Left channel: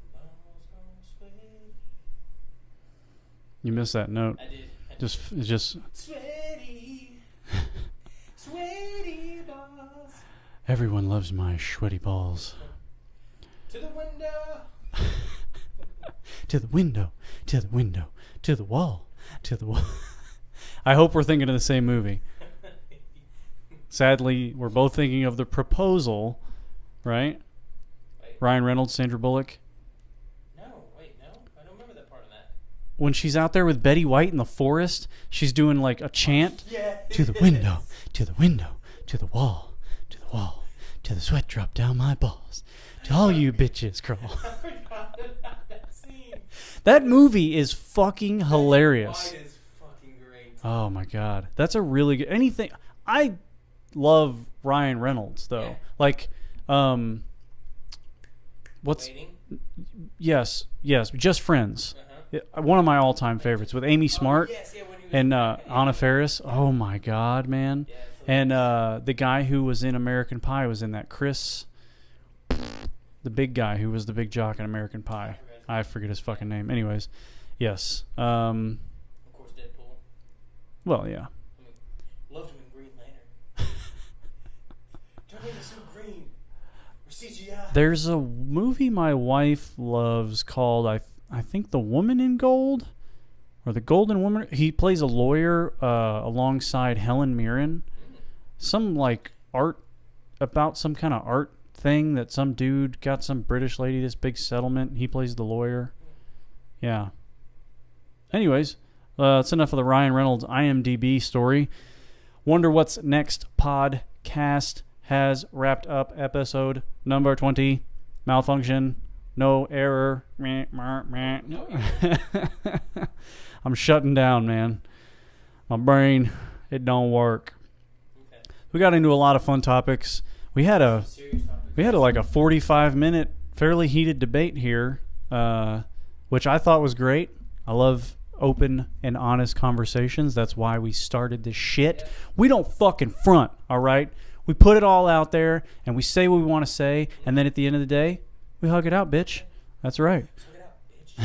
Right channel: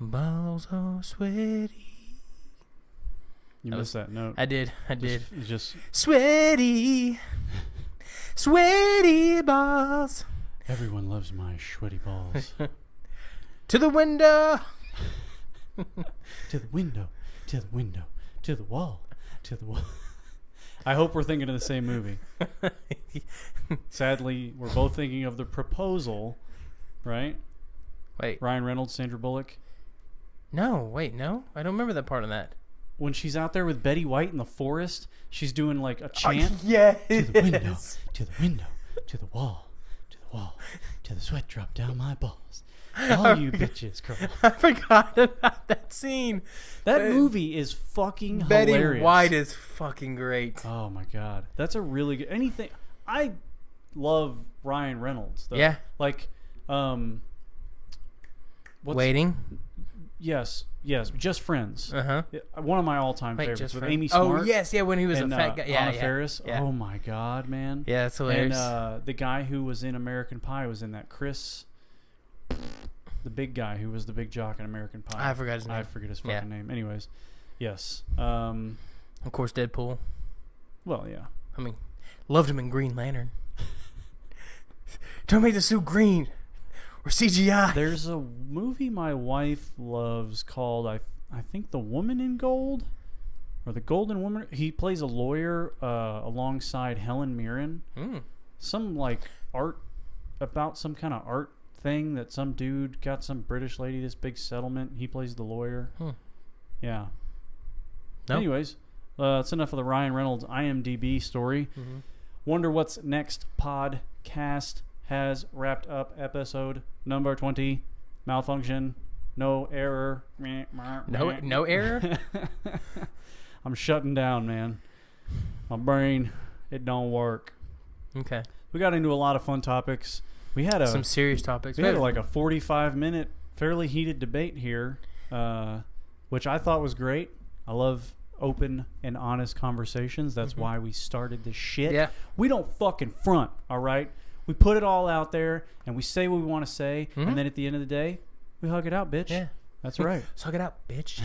Balls are sweaty. You missed that note. I did. Just sweaty. Sweaty balls. Everyone loves my sweaty balls. To the window. To the window. To the window. To the wall. To the wall. I hope we're thinking of the same movie. Sadly, we're both thinking of The Proposal, right? Wait. Ryan Reynolds, Sandra Bullock. No. I don't remember that part of that. When she's out there with Betty White in the forest, she's doing like a chant. Yeah. To the window, to the window, to the wall, to the wall, to the sweat drop down my balls. To all you bitches, girl. I forgot about that scene. That movie is fucking hilarious. Betty White is fucking great. Oh my god, that's a really good. Anything. I love Ryan Reynolds though. Yeah. Like, Waiting. Yes. Just Friends. Uh-huh. One of my all-time favorites with Amy Smart. Oh, yes, yeah, when he was and a fat guy. Yeah, Anna yeah, Faris. yeah. Oh my god, man. Yeah, that's hilarious. And the guy who was in American Pie was in that. Chris, the big guy who was the big jock in American Pie. I forget his fucking name. Anyways, yes. Of course, Deadpool. Well, yeah. I mean, loved him in Green Lantern. Don't make the suit green. Or CGI. There's a movie my wife loves called I think The Woman in Gold or The Golden Woman. He plays a lawyer alongside Helen Mirren. Some like art about some kind of art thing that some dude got some British lady this big settlement. He plays the lawyer. Yeah. Nope. Anyways, that's enough of the Ryan Reynolds IMDb story. Wonder What's Next podcast has wrapped up episode number 20. Malfunction. No error. No error? I'm shutting down, man. My brain, it don't work. Okay. We got into a lot of fun topics. We had some serious topics. We had like a 45-minute, fairly heated debate here, which I thought was great. I love open and honest conversations. That's why we started this shit. Yeah. We don't fucking front, all right? We put it all out there, and we say what we want to say, and then at the end of the day, we hug it out, bitch. Yeah. That's right. Let's hug it out, bitch.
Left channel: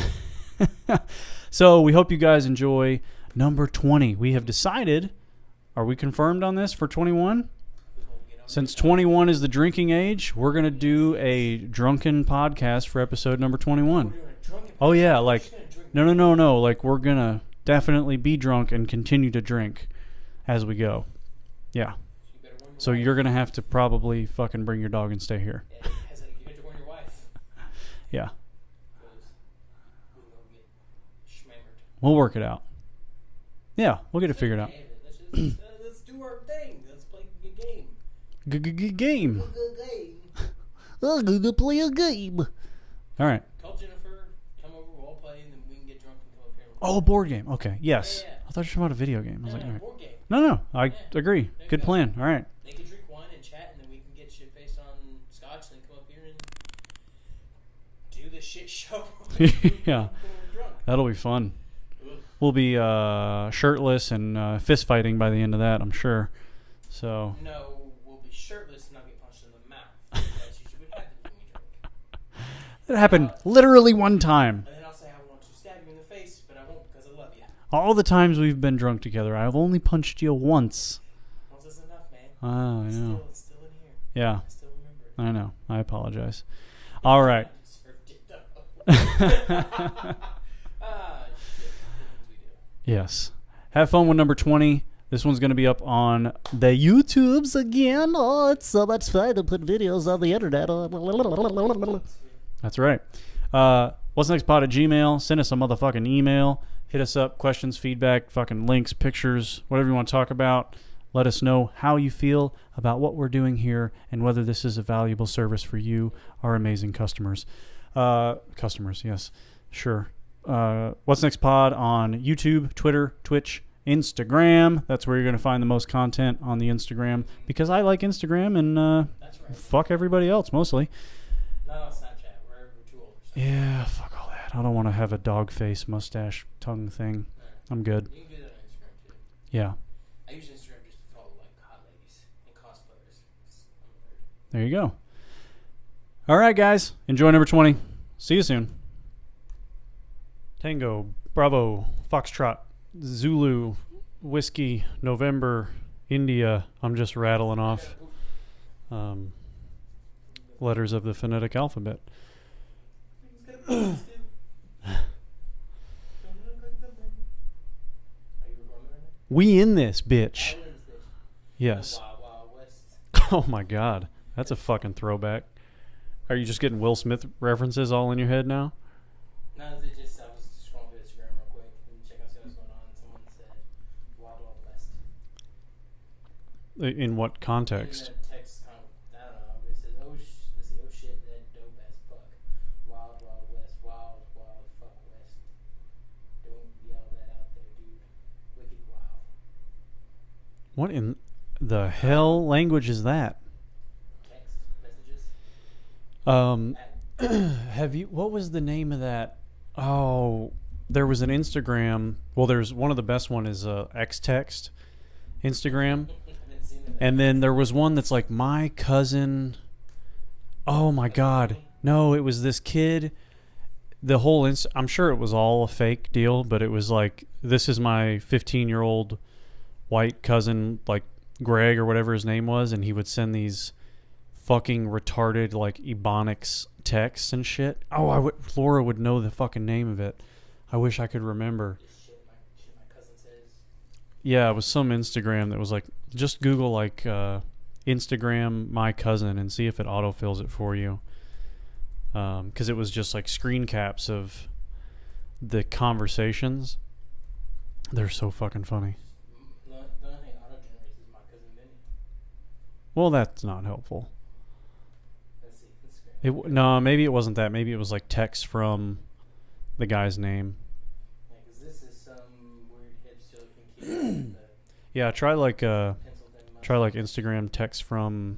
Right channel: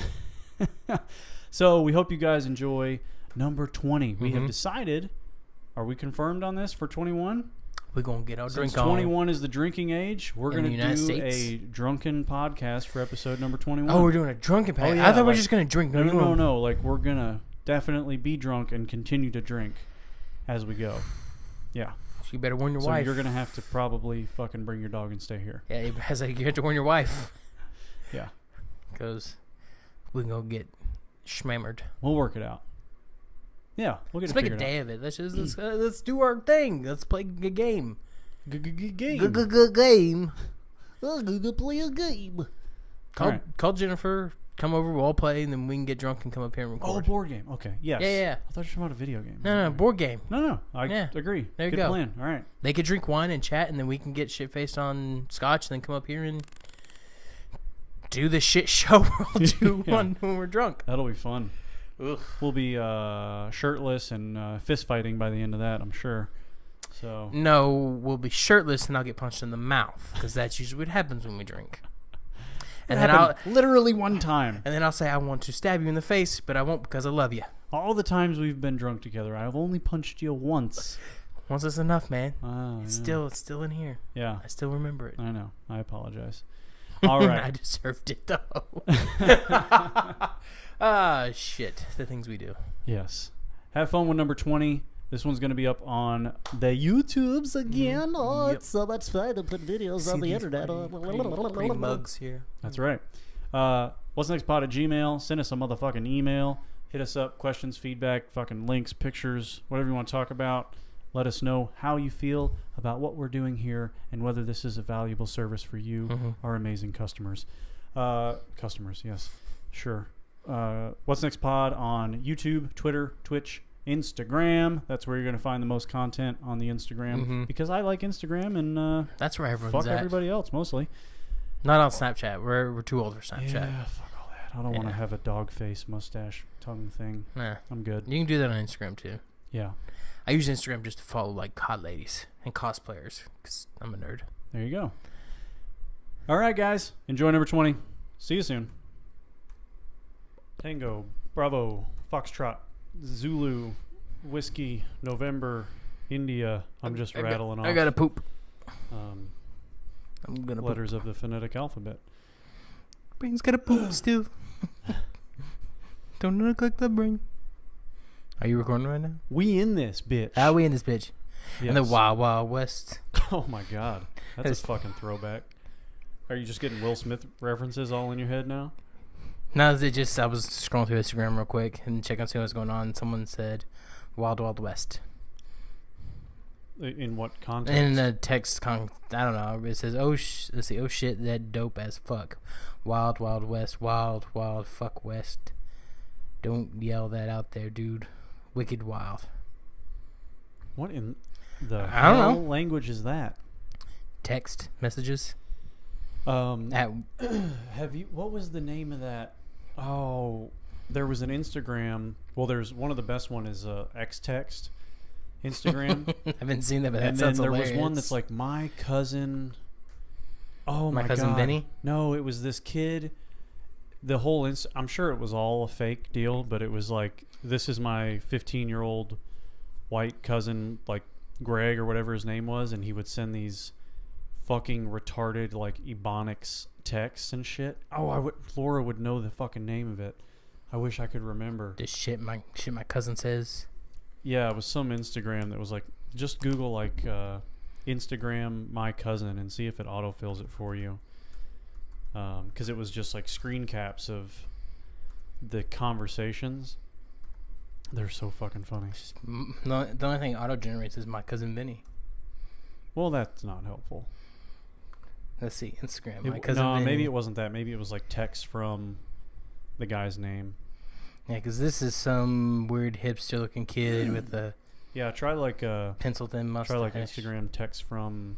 So we hope you guys enjoy number 20. We have decided, are we confirmed on this for 21? We're going to get our Since drink 21 is the drinking age, we're going to do States. a drunken podcast for episode number 21. Oh, we're doing a drunken podcast. Oh, yeah. I thought we were just going to drink. No. Like, we're going to definitely be drunk and continue to drink as we go. Yeah. You better warn your wife. So you're going to have to probably fucking bring your dog and stay here. Yeah, you have to warn your wife. Yeah. Because we're going to get schmammered. We'll work it out. Yeah, we'll get it figured out. Let's make a day of it. Let's do our thing. Let's play a game. Game. Game. I'm going to play a game. All right. Call Jennifer. Come over. We'll all play, and then we can get drunk and come up here and record. Oh, board game. Okay. Yes. Yeah. I thought you were talking about a video game. No, board game. No. I agree. Good plan. All right. They could drink wine and chat, and then we can get shit-faced on scotch, and then come up here and do the shit show we'll do when we're drunk. That'll be fun. Ugh. We'll be shirtless and fist fighting by the end of that, I'm sure. So no, we'll be shirtless and I'll get punched in the mouth, because that's usually what happens when we drink. It happened literally one time. And then I'll say I want to stab you in the face, but I won't because I love you. All the times we've been drunk together, I've only punched you once. Once is enough, man. It's still in here. Yeah. I still remember it. I know. I apologize. All right. I deserved it though. Shit. The things we do. Yes. Have fun with number 20. This one's going to be up on the YouTubes again. Oh, it's so much fun to put videos on the internet. That's right. What's next pod at Gmail? Send us a motherfucking email. Hit us up. Questions, feedback, fucking links, pictures, whatever you want to talk about. Let us know how you feel about what we're doing here and whether this is a valuable service for you, our amazing customers. Customers, yes. Sure. What's Next Pod on YouTube, Twitter, Twitch, Instagram. That's where you're going to find the most content on the Instagram, because I like Instagram and that's where everyone's fuck at. Everybody else mostly. Not on Snapchat. We're too old for Snapchat. Yeah, fuck all that. I don't want to have a dog face, mustache, tongue thing. Nah. I'm good. You can do that on Instagram too. Yeah. I use Instagram just to follow like hot ladies and cosplayers because I'm a nerd. There you go. All right, guys. Enjoy number 20. See you soon. Tango, Bravo, Foxtrot, Zulu, Whiskey, November, India. I'm just rattling off. I gotta poop. Um, I'm gonna letters of the phonetic alphabet. Brain's gotta poop still. Don't look like the brain. Are you recording right now? We in this bitch. Are we in this bitch? Yes. In the Wild Wild West. Oh my God, that's a fucking throwback. Are you just getting Will Smith references all in your head now? No, I was scrolling through Instagram real quick and checking see what's going on. Someone said Wild Wild West. In what context? In the text, I don't know. It says, let's see, oh shit, that dope as fuck. Wild Wild West, wild, wild, fuck West. Don't yell that out there, dude. Wicked wild. What in the hell language is that? Text messages. Have you? What was the name of that? Oh, there was an Instagram. Well, there's one of the best one is X-Text Instagram. I haven't seen that. But and that then there hilarious. was one that's like my cousin. Oh my cousin God! Benny? No, it was this kid. The whole I'm sure it was all a fake deal, but it was like, this is my 15-year-old white cousin, like Greg or whatever his name was, and he would send these fucking retarded like ebonics texts and shit. Oh, Laura would know the fucking name of it. I wish I could remember. This shit my cousin says. Yeah, it was some Instagram that was like, just Google like Instagram my cousin and see if it autofills it for you. Because it was just like screen caps of the conversations. They're so fucking funny. The only thing auto generates is my cousin Benny. Well, that's not helpful. Let's see, Instagram. Maybe it wasn't that. Maybe it was like text from the guy's name. Yeah, because this is some weird hipster-looking kid with the try like pencil-thin mustache. Try like Instagram text from.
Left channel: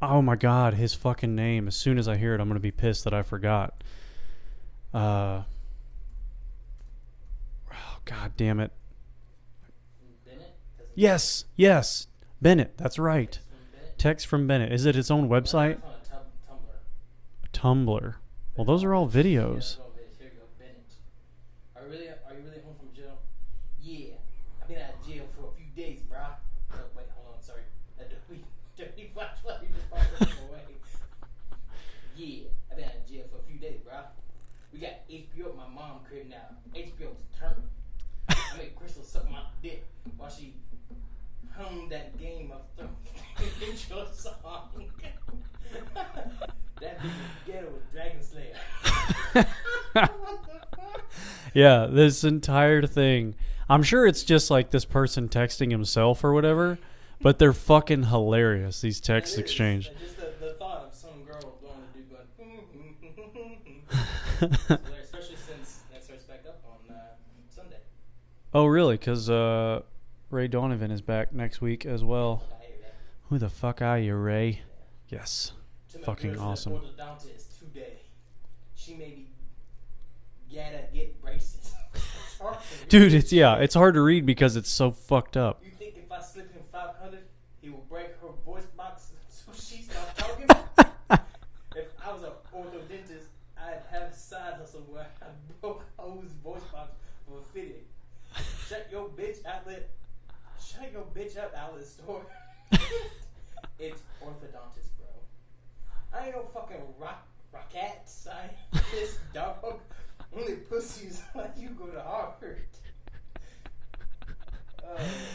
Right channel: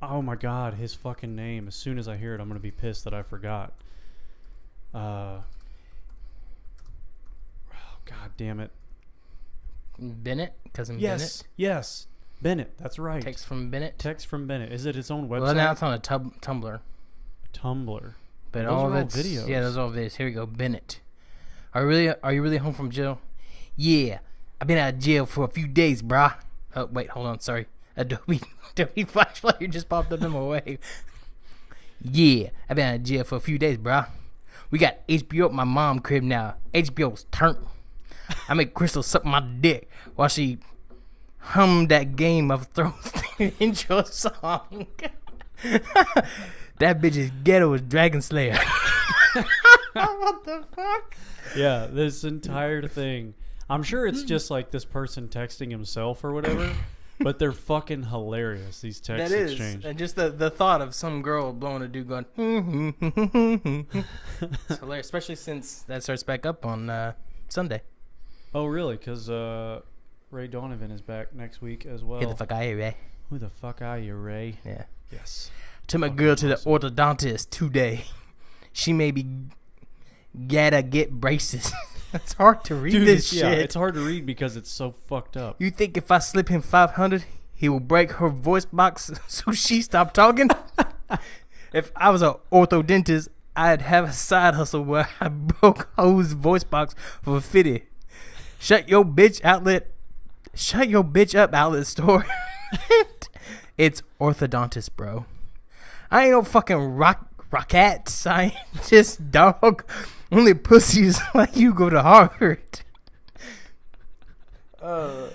Oh my God, his fucking name. As soon as I hear it, I'm gonna be pissed that I forgot. Oh God damn it. Bennett, cousin. Yes, Bennett? yes, Bennett. That's right. Text from Bennett. Text from Bennett. Is it its own website? Well, now it's on a Tumblr. Tumblr. But those are all videos. Yeah, those are all videos. Here we go, Bennett. Are you really home from jail? Yeah, I've been out of jail for a few days, brah. Oh wait, hold on. Sorry, Adobe Flash Player just popped up in my way. Yeah, I've been out of jail for a few days, brah. We got HBO at my mom's crib now. HBO's turned. I make Crystal suck my dick while she hummed that Game of Thrones intro song. That bitch is ghetto as Dragon Slayer. What the fuck? Yeah, this entire thing. I'm sure it's just like this person texting himself or whatever, but they're fucking hilarious, these text exchanges. And just the thought of some girl blowing a dude going, it's hilarious, especially since that starts back up on Sunday. Oh, really? Because Ray Donovan is back next week as well. Who the fuck are you, Ray? Who the fuck are you, Ray? Yeah. Yes. Took my Fucking girl to awesome. the orthodontist today. She may be gotta get braces. It's hard to read. Dude, this shit. it's hard to read because it's so fucked up. You think if I slip him 500, he will break her voice box so she stopped talking? If I was an orthodontist, I'd have a side hustle where I broke Ho's voice box for 50. Shut your bitch up outlet store. It's orthodontist, bro. I ain't no fucking rocket scientist, dog. Only pussies like you go to Harvard.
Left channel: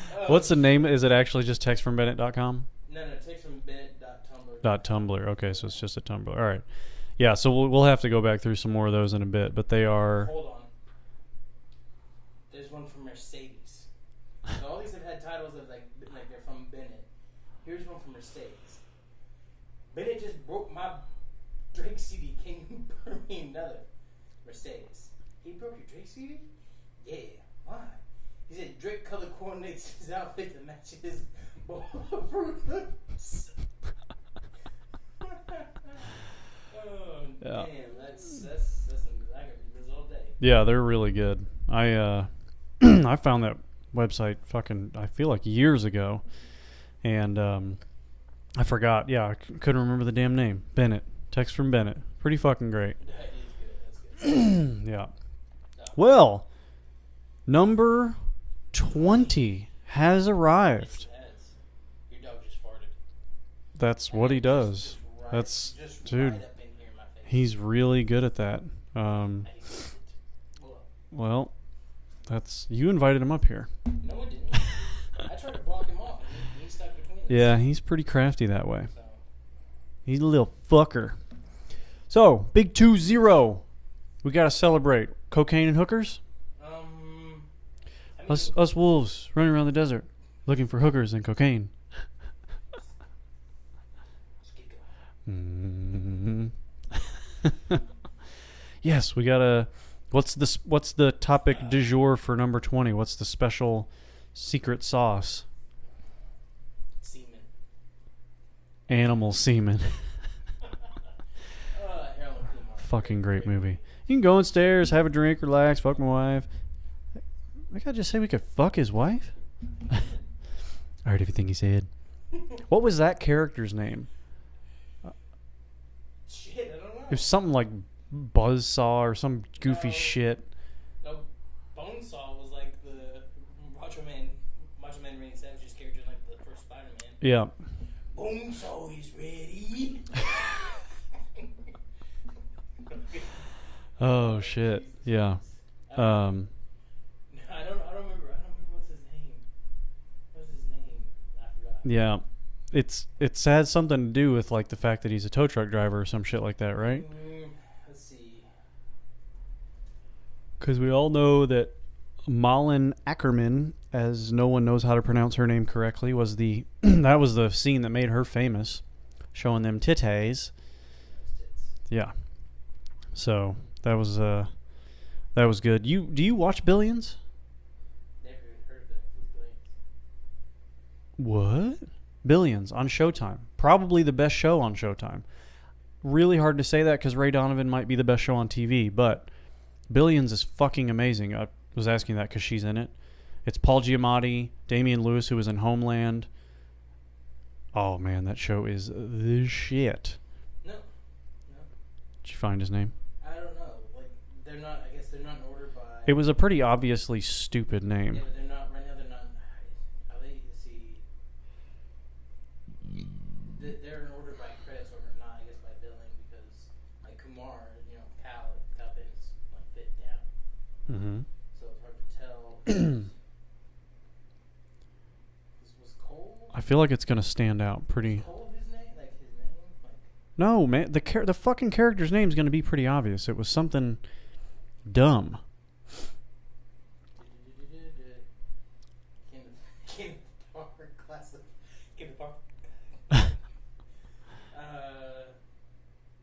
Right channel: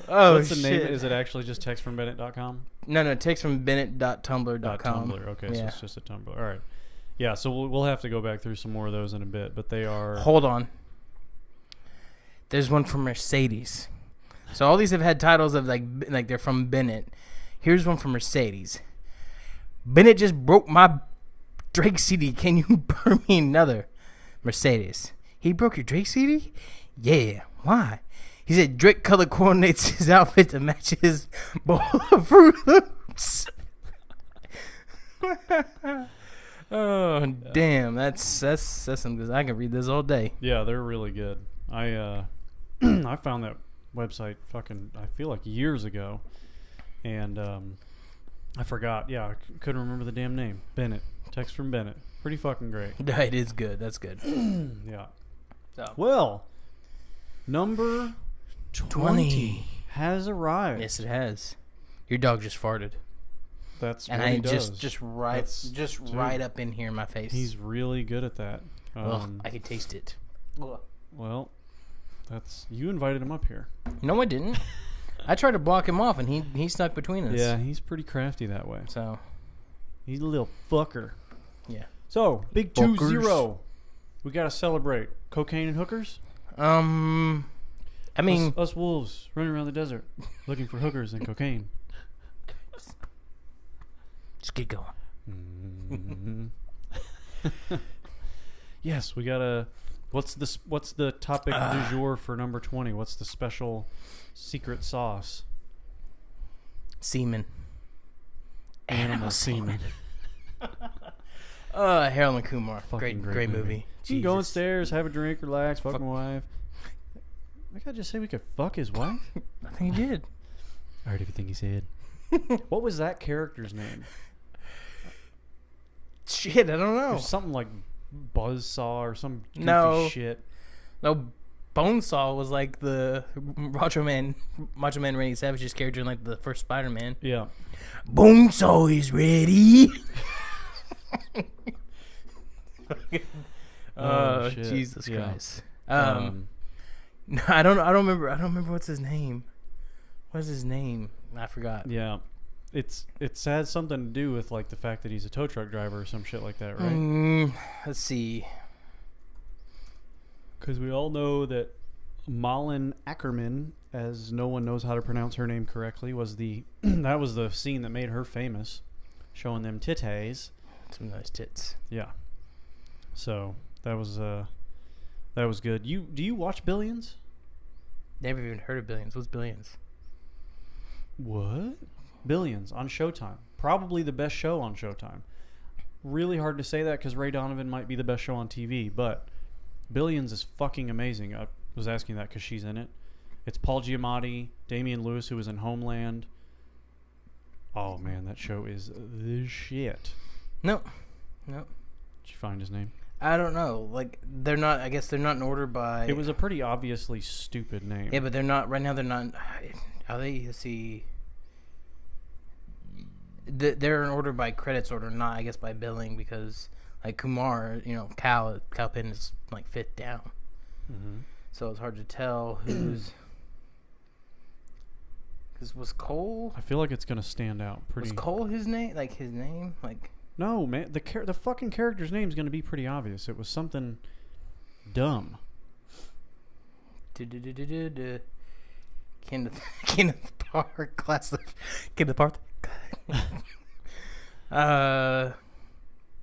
What's the name? Is it actually just textfrombennett.com? No, text from Bennett.tumblr.com. .tumblr. Okay, Yeah. so it's just a Tumblr. All right. Yeah, so we'll have to go back through some more of those in a bit, but they are... Hold on. There's one from Mercedes. So all these have had titles of like they're from Bennett. Here's one from Mercedes. Bennett just broke my Drake CD. Can you burn me another? Mercedes. He broke your Drake CD? Yeah. Why? He said Drake color coordinates his outfit to match his bowl of Fruit Loops. Oh damn! That's something. I can read this all day. Yeah, they're really good. I I found that website I feel like years ago, and I forgot. Yeah, I couldn't remember the damn name. Bennett. Text from Bennett. Pretty fucking great. It is good. That's good. Yeah. So. Well, number 20 has arrived. Yes, it has. Your dog just farted. That's what he does. Just right, Dude, right up in here in my face. He's really good at that. I can taste it. Well, you invited him up here. No, I didn't. I tried to block him off, and he stuck between us. Yeah, he's pretty crafty that way. So he's a little fucker. yeah. So big 2-0. We gotta celebrate cocaine and hookers. I mean, us wolves running around the desert looking for hookers and cocaine. just get going. Yes, we gotta. What's the topic du jour for number 20? What's the special secret sauce? Semen. Animal semen. Harold and Kumar. Fucking great movie. You Jesus. can go upstairs, have a drink, relax, fuck my wife. I gotta just say we could fuck his wife. I think he did. I heard everything he said. What was that character's name? Shit, I don't know. It was something like Buzzsaw or some goofy shit. No, Bonesaw was like the Macho Man Randy Savage's character in like the first Spider-Man. Yeah. Bonesaw is ready. Oh shit! Jesus yeah. Christ. No, I don't remember. I don't remember what's his name. What's his name? I forgot. Yeah. It has something to do with like the fact that he's a tow truck driver or some shit like that, right? Let's see. Because we all know that Malin Ackerman, as no one knows how to pronounce her name correctly, was that was the scene that made her famous, showing them titties. Some nice tits. Yeah. So that was good. Do you watch Billions? Never even heard of Billions. What's Billions? What? Billions on Showtime. Probably the best show on Showtime. Really hard to say that because Ray Donovan might be the best show on TV, but Billions is fucking amazing. I was asking that because she's in it. It's Paul Giamatti, Damian Lewis, who was in Homeland. Oh man, that show is the shit. No. Did you find his name? I don't know. Like they're not. I guess they're not in order by. It was a pretty obviously stupid name. Yeah, but they're not right now. They're not. Are they? Let's see. They're in order by credits order, not I guess by billing, because like Kumar, Cal Penn is like fifth down, so it's hard to tell who's. Because was Cole? I feel like it's gonna stand out pretty. Was Cole his name? Like his name? Like. No, man. The fucking character's name is gonna be pretty obvious. It was something dumb. Kenneth Park, class of Kenneth Park. I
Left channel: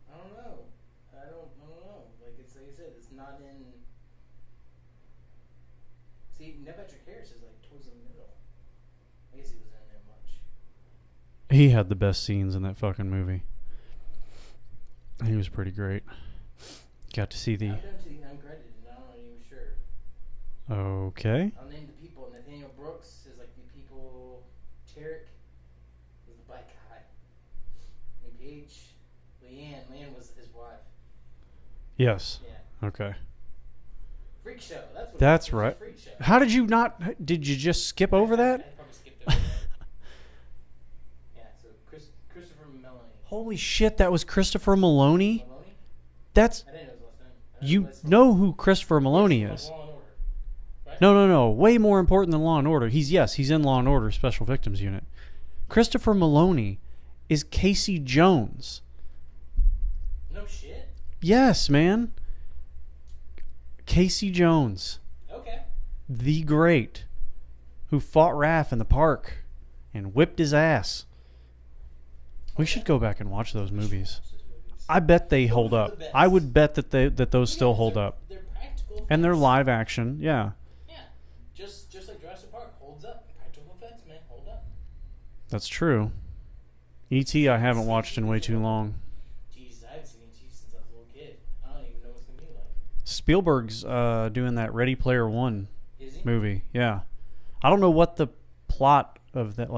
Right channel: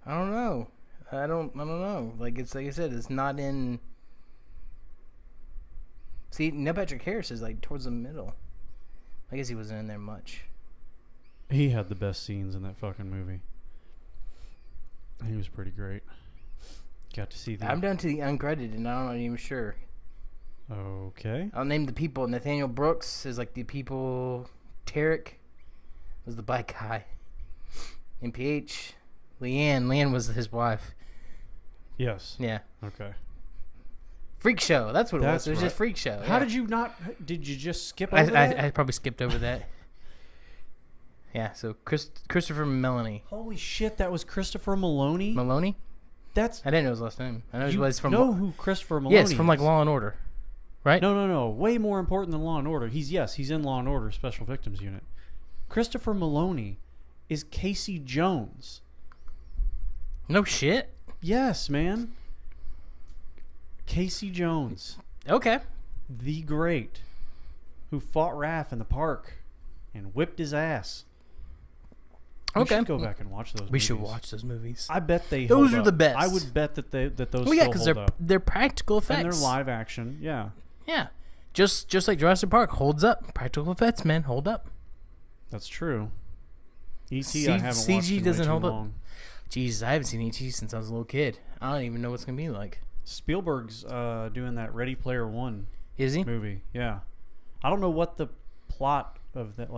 don't know. I don't know. Like it's like I said, it's not in. See, Neil Patrick Harris is like towards the middle. I guess he wasn't in there much. He had the best scenes in that fucking movie. He was pretty great. Got to see the. I'm down to the uncredited, and I'm not even sure. Okay. I'll name the people. Nathaniel Brooks is like the people. Tarek was the black guy. MPH. Leanne was his wife. Yes. Yeah. Okay. Freak Show. That's what That's it was. It was right. just Freak Show. How did you not? Did you just skip over that? I probably skipped over that. Yeah. So Christopher Melanie. Holy shit! That was Christopher Maloney. Maloney. That's. I didn't know his last name. I know You it was from, know who Christopher Maloney yes, from is? like Law and Order, right? No. Way more important than Law and Order. He's in Law and Order Special Victims Unit. Christopher Maloney is Casey Jones. No shit. Yes, man. Casey Jones, Okay. the great, who fought Raph in the park and whipped his ass. We Okay. should go back and watch those movies. We should watch those movies. I bet they hold Those are up. the best. I would bet that those Well, yeah, still 'cause hold they're, up. They're practical effects. And they're live action. Yeah. Yeah. Just like Jurassic Park holds up. Practical effects, man, hold up. That's true. E.T. I haven't CG watched in way doesn't too hold up. long. Jesus, I haven't seen E.T. since I was a little kid. I don't even know what's gonna be like. Spielberg's doing that Ready Player One Is he? movie. Yeah. I don't know what the plot of that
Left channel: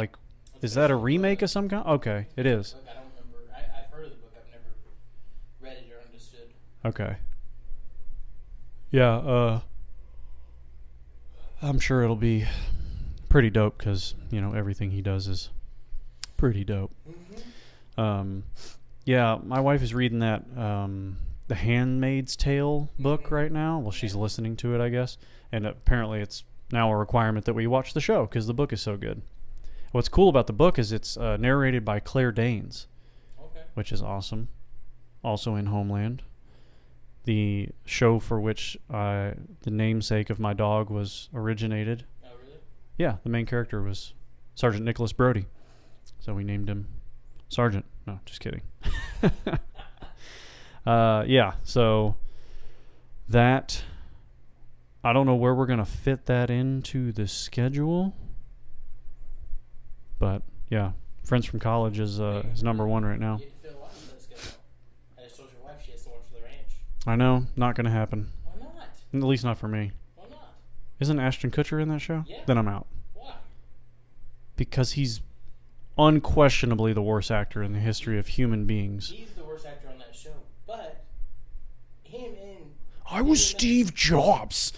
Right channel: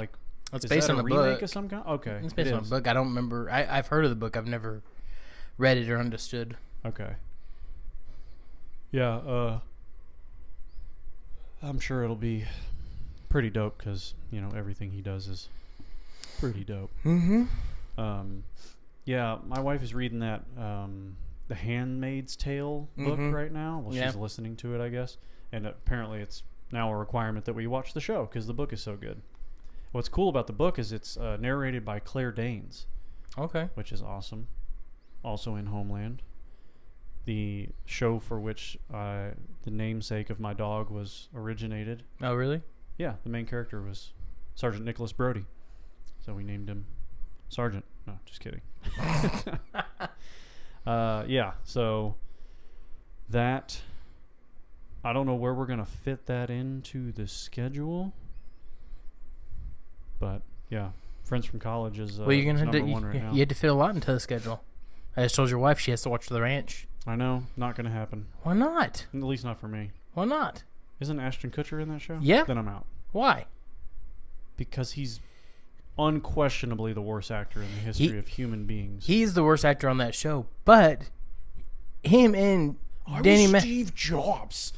It's is based that a on the remake book. of some kind? Okay, It's it based on is. a book. I don't remember. I've heard of the book. I've never read it or understood. Okay. Yeah, I'm sure it'll be pretty dope because, everything he does is pretty dope. Mm-hmm. Yeah, my wife is reading that The Handmaid's Tale book right now. Well, she's listening to it, I guess. And apparently it's now a requirement that we watch the show because the book is so good. What's cool about the book is it's narrated by Claire Danes. Okay. Which is awesome. Also in Homeland. The show for which the namesake of my dog was originated. Oh, really? Yeah, the main character was Sergeant Nicholas Brody. So we named him Sergeant. No, just kidding. Yeah, so that... I don't know where we're going to fit that into the schedule. But, yeah. Friends from College is number one right now. You had to fit a lot into the schedule. I just told your wife she has to watch The Ranch. I know. Not going to happen. Why not? At least not for me. Why not? Isn't Ashton Kutcher in that show? Yeah. Then I'm out. Why? Because he's unquestionably the worst actor in the history of human beings. He's the worst actor on that show, but him and Steve Jobs.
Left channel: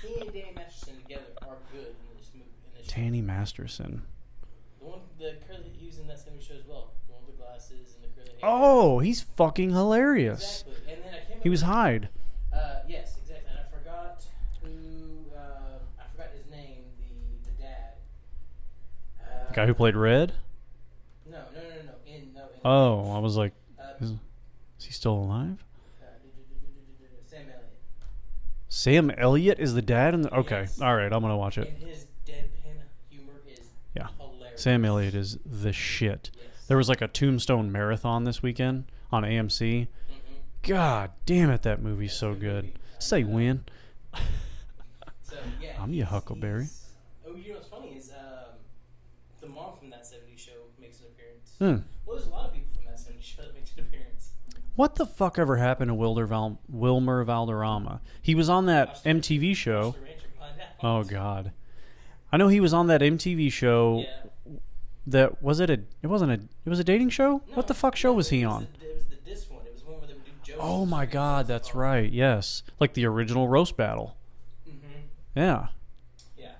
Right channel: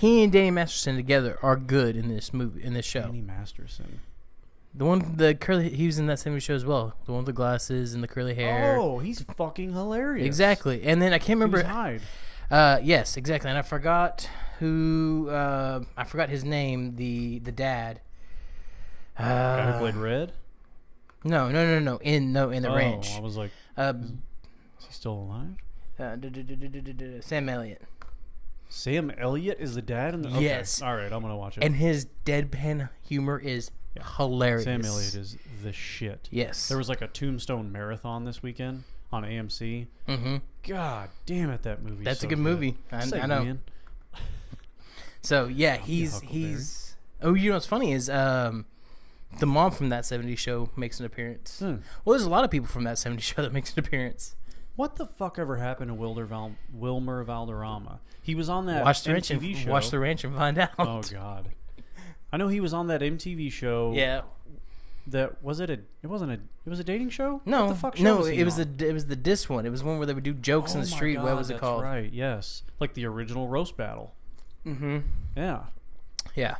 He and Danny Masterson together are good in this movie, in this show. Danny Masterson. The one, the curly, he was in that same show as well. The one with the glasses and the curly hair. Oh, he's fucking hilarious. Exactly. And then I can't remember. He was Hyde. Yes, exactly. And I forgot who. I forgot his name. The dad. Guy who played Red. No. In the Ranch. Oh, I was like, is he still alive? Sam Elliott. Sam Elliott is the dad in the. Okay, yes. All right, I'm gonna watch it. And his deadpan humor is hilarious. Sam Elliott is the shit. Yes. There was like a Tombstone marathon this weekend on AMC. Mm-hmm. God damn it, that movie's That's so a good movie. Say I know. when. So yeah, he's Huckleberry. Oh, you know what's funny is the mom from that '70s show makes an appearance. Well, there's a lot of people from that '70s show that makes an appearance. What the fuck ever happened to Wilmer Valderrama? He was on that MTV show. Watch The Ranch and find out. Oh God, I know he was on that MTV show. Yeah. That was it. It was a dating show. No. What the fuck show was he on? It was the diss one. It was one where they would do jokes. Oh in the my street. God, that's right. Yes, like the original roast battle. Mm-hmm. Yeah. Yeah.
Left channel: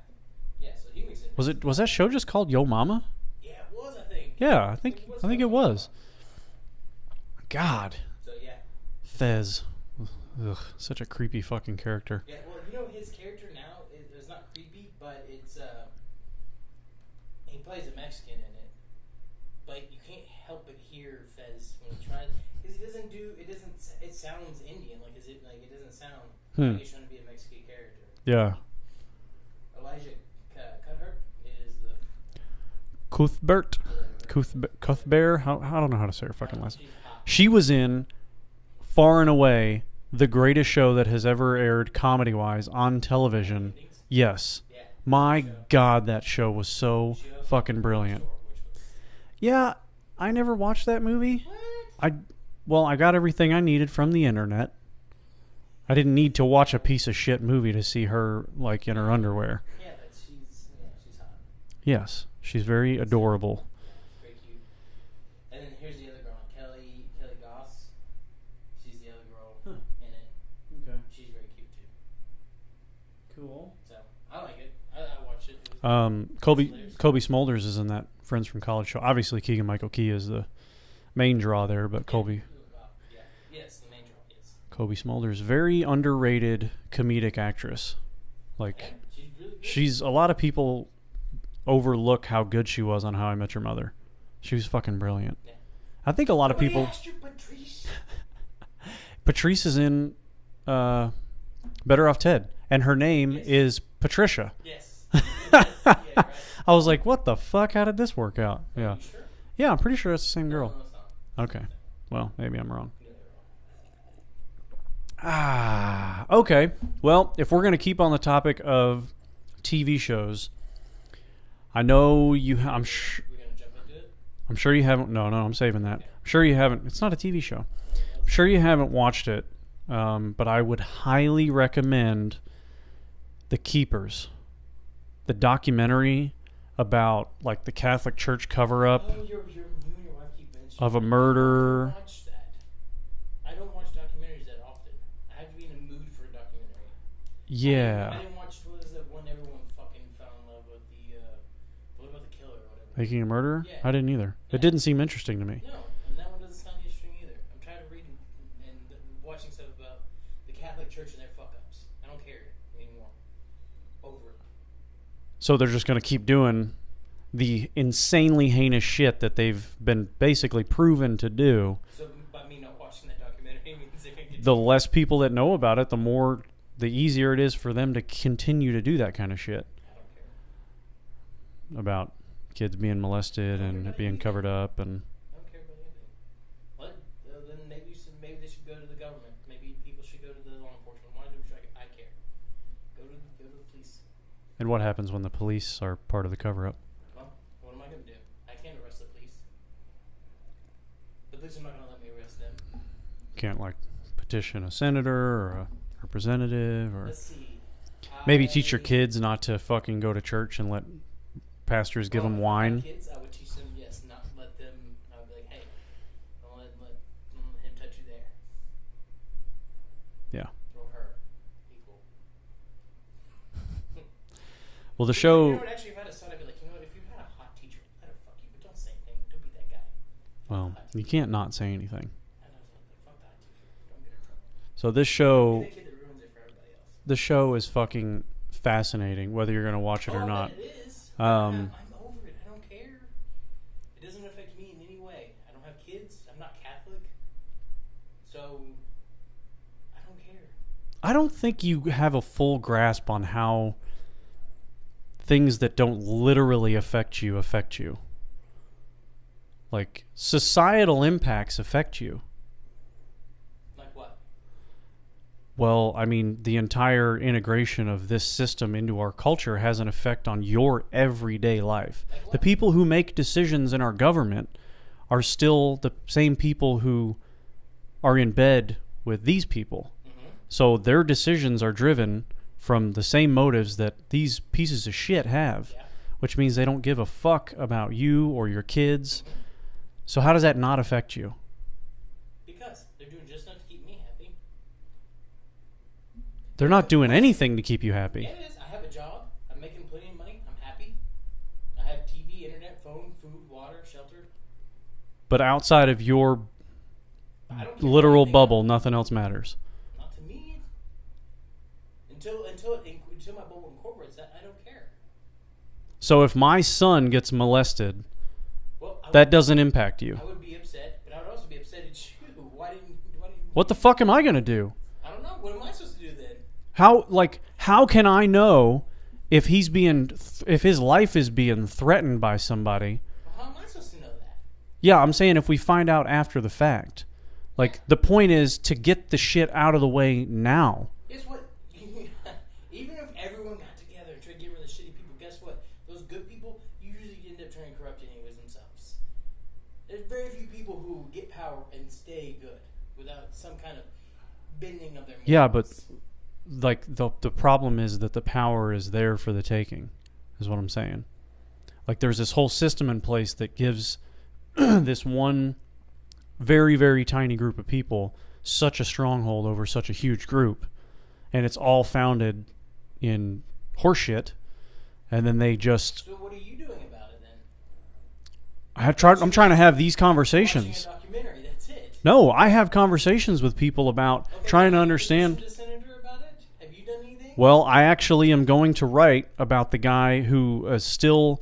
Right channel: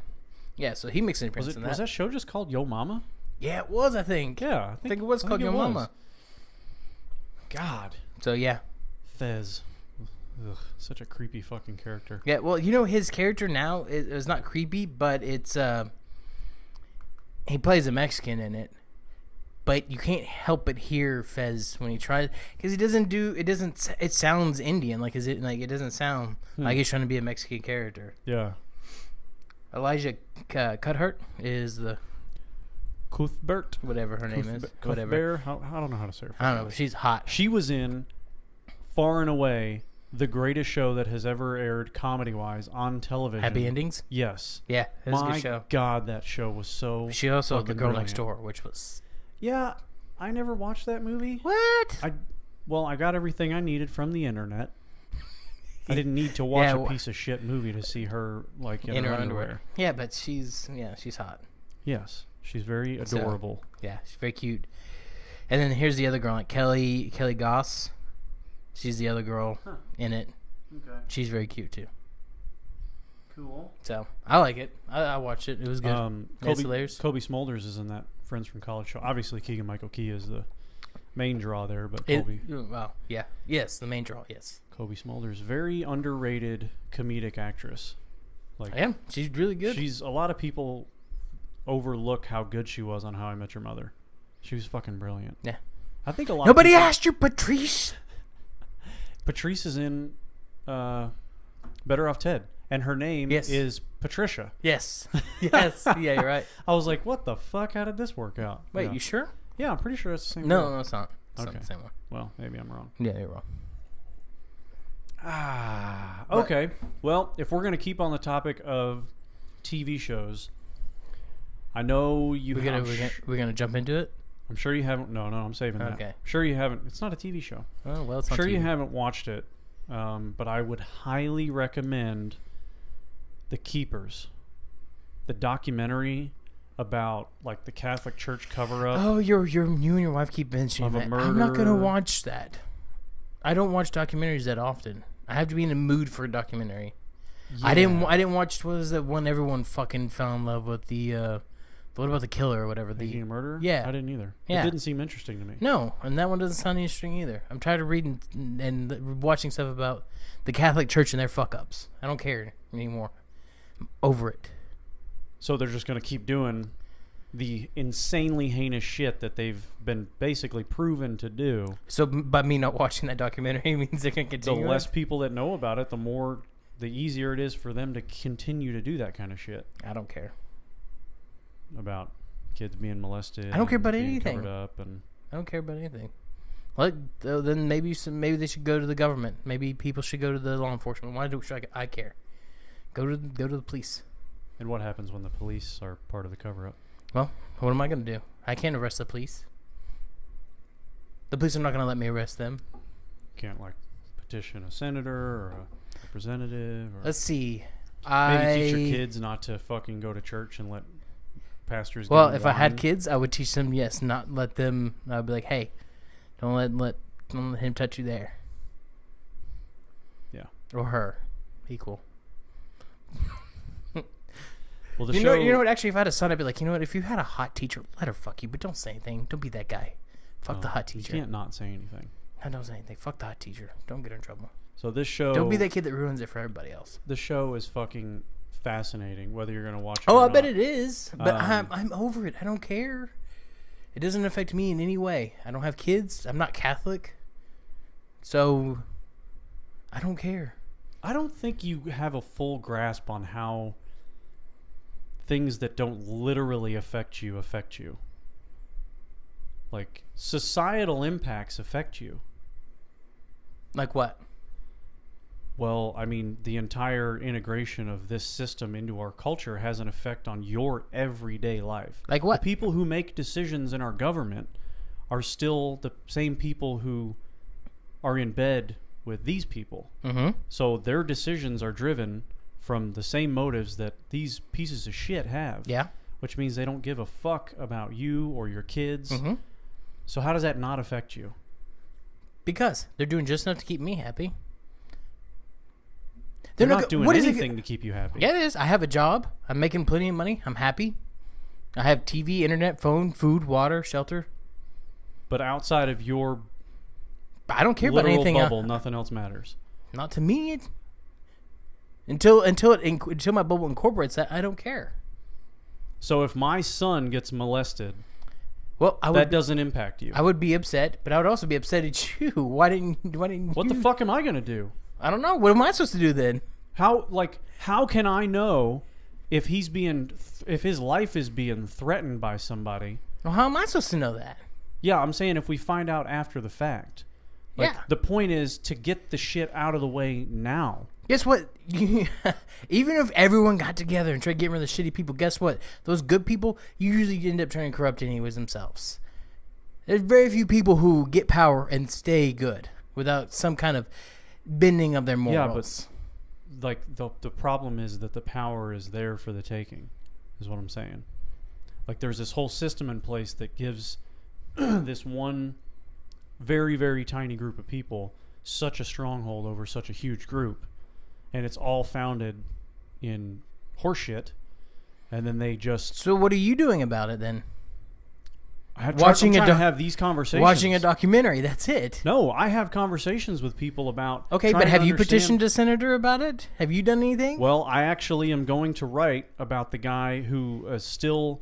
Yeah. So he makes an appearance. Was that show just called Yo Mama? Yeah, it was. I think. Yeah, I think it was. I think called it Yo was. Mama. God. So yeah. Fez. Ugh, such a creepy fucking character. Yeah, well, his character now is not creepy, but it's he plays a Mexican in it. But you can't help but hear Fez when he tries, because he doesn't do it. It sounds Indian, like it doesn't sound like he's trying to be a Mexican character. Yeah. Elijah Cuthbert is the Cuthbert. Whatever her name is. Cuthbert. I don't know how to say her. I don't know. She's hot. She was in, far and away, the greatest show that has ever aired comedy-wise on television. Happy Endings? Yes. Yeah. My God, that show was so she also fucking the Girl brilliant. Next Door, which was... Yeah, I never watched that movie. What? I got everything I needed from the internet. I didn't need to watch a piece of shit movie to see her like in her underwear. Yeah, but she's hot. Yes, she's very adorable. Yeah, she's very cute. And then here's the other girl, like Kelly Goss. She's the other girl in it. Okay. She's very cute too. Cool. So I like it. I watched it. It was good. Kobe Smulders is in that Friends from College show. Obviously, Keegan-Michael Key is the main draw there, but Kobe. Well, yeah, yes, the main draw. Yes. Kobe Smulders, very underrated comedic actress. Like, I am. She's really good. A lot of people overlook how good she was on How I Met Your Mother. She was fucking brilliant. Yeah. I think a lot Nobody of people... asked you, Patrice. Patrice is in Better Off Ted, and her name is Patricia. Yes. Yes. Yeah, you're right. I was like, what the fuck? How did this work out? Wait, you sure? Yeah, I'm pretty sure it's the same girl. No, it's not. Okay. Not the same one. Well, maybe I'm wrong. Yeah, you're wrong. Okay. Well, if we're going to keep on the topic of TV shows, I know you have... We're going to jump into it? I'm sure you haven't... No, I'm saving that. I'm sure you haven't... It's not a TV show. Oh, well, it's I'm sure you haven't watched it, but I would highly recommend The Keepers, the documentary about like the Catholic Church cover-up. Oh, you and your wife keep mentioning of a murder. I'm not going to watch that. I don't watch documentaries that often. I have to be in the mood for a documentary. Yeah. I didn't watch, what was that one everyone fucking fell in love with, what about the killer or whatever? Making a Murderer? Yeah. I didn't either. Yeah. It didn't seem interesting to me. No, and that one doesn't sound interesting either. I'm tired of reading and watching stuff about the Catholic Church and their fuck-ups. I don't care anymore. I'm over it. So they're just going to keep doing the insanely heinous shit that they've been basically proven to do. So by me not watching that documentary means they're going to The continue. less people that know about it, the easier it is for them to continue to do that kind of shit. I don't care. About kids being molested I don't care and about being anything. covered up. And I don't care about anything. Then maybe they should go to the government. Maybe people should go to the law enforcement. Why should I care? Go to the police. And what happens when the police are part of the cover-up? Well, what am I going to do? I can't arrest the police. The police are not going to let me arrest them. Can't, like, petition a senator or a representative? Or Let's see. maybe teach your kids not to fucking go to church and let pastors give them wine? Well, if I had kids, I would teach them, yes, not let them. I'd be like, hey, don't let him touch you there. Yeah. Or her. Equal. Well, the you show... you know what? Actually, if I had a son, I'd be like, you know what? If you had a hot teacher, let her fuck you, but don't say anything. Don't be that guy. Fuck the hot teacher. You can't not say anything. I don't say anything. Fuck the hot teacher. Don't get her in trouble. So this show... Don't be that kid that ruins it for everybody else. The show is fucking fascinating, whether you're going to watch it or I not. bet it is. But I'm over it. I don't care. It doesn't affect me in any way. I don't have kids. I'm not Catholic. So, I don't care. I don't think you have a full grasp on how things that don't literally affect you. Like, societal impacts affect you. Like what? Well, I mean, the entire integration of this system into our culture has an effect on your everyday life. Like what? The people who make decisions in our government are still the same people who are in bed with these people. Mm-hmm. So their decisions are driven from the same motives that these pieces of shit have. Yeah. Which means they don't give a fuck about you or your kids. Mm-hmm. So how does that not affect you? Because they're doing just enough to keep me happy. They're not doing anything to keep you happy. Yeah, it is. I have a job. I'm making plenty of money. I'm happy. I have TV, internet, phone, food, water, shelter. But outside of your I don't care literal about anything bubble, nothing else matters. Not to me. Until my bubble incorporates that, I don't care. So if my son gets molested, Well, that doesn't impact you. I would be upset, but I would also be upset at you. Why didn't What the fuck am I going to do? I don't know. What am I supposed to do then? How can I know if if his life is being threatened by somebody? Well, how am I supposed to know that? Yeah, I'm saying if we find out after the fact. Like, Yeah. the point is to get the shit out of the way now. Guess what? Even if everyone got together and tried to get rid of the shitty people, guess what? Those good people usually end up trying to corrupt anyways themselves. There's very few people who get power and stay good without some kind of bending of their morals. Yeah, but like the problem is that the power is there for the taking, is what I'm saying. Like, there's this whole system in place that gives this one very, very tiny group of people such a stronghold over such a huge group, and it's all founded in horseshit, and then they just... So what are you doing about it then? I'm trying to have these conversations. Watching a documentary, that's it. No, I have conversations with people about Okay, trying but to have you understand... petitioned a senator about it? Have you done anything? Well, I actually am going to write about the guy who is still...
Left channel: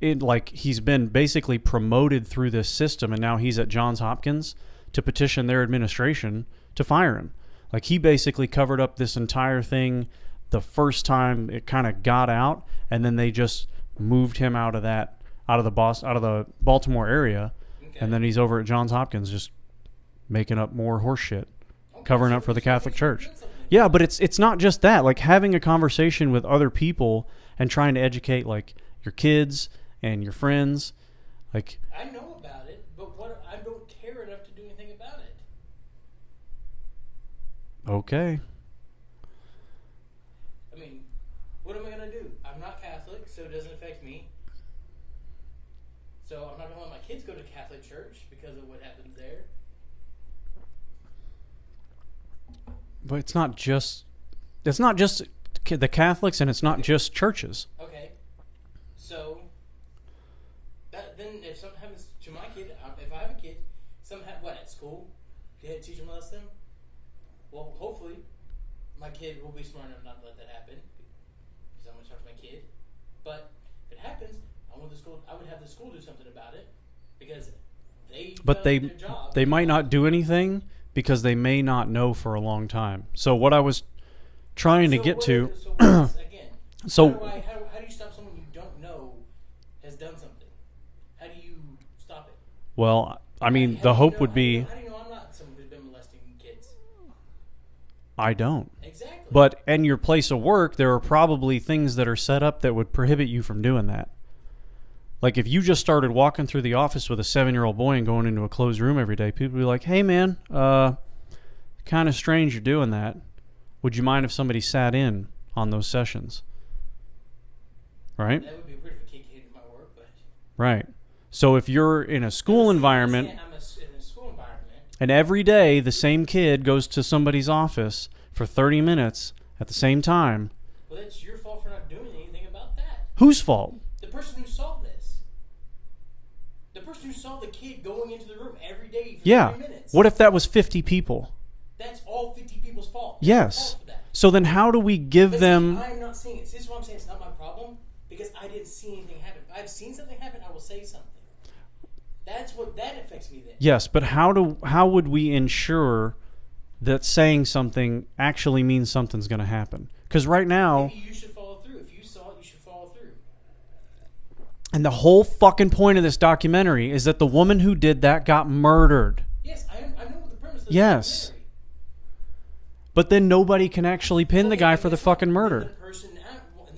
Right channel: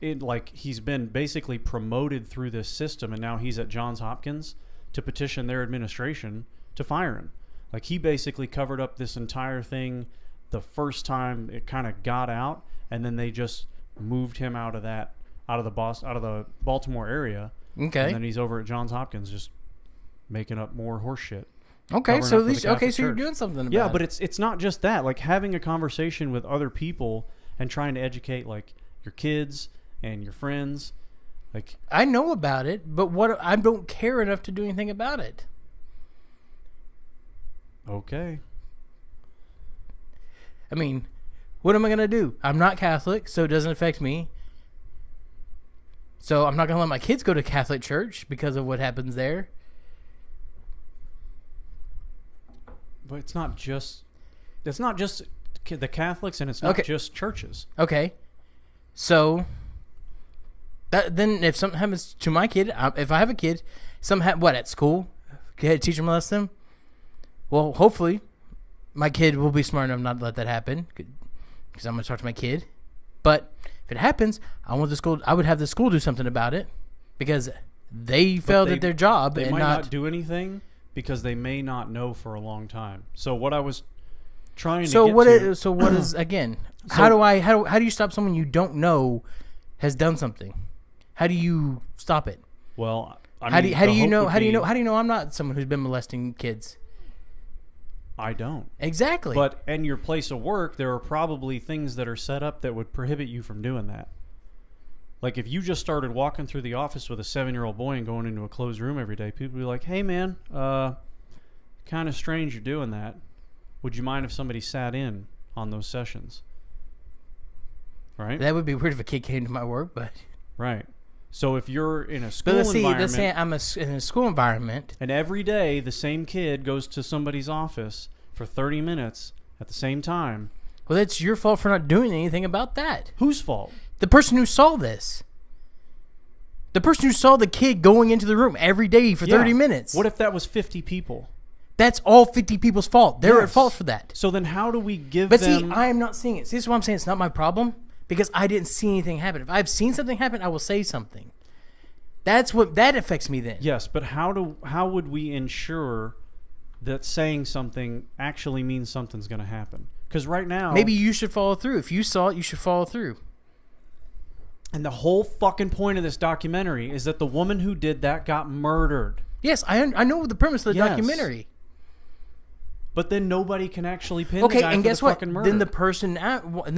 he's been basically promoted through this system, and now he's at Johns Hopkins to petition their administration to fire him. Like, he basically covered up this entire thing the first time it kind of got out, and then they just moved him out of the Baltimore area. Okay. And then he's over at Johns Hopkins just making up more horse shit. Okay, Covering so up for the Catholic so Church. you're doing something about Yeah, it. but it's not just that. Like, having a conversation with other people and trying to educate, like, your kids and your friends, like... I know about it, but I don't care enough to do anything about it. Okay. I mean, what am I going to do? I'm not Catholic, so it doesn't affect me. So I'm not going to let my kids go to Catholic church because of what happens there. But it's not just the Catholics, and it's not Okay. just churches. Okay. So, then if something happens to my kid, if I have a kid, at school? Teacher molest them? Well, hopefully, my kid will be smart enough not to let that happen, because I'm going to talk to my kid. But if it happens, I would have the school do something about it, because they failed at their job. They might not do anything because they may not know for a long time. So what I was trying to get to. So what is, again? How do you stop someone you don't know has done something? How do you stop it? Well, I mean, the hope would be. How do you know I'm not someone who's been molesting kids? I don't. Exactly. But in your place of work, there are probably things that are set up that would prohibit you from doing that. Like if you just started walking through the office with a 7-year-old boy and going into a closed room every day, people would be like, "Hey, man, kind of strange you're doing that. Would you mind if somebody sat in on those sessions?" Right? That would be weird if a kid came to my work, but right. So if you're in a school environment, let's say I'm in a school environment, and every day the same kid goes to somebody's office for 30 minutes at the same time, well, that's your fault for not doing anything about that. Whose fault? The person who saw this. The person who saw the kid going into the room every day for 30 minutes. What if that was 50 people? That's all 50 people's fault. They're at fault for that. So then how do we give them... See, I am not seeing it. See, this is why I'm saying it's not my problem, because I didn't see anything happen. If I've seen something happen, I will say something. That affects me then. Yes, but how would we ensure that saying something actually means something's going to happen? Because right now... Maybe you should follow through. If you saw it, you should follow through. And the whole fucking point of this documentary is that the woman who did that got murdered. Yes, I know the premise of the documentary. But then nobody can actually pin the guy for the fucking murder. Then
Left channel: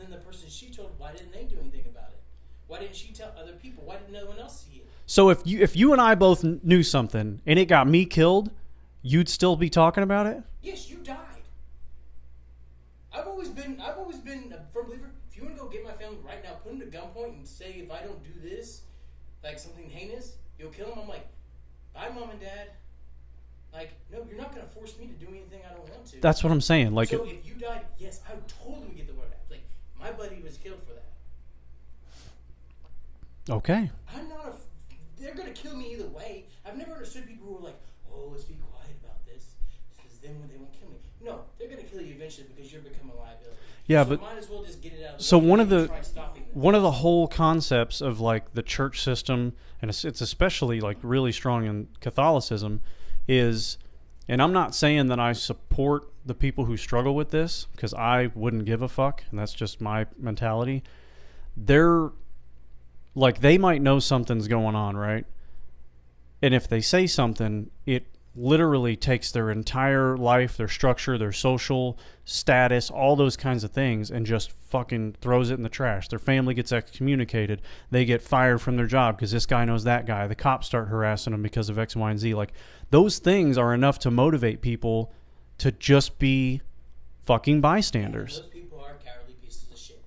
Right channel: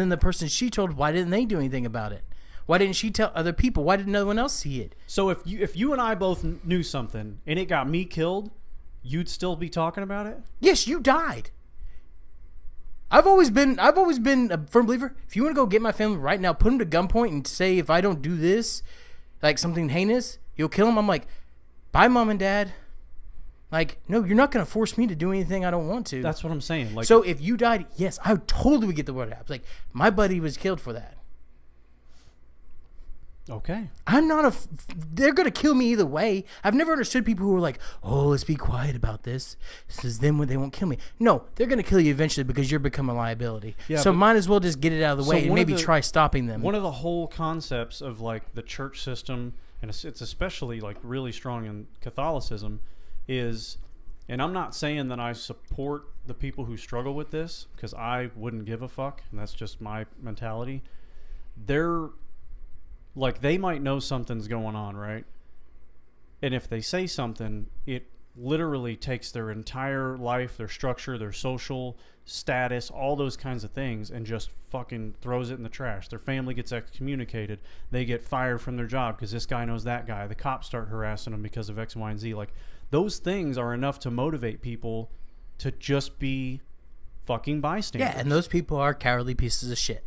the person she told, why didn't they do anything about it? Why didn't she tell other people? Why didn't no one else see it? So if you and I both knew something and it got me killed, you'd still be talking about it? Yes, you died. I've always been a firm believer. If you want to go get my family right now, put them to gunpoint and say, if I don't do this, like something heinous, you'll kill them. I'm like, bye, mom and dad. Like, no, you're not going to force me to do anything I don't want to. That's what I'm saying. Like, so if you died, yes, I totally would get the word out. Like, my buddy was killed for that. Okay. I'm not they're going to kill me either way. I've never understood people who are like, oh, let's be quiet about this. This is them when they won't kill me. No, they're going to kill you eventually because you're becoming a liability. Yeah, so might as well just get it out of the way and maybe try stopping them. One of the whole concepts of like the church system, and it's especially like really strong in Catholicism, is, and I'm not saying that I support the people who struggle with this, because I wouldn't give a fuck, and that's just my mentality. They're like, they might know something's going on, right? And if they say something, it literally takes their entire life, their structure, their social status, all those kinds of things, and just fucking throws it in the trash. Their family gets excommunicated. They get fired from their job because this guy knows that guy. The cops start harassing them because of X, Y, and Z. Like, those things are enough to motivate people to just be fucking bystanders. Yeah, and those people are cowardly pieces of shit.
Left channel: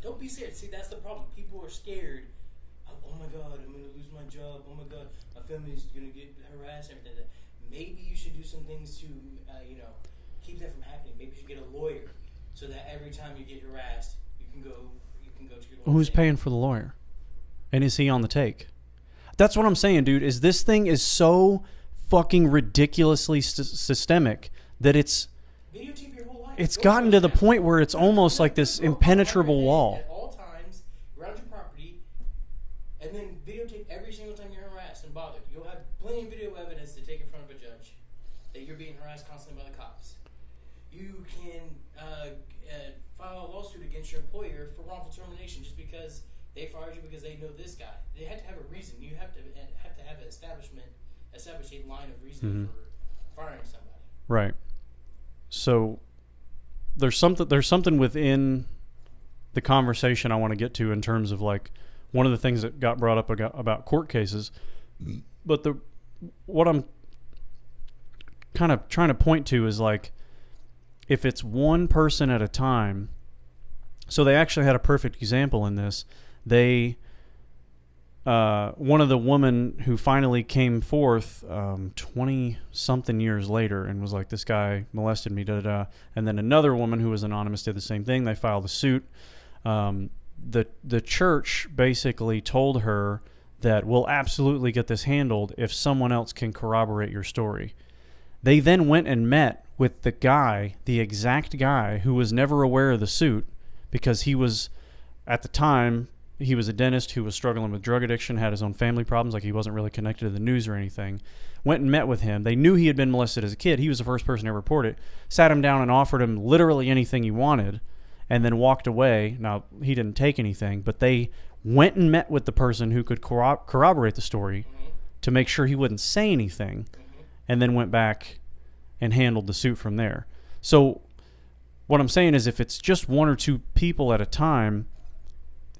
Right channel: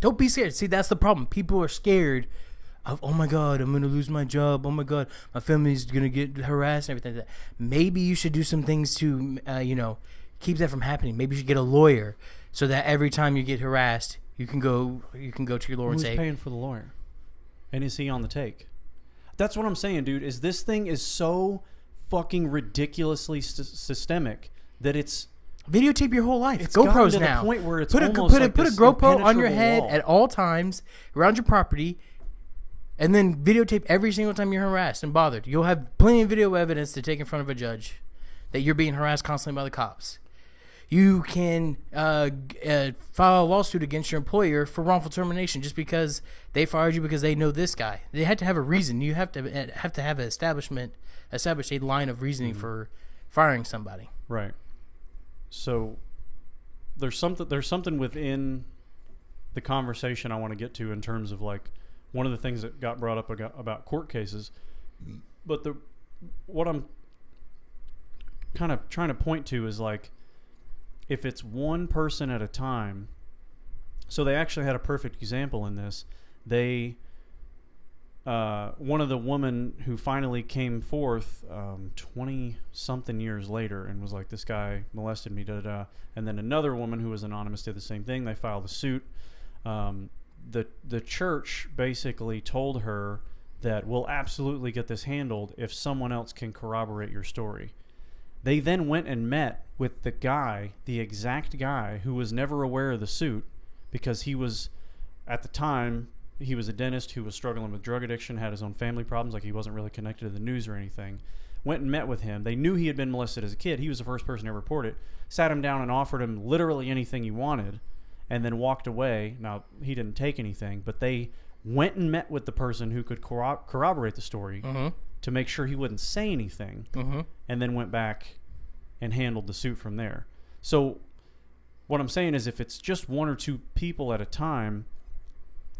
Don't be scared. See, that's the problem. People are scared of, oh my God, I'm going to lose my job. Oh my God, my family's going to get harassed and everything like that. Maybe you should do some things to, keep that from happening. Maybe you should get a lawyer so that every time you get harassed, you can go to your lawyer. Who's paying for the lawyer? And is he on the take? That's what I'm saying, dude, is this thing is so fucking ridiculously systemic that it's... Videotape your whole life. It's gotten to the point where it's almost like this impenetrable wall at all times around your property, and then videotape every single time you're harassed and bothered. You'll have plenty of video evidence to take in front of a judge that you're being harassed constantly by the cops. You can file a lawsuit against your employer for wrongful termination just because they fired you because they know this guy. They had to have a reason. You have to have an establish a line of reasoning for firing somebody. Right. So there's something within the conversation I want to get to in terms of like one of the things that got brought up about court cases, but what I'm kind of trying to point to is like, if it's one person at a time. So they actually had a perfect example in this. They one of the women who finally came forth 20-something years later and was like, this guy molested me, da-da-da. And then another woman who was anonymous did the same thing. They filed a suit. The church basically told her that we'll absolutely get this handled if someone else can corroborate your story. They then went and met with the guy, the exact guy who was never aware of the suit because he was, at the time, he was a dentist who was struggling with drug addiction, had his own family problems, like he wasn't really connected to the news or anything. Went and met with him. They knew he had been molested as a kid. He was the first person to report it. Sat him down and offered him literally anything he wanted and then walked away. Now, he didn't take anything, but they went and met with the person who could corroborate the story to make sure he wouldn't say anything, and then went back and handled the suit from there. So what I'm saying is if it's just one or two people at a time,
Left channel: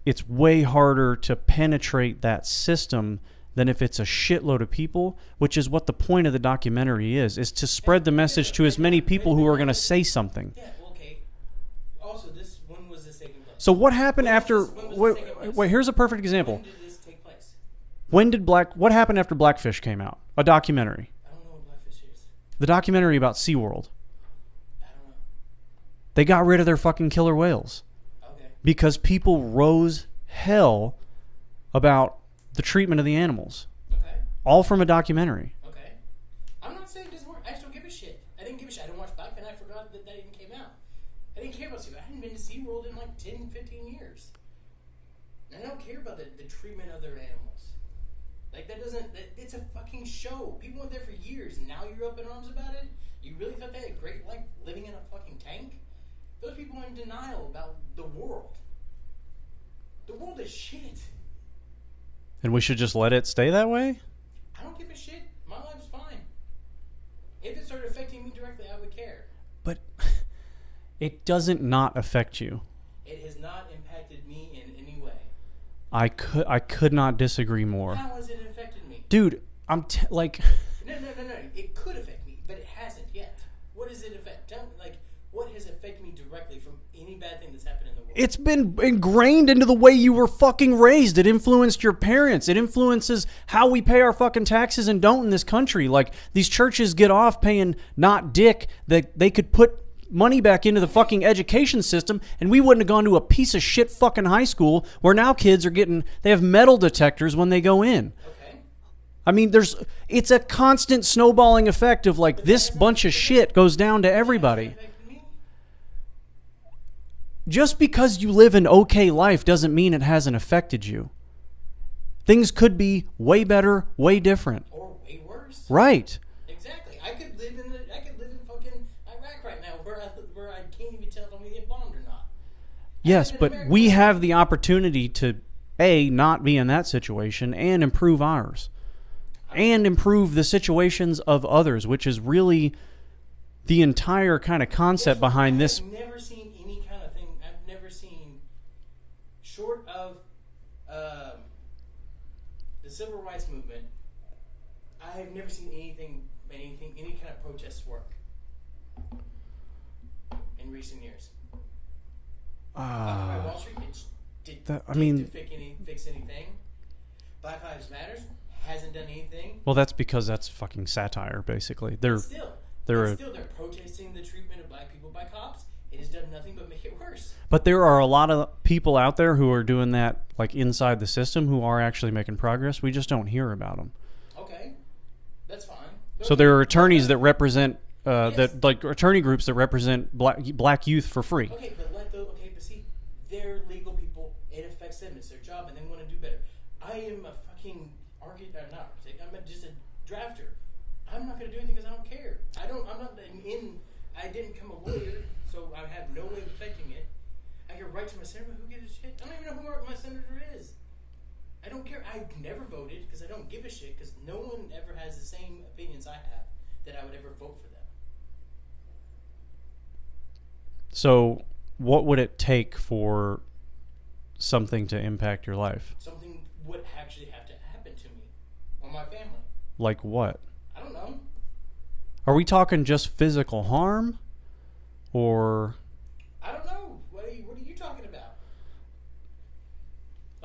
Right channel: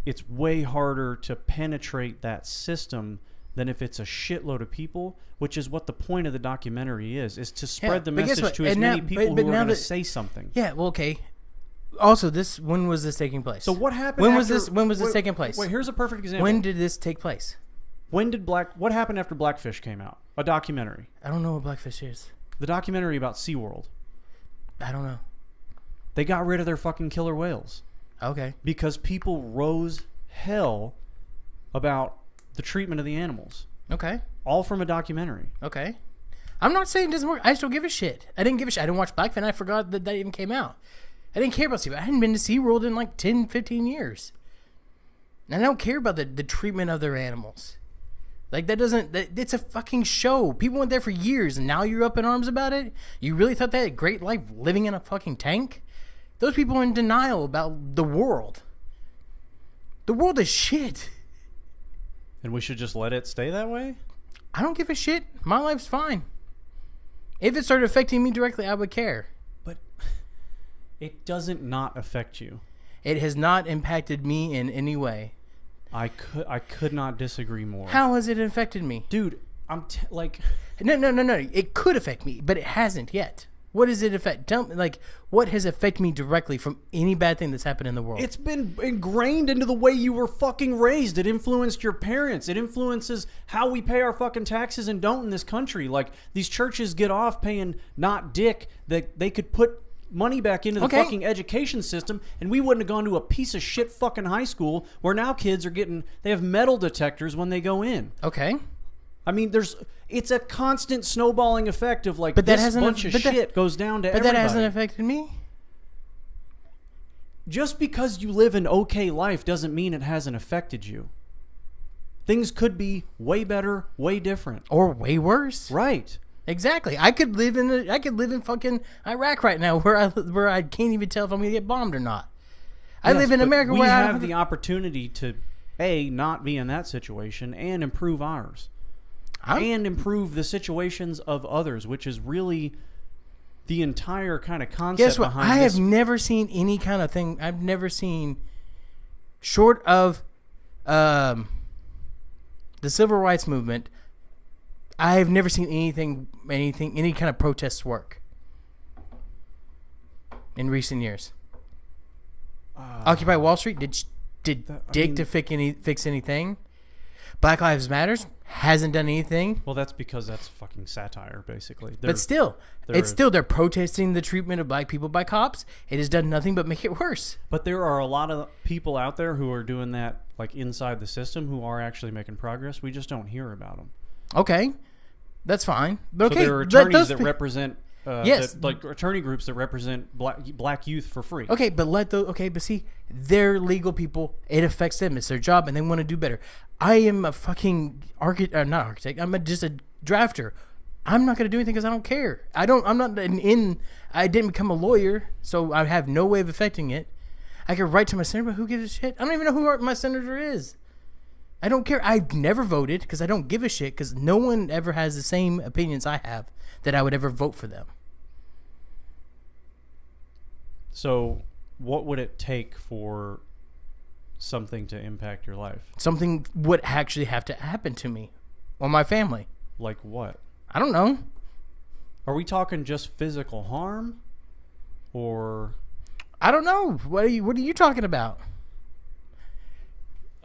it's way harder to penetrate that system than if it's a shitload of people, which is what the point of the documentary is to spread the message to as many people who are going to say something. Yeah, well, okay. Also, when was this taking place? So what happened after... When was this taking place? Wait, here's a perfect example. When did this take place? What happened after Blackfish came out? A documentary. I don't know what Blackfish is. The documentary about SeaWorld. I don't know. They got rid of their fucking killer whales. Okay. Because people rose hell about the treatment of the animals. Okay. All from a documentary. Okay. I'm not saying it doesn't work. I still give a shit. I didn't give a shit. I didn't watch Blackfish. I forgot that even came out. I didn't care about SeaWorld. I hadn't been to SeaWorld in like 10, 15 years. And I don't care about the treatment of their animals. Like, it's a fucking show. People went there for years, and now you're up in arms about it? You really thought they had a great life living in a fucking tank? Those people are in denial about the world. The world is shit. And we should just let it stay that way? I don't give a shit. My life's fine. If it started affecting me directly, I would care. But it doesn't not affect you. It has not impacted me in any way. I could not disagree more. How has it affected me? Dude, No. It could affect me, but it hasn't yet. What does it affect? Tell me, what has affected me directly from any bad thing that's happened in the world? It's been ingrained into the way you were fucking raised. It influenced your parents. It influences how we pay our fucking taxes and don't in this country. Like, these churches get off paying not dick that they could put money back into the fucking education system, and we wouldn't have gone to a piece of shit fucking high school where now kids are they have metal detectors when they go in. Okay. I mean, it's a constant snowballing effect of this bunch of shit goes down to everybody. That hasn't affected me. Just because you live an okay life doesn't mean it hasn't affected you. Things could be way better, way different, or way worse. Right. Exactly. I could live in fucking Iraq right now, where I can't even tell if I'm gonna get bombed or not. I live in America. We have the opportunity to not be in that situation and improve ours, and improve the situations of others, which is really the entire kind of concept behind this. I have never seen any kind of thing. I've never seen, short of the civil rights movement, I have never seen any kind of protests work in recent years. Occupy Wall Street to fix anything. Black Lives Matters hasn't done anything. Well, that's because that's fucking satire, basically. But still, they're protesting the treatment of black people by cops. It has done nothing but make it worse. But there are a lot of people out there who are doing that, inside the system, who are actually making progress. We just don't hear about them. Okay. That's fine. So there are attorneys that represent, attorney groups that represent black youth for free. Okay, but see, they're legal people. It affects them. It's their job, and they want to do better. I am a fucking not architect. I'm just a drafter. I'm not going to do anything because I don't care. I didn't become a lawyer, so I have no way of affecting it. I could write to my senator, but who gives a shit? I don't even know who my senator is. I don't care. I've never voted because I don't give a shit, because no one ever has the same opinions I have that I would ever vote for them. So what would it take for something to impact your life? Something would actually have to happen to me or my family. Like what? I don't know. Are we talking just physical harm, or? I don't know. What are you talking about?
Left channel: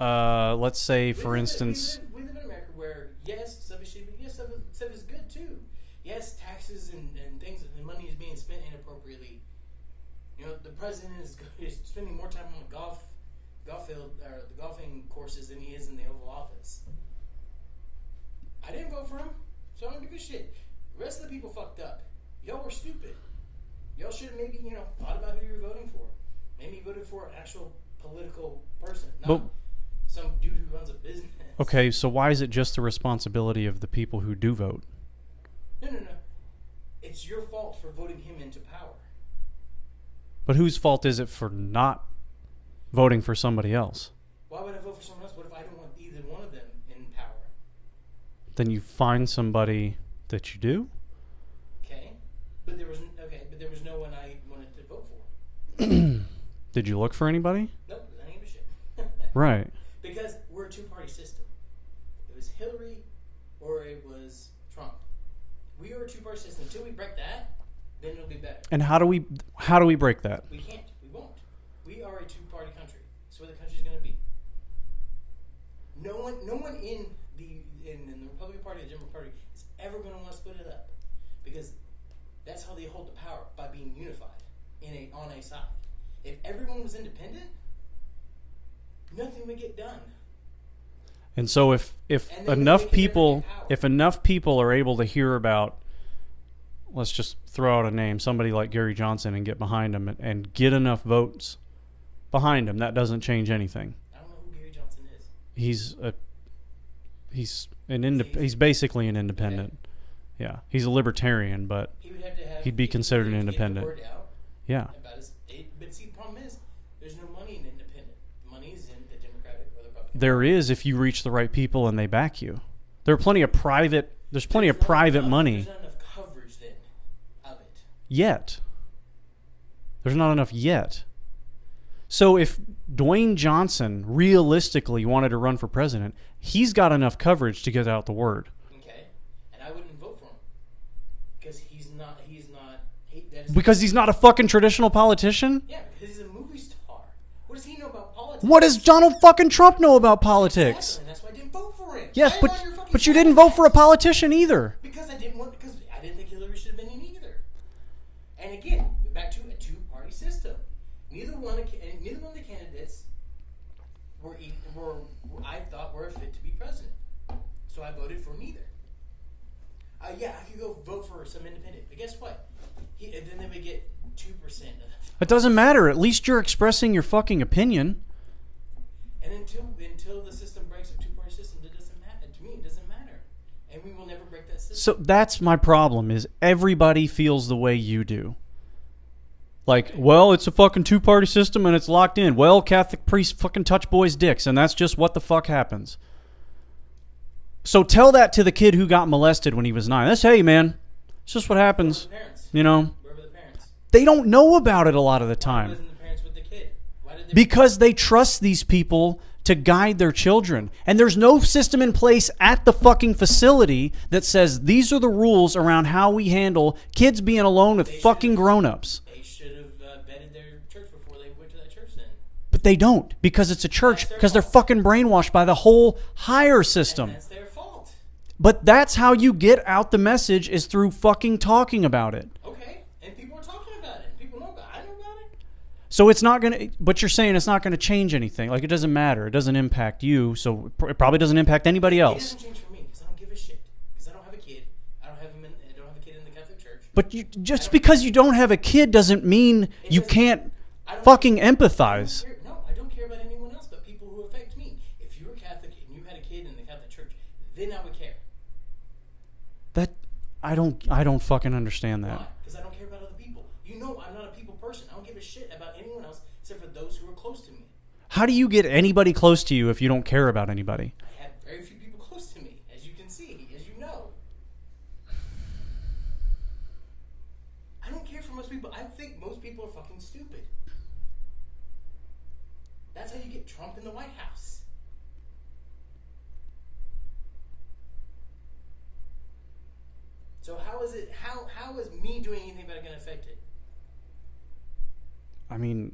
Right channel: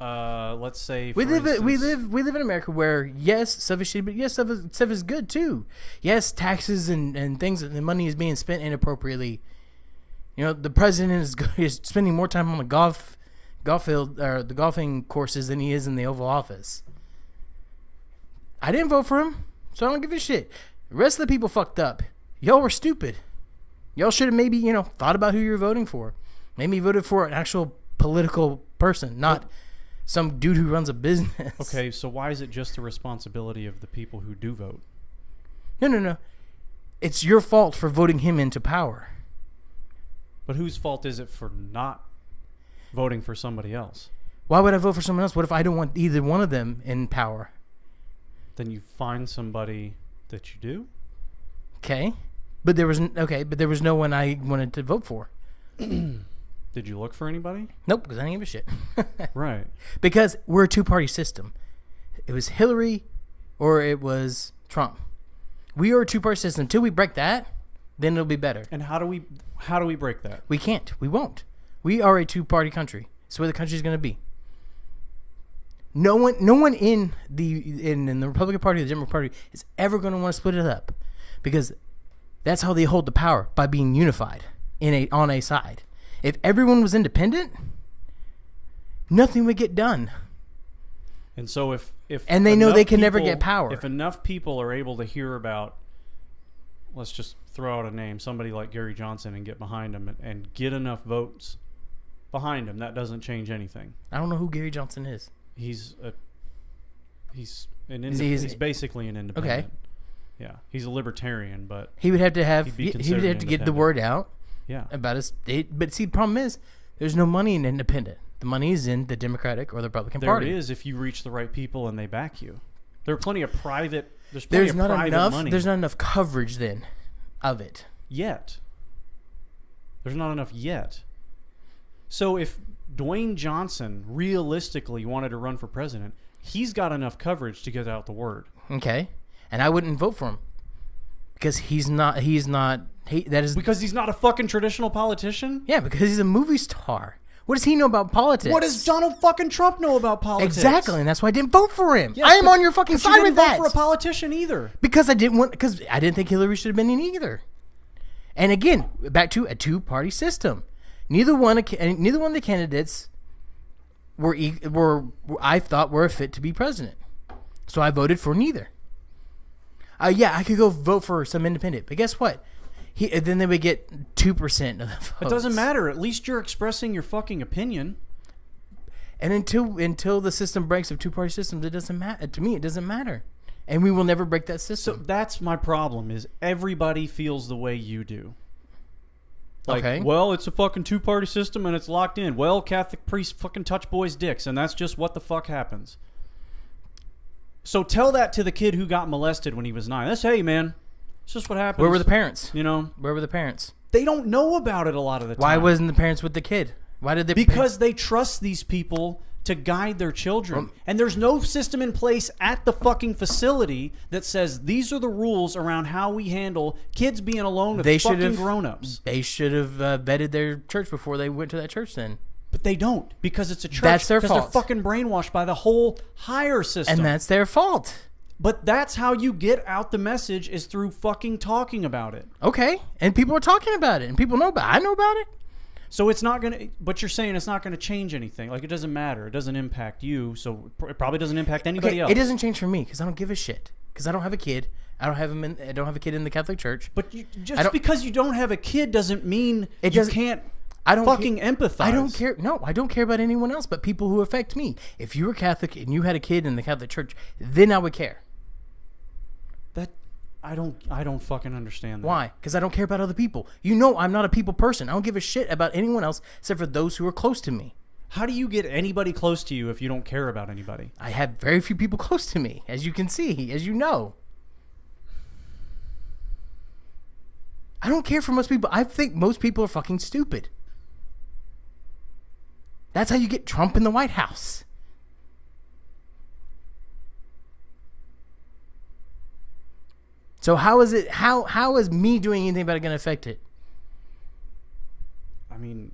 let's say, for instance... We live in America where, yes, stuff is shitty, but yes, stuff is good, too. Yes, taxes and things, and the money is being spent inappropriately. You know, the president is spending more time on the golf field, or the golfing courses, than he is in the Oval Office. I didn't vote for him, so I don't give a shit. The rest of the people fucked up. Y'all were stupid. Y'all should have maybe, thought about who you're voting for. Maybe voted for an actual political person, not some dude who runs a business. Okay, so why is it just the responsibility of the people who do vote? No. It's your fault for voting him into power. But whose fault is it for not voting for somebody else? Why would I vote for someone else? What if I don't want either one of them in power? Then you find somebody that you do? Okay. But there was no one I wanted to vote for. Did you look for anybody? Nope, because I didn't give a shit. Right. Because we're a two-party system. It was Hillary or it was Trump. We are a two-party system. Until we break that, then it'll be better. And how do we break that? We can't. We won't. We are a two-party country. It's where the country's going to be. No one in the Republican Party or the Democratic Party is ever going to want to split it up, because that's how they hold the power, by being unified on a side. If everyone was independent, nothing would get done. And so if and they know they can never get power. If enough people are able to hear about, let's just throw out a name, somebody like Gary Johnson, and get behind him and get enough votes behind him, that doesn't change anything. I don't know who Gary Johnson is. He's basically an independent. Okay. Yeah, he's a libertarian, but he'd be considered independent. Get the word out. Yeah, about his. But see, the problem is there's no money in independent. The money is in the Democratic or the Republican Party. There is, if you reach the right people and they back you. There are plenty of private. There's plenty of private money. There's not enough coverage then of it yet. There's not enough yet. So if Dwayne Johnson realistically wanted to run for president, he's got enough coverage to get out the word. Okay. And I wouldn't vote for him because he's not because he's not a fucking traditional politician? Yeah, because he's a movie star. What does he know about politics? What does Donald fucking Trump know about politics? Exactly, and that's why I didn't vote for him. Yes, I am on your fucking side. But you didn't vote for a politician either. Because I didn't think Hillary should have been in either. And again, back to a two-party system. Neither one of the candidates were I thought were a fit to be president. So I voted for neither. Yeah, I could go vote for some independent, but guess what? Then they would get 2% of the votes. It doesn't matter. At least you're expressing your fucking opinion. And until the system breaks of two-party systems, it doesn't matter. To me, it doesn't matter. And we will never break that system. So that's my problem, is everybody feels the way you do. Like, okay, well, it's a fucking two-party system and it's locked in. Well, Catholic priests fucking touch boys' dicks, and that's just what the fuck happens. So tell that to the kid who got molested when he was 9. That's, hey, man, it's just what happens. Where were the parents? You know? Where were the parents? They don't know about it a lot of the time. Why wasn't the parents with the kid? Why did they? Because they trust these people to guide their children. And there's no system in place at the fucking facility that says these are the rules around how we handle kids being alone with fucking grown-ups. They should have vetted their church before they went to that church then. But they don't, because it's a church. Because they're fucking brainwashed by the whole higher system. And that's their fault. But that's how you get out the message, is through fucking talking about it. Okay. And people are talking about it. And people know about it. I know about it. So it's not going to, but you're saying it's not going to change anything. Like, it doesn't matter. It doesn't impact you. So it probably doesn't impact anybody else. It doesn't change for me because I don't give a shit. Because I don't have a kid. I don't have a kid in the Catholic Church. But just because you don't have a kid doesn't mean you can't fucking empathize. I don't care. No, I don't care about anyone else but people who affect me. If you were Catholic and you had a kid in the Catholic Church, then I would care. I don't fucking understand that. Why? Because I don't care about other people. You know I'm not a people person. I don't give a shit about anyone else except for those who are close to me. How do you get anybody close to you if you don't care about anybody? I have very few people close to me, as you can see, as you know. I don't care for most people. I think most people are fucking stupid. That's how you get Trump in the White House. So how is it? How is me doing anything about it going to affect it? I mean,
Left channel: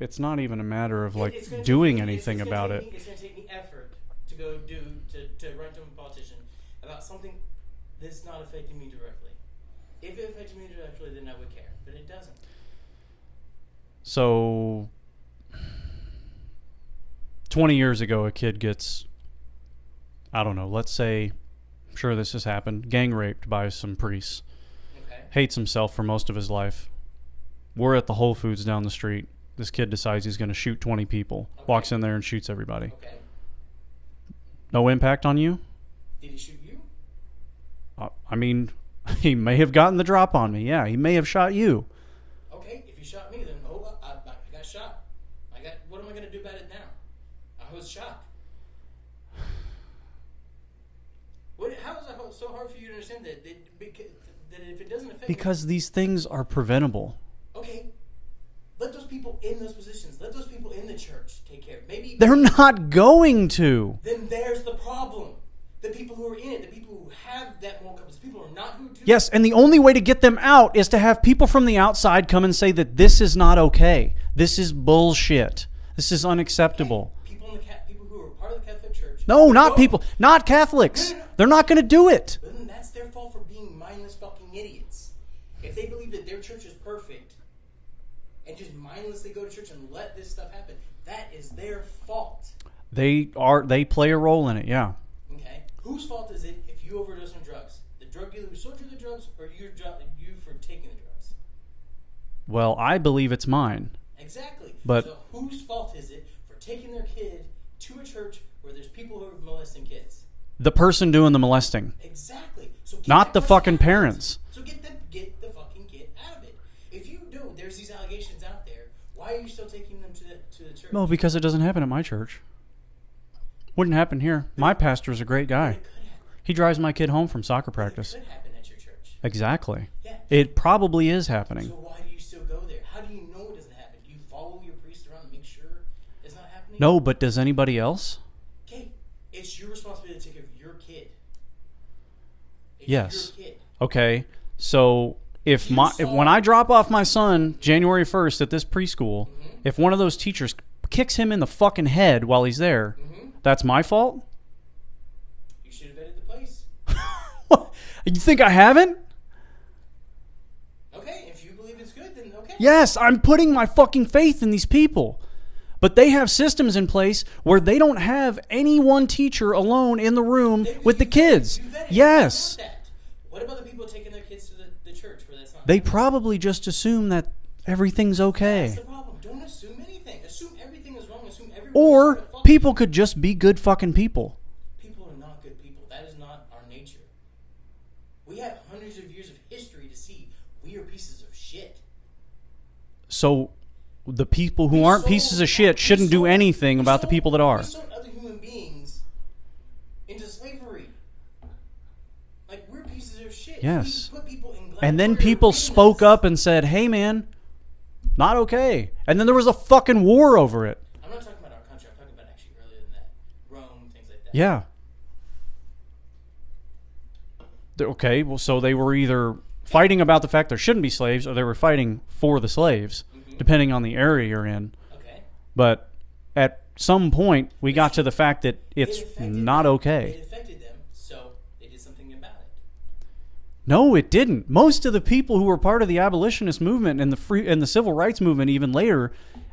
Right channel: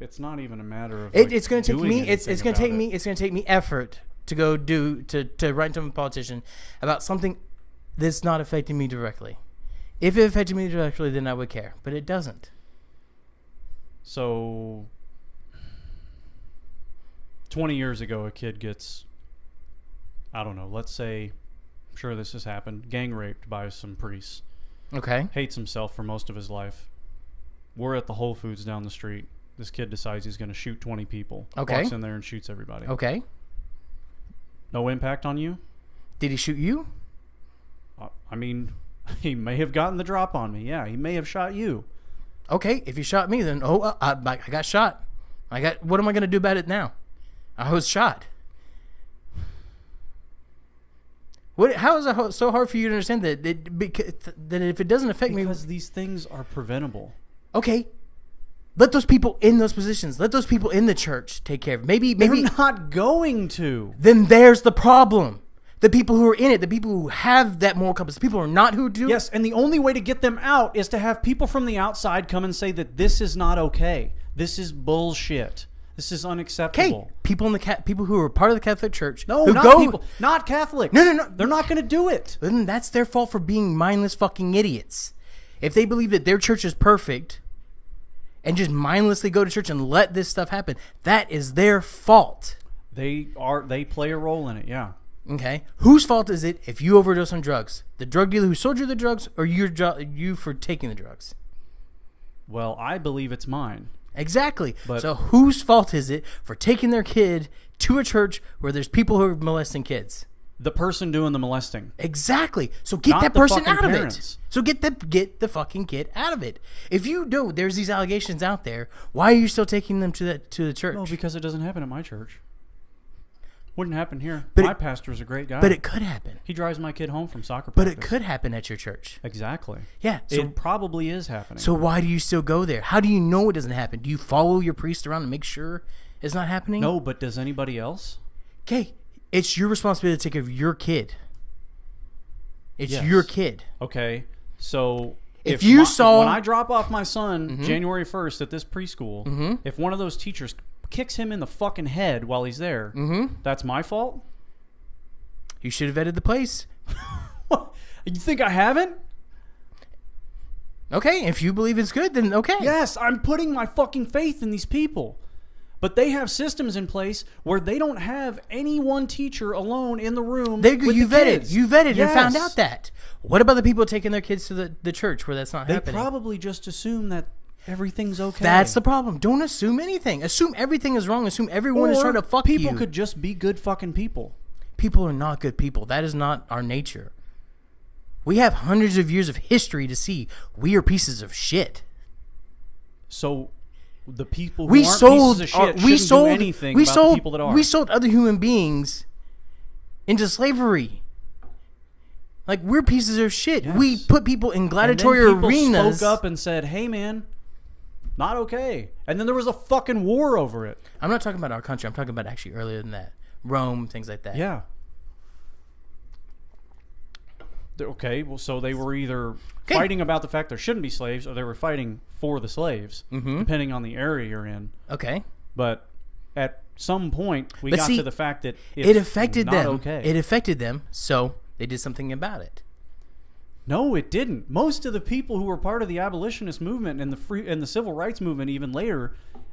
it's not even a matter of It's going to doing take me. anything It's going to about take it. me. It's going to take me effort to go to write to a politician about something that's not affecting me directly. If it affected me directly, then I would care, but it doesn't. So 20 years ago, a kid gets, I don't know, let's say, I'm sure this has happened, gang raped by some priests. Okay. Hates himself for most of his life. We're at the Whole Foods down the street. This kid decides he's going to shoot 20 people. Okay. Walks in there and shoots everybody. Okay. No impact on you? Did he shoot you? I mean, he may have gotten the drop on me. Yeah, he may have shot you. Okay, if he shot me, then I got shot. What am I going to do about it now? I was shot. How is it so hard for you to understand that if it doesn't affect me? Because these things are preventable. Okay, let those people in those positions, let those people in the church take care of it. Maybe They're not going to. Then there's the problem. The people who are in it, the people who have that moral compass, the people who are not who do. Yes, and the only way to get them out is to have people from the outside come and say that this is not okay. This is bullshit. This is unacceptable. Okay, people who are part of the Catholic Church. No, not Catholics. No. They're not going to do it. Then that's their fault for being mindless fucking idiots. If they believe that their church is perfect and just mindlessly go to church and let this stuff happen, that is their fault. They play a role in it, yeah. Okay, whose fault is it if you overdose on drugs? The drug dealer who sold you the drugs, or you for taking the drugs? Well, I believe it's mine. Exactly. But so whose fault is it for taking their kid to a church where there's people who are molesting kids? The person doing the molesting. Exactly. So get Not that the person fucking out of parents. it. So get the fucking kid out of it. If you know there's these allegations out there, why are you still taking them to the church? No, because it doesn't happen at my church. Wouldn't happen here. But my pastor's a great guy. But it could happen. He drives my kid home from soccer But practice. it could happen at your church. Exactly. Yeah. It probably is happening. So why do you still go there? How do you know it doesn't happen? Do you follow your priest around to make sure it's not happening? No, but does anybody else? Okay. It's your responsibility to take care of your kid. It's Yes. your kid. Okay. So If when I drop off my son January 1st at this preschool, if one of those teachers kicks him in the fucking head while he's there, that's my fault? You should have vetted the place. You think I haven't? Okay, if you believe it's good, then okay. Yes, I'm putting my fucking faith in these people. But they have systems in place where they don't have any one teacher alone in the room with the kids. You vetted yes. and found out that. What about the people taking their kids to the church where that's not happening? They probably just assume that everything's okay. That's the problem. Don't assume anything. Assume everything is wrong. Assume everyone is trying to fuck people you. could just be good fucking people. People are not good people. That is not our nature. We have hundreds of years of history to see we are pieces of shit. So the people who aren't pieces of shit shouldn't do anything about the people that are. We sold other human beings into slavery. Like, we're pieces of shit. Yes. We put people in And gladiatorial then people arenas. spoke up and said, hey man, not okay. And then there was a fucking war over it. I'm not talking about our country. I'm talking about actually earlier than that. Rome, things like that. Yeah. Okay, well, so they were either fighting about the fact there shouldn't be slaves or they were fighting for the slaves, depending on the area you're in. Okay. But at some point, we got to the fact that it's not okay. It affected them, so they did something about it. No, it didn't. Most of the people who were part of the abolitionist movement and the civil rights movement even later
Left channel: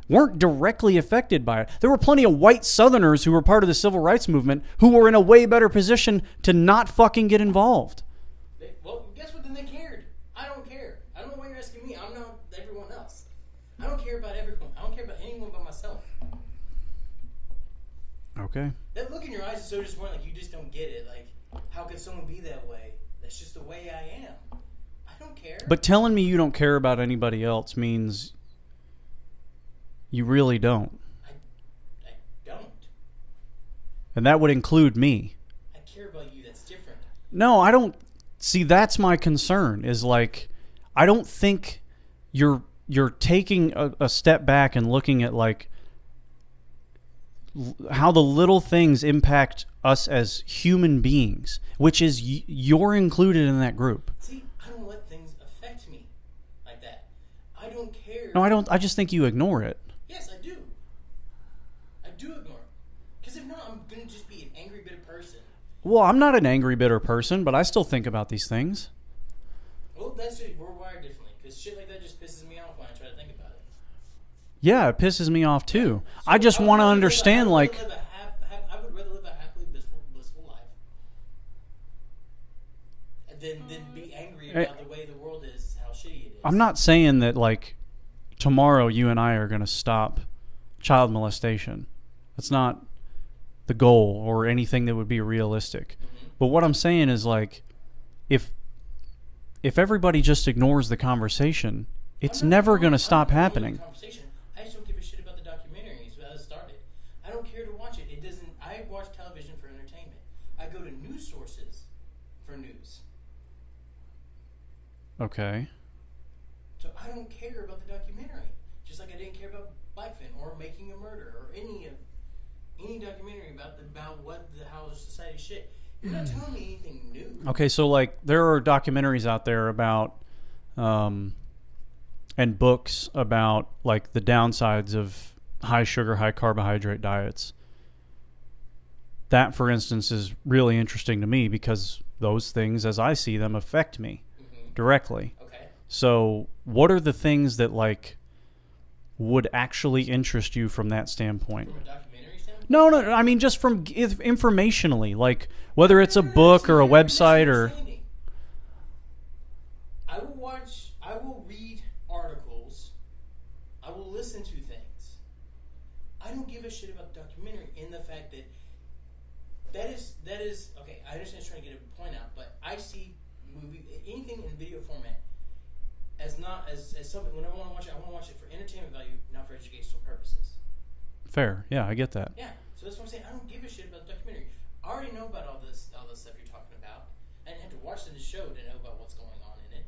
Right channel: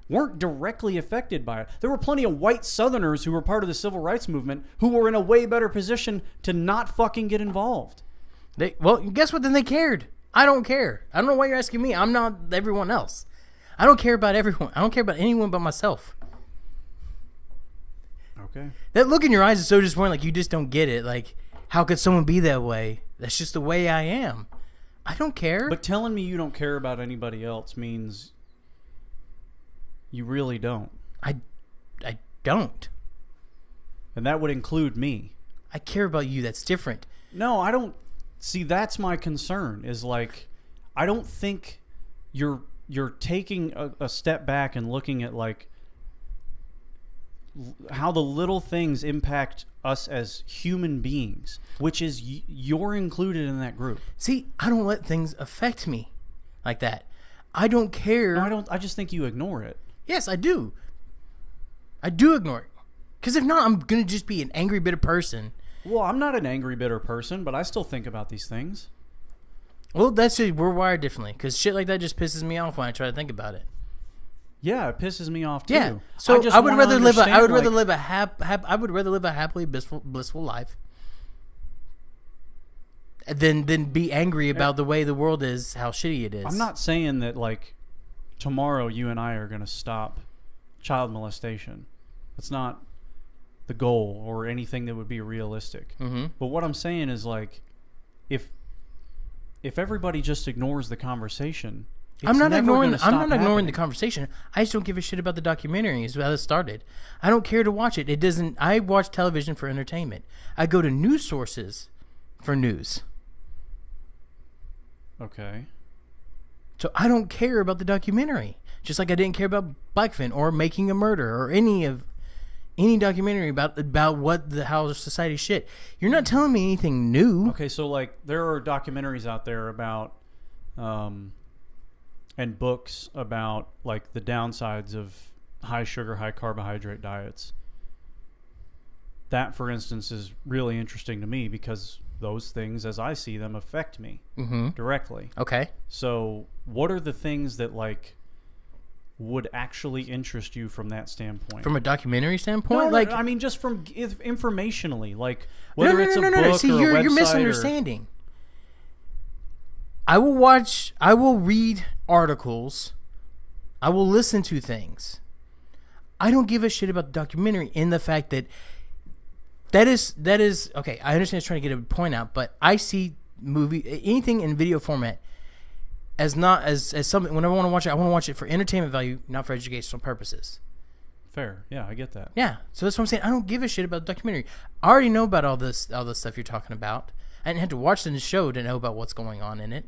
weren't directly affected by it. There were plenty of white Southerners who were part of the civil rights movement who were in a way better position to not fucking get involved. Well, guess what? Then they cared. I don't care. I don't know why you're asking me. I'm not everyone else. I don't care about everyone. I don't care about anyone but myself. Okay. That look in your eyes is so disappointing. Like, you just don't get it. Like, how could someone be that way? That's just the way I am. I don't care. But telling me you don't care about anybody else means you really don't. I don't. And that would include me. I care about you. That's different. No, I don't. See, that's my concern. Is like, I don't think you're taking a step back and looking at like how the little things impact us as human beings, which is you're included in that group. See, I don't let things affect me like that. I don't care. No, I don't. I just think you ignore it. Yes, I do. I do ignore it. Because if not, I'm going to just be an angry, bitter person. Well, I'm not an angry, bitter person, but I still think about these things. Well, that's just, we're wired differently. Because shit like that just pisses me off when I try to think about it. Yeah, it pisses me off too. Yeah. So I just want to understand. I would rather live a happily blissful life than be angry about the way the world is, how shitty it is. I'm not saying that like tomorrow you and I are going to stop child molestation. That's not the goal or anything that would be realistic. Mm-hmm. But what I'm saying is like if everybody just ignores the conversation, it's never going to stop I'm not ignoring happening. the conversation. I just don't give a shit about the documentary. Is how it started. I don't care to watch it. It doesn't. I watch television for entertainment. I go to news sources for news. Okay. So I don't care about the documentary. Just like I didn't care about Blackfin or Making a Murder or any documentary about what how society shit. You're not telling me anything new. Okay, so like there are documentaries out there about and books about like the downsides of high sugar, high carbohydrate diets. That, for instance, is really interesting to me because those things, as I see them, affect me directly. Okay. So what are the things that like would actually interest you from that standpoint? From a documentary standpoint? No, like, I mean just from informationally, like whether it's a book See, or a you're website or... misunderstanding. I will read articles. I will listen to things. I don't give a shit about the documentary in the fact that is okay. I understand it's trying to get a point out, but I see anything in video format as not as something. Whenever I want to watch it, I want to watch it for entertainment value, not for educational purposes. Fair, yeah, I get that. Yeah, so that's what I'm saying. I don't give a shit about the documentary. I already know about all this stuff you're talking about. I didn't have to watch the show to know about what's going on in it.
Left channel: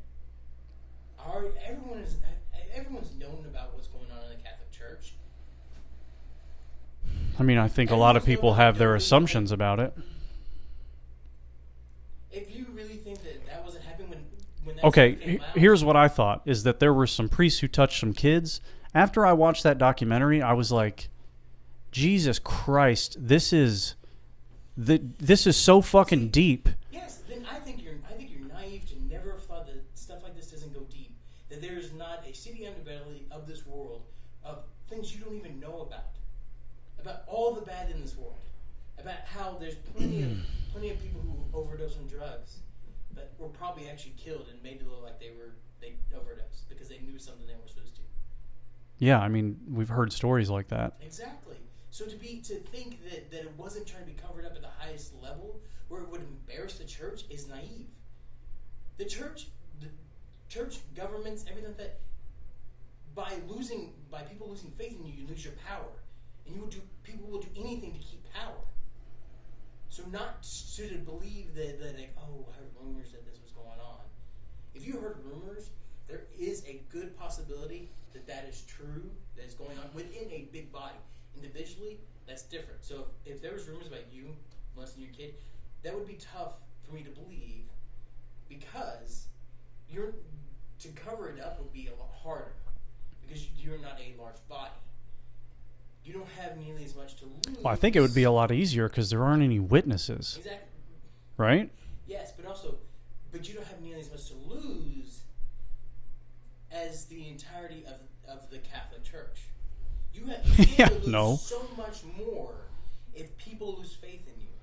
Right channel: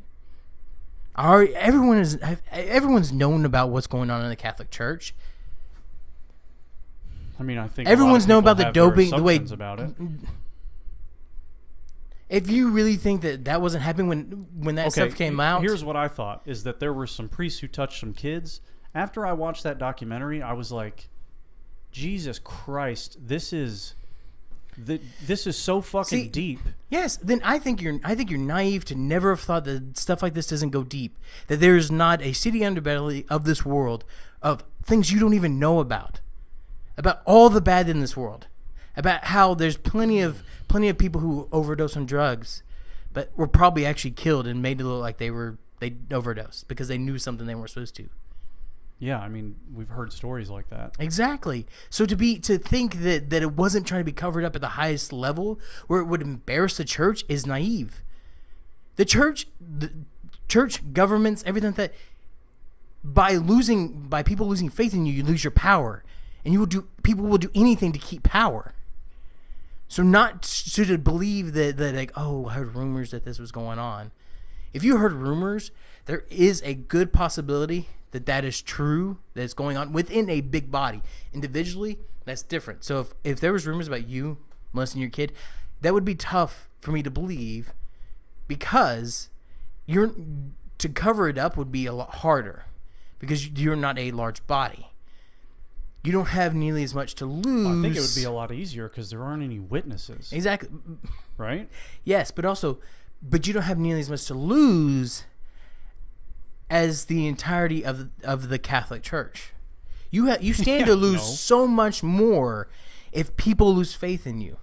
Everyone's known about what's going on in the Catholic Church. I mean, I think a lot of people have their assumptions about it. If you really think that wasn't happening when that stuff came out. Here's what I thought, is that there were some priests who touched some kids. After I watched that documentary, I was like, Jesus Christ, this is so fucking deep. Yes, then I think you're naive to never have thought that stuff like this doesn't go deep. That there is not a city underbelly of this world of things you don't even know about all the bad in this world, about how there's plenty of people who overdose on drugs, but were probably actually killed and made to look like they overdosed because they knew something they weren't supposed to. Yeah, I mean, we've heard stories like that. Exactly. So to think that it wasn't trying to be covered up at the highest level where it would embarrass the church is naive. The church governments, everything like that, by people losing faith in you, you lose your power. And people will do anything to keep power. So to believe that like, oh, I heard rumors that this was going on. If you heard rumors, there is a good possibility that is true, that it's going on within a big body. Individually, that's different. So if there was rumors about you molesting your kid, that would be tough for me to believe because to cover it up would be a lot harder because you're not a large body. You don't have nearly as much to lose. Well, I think it would be a lot easier because there aren't any witnesses. Exactly. Right? Yes, but you don't have nearly as much to lose as the entirety of the Catholic Church. You stand to lose so much more if people lose faith in you.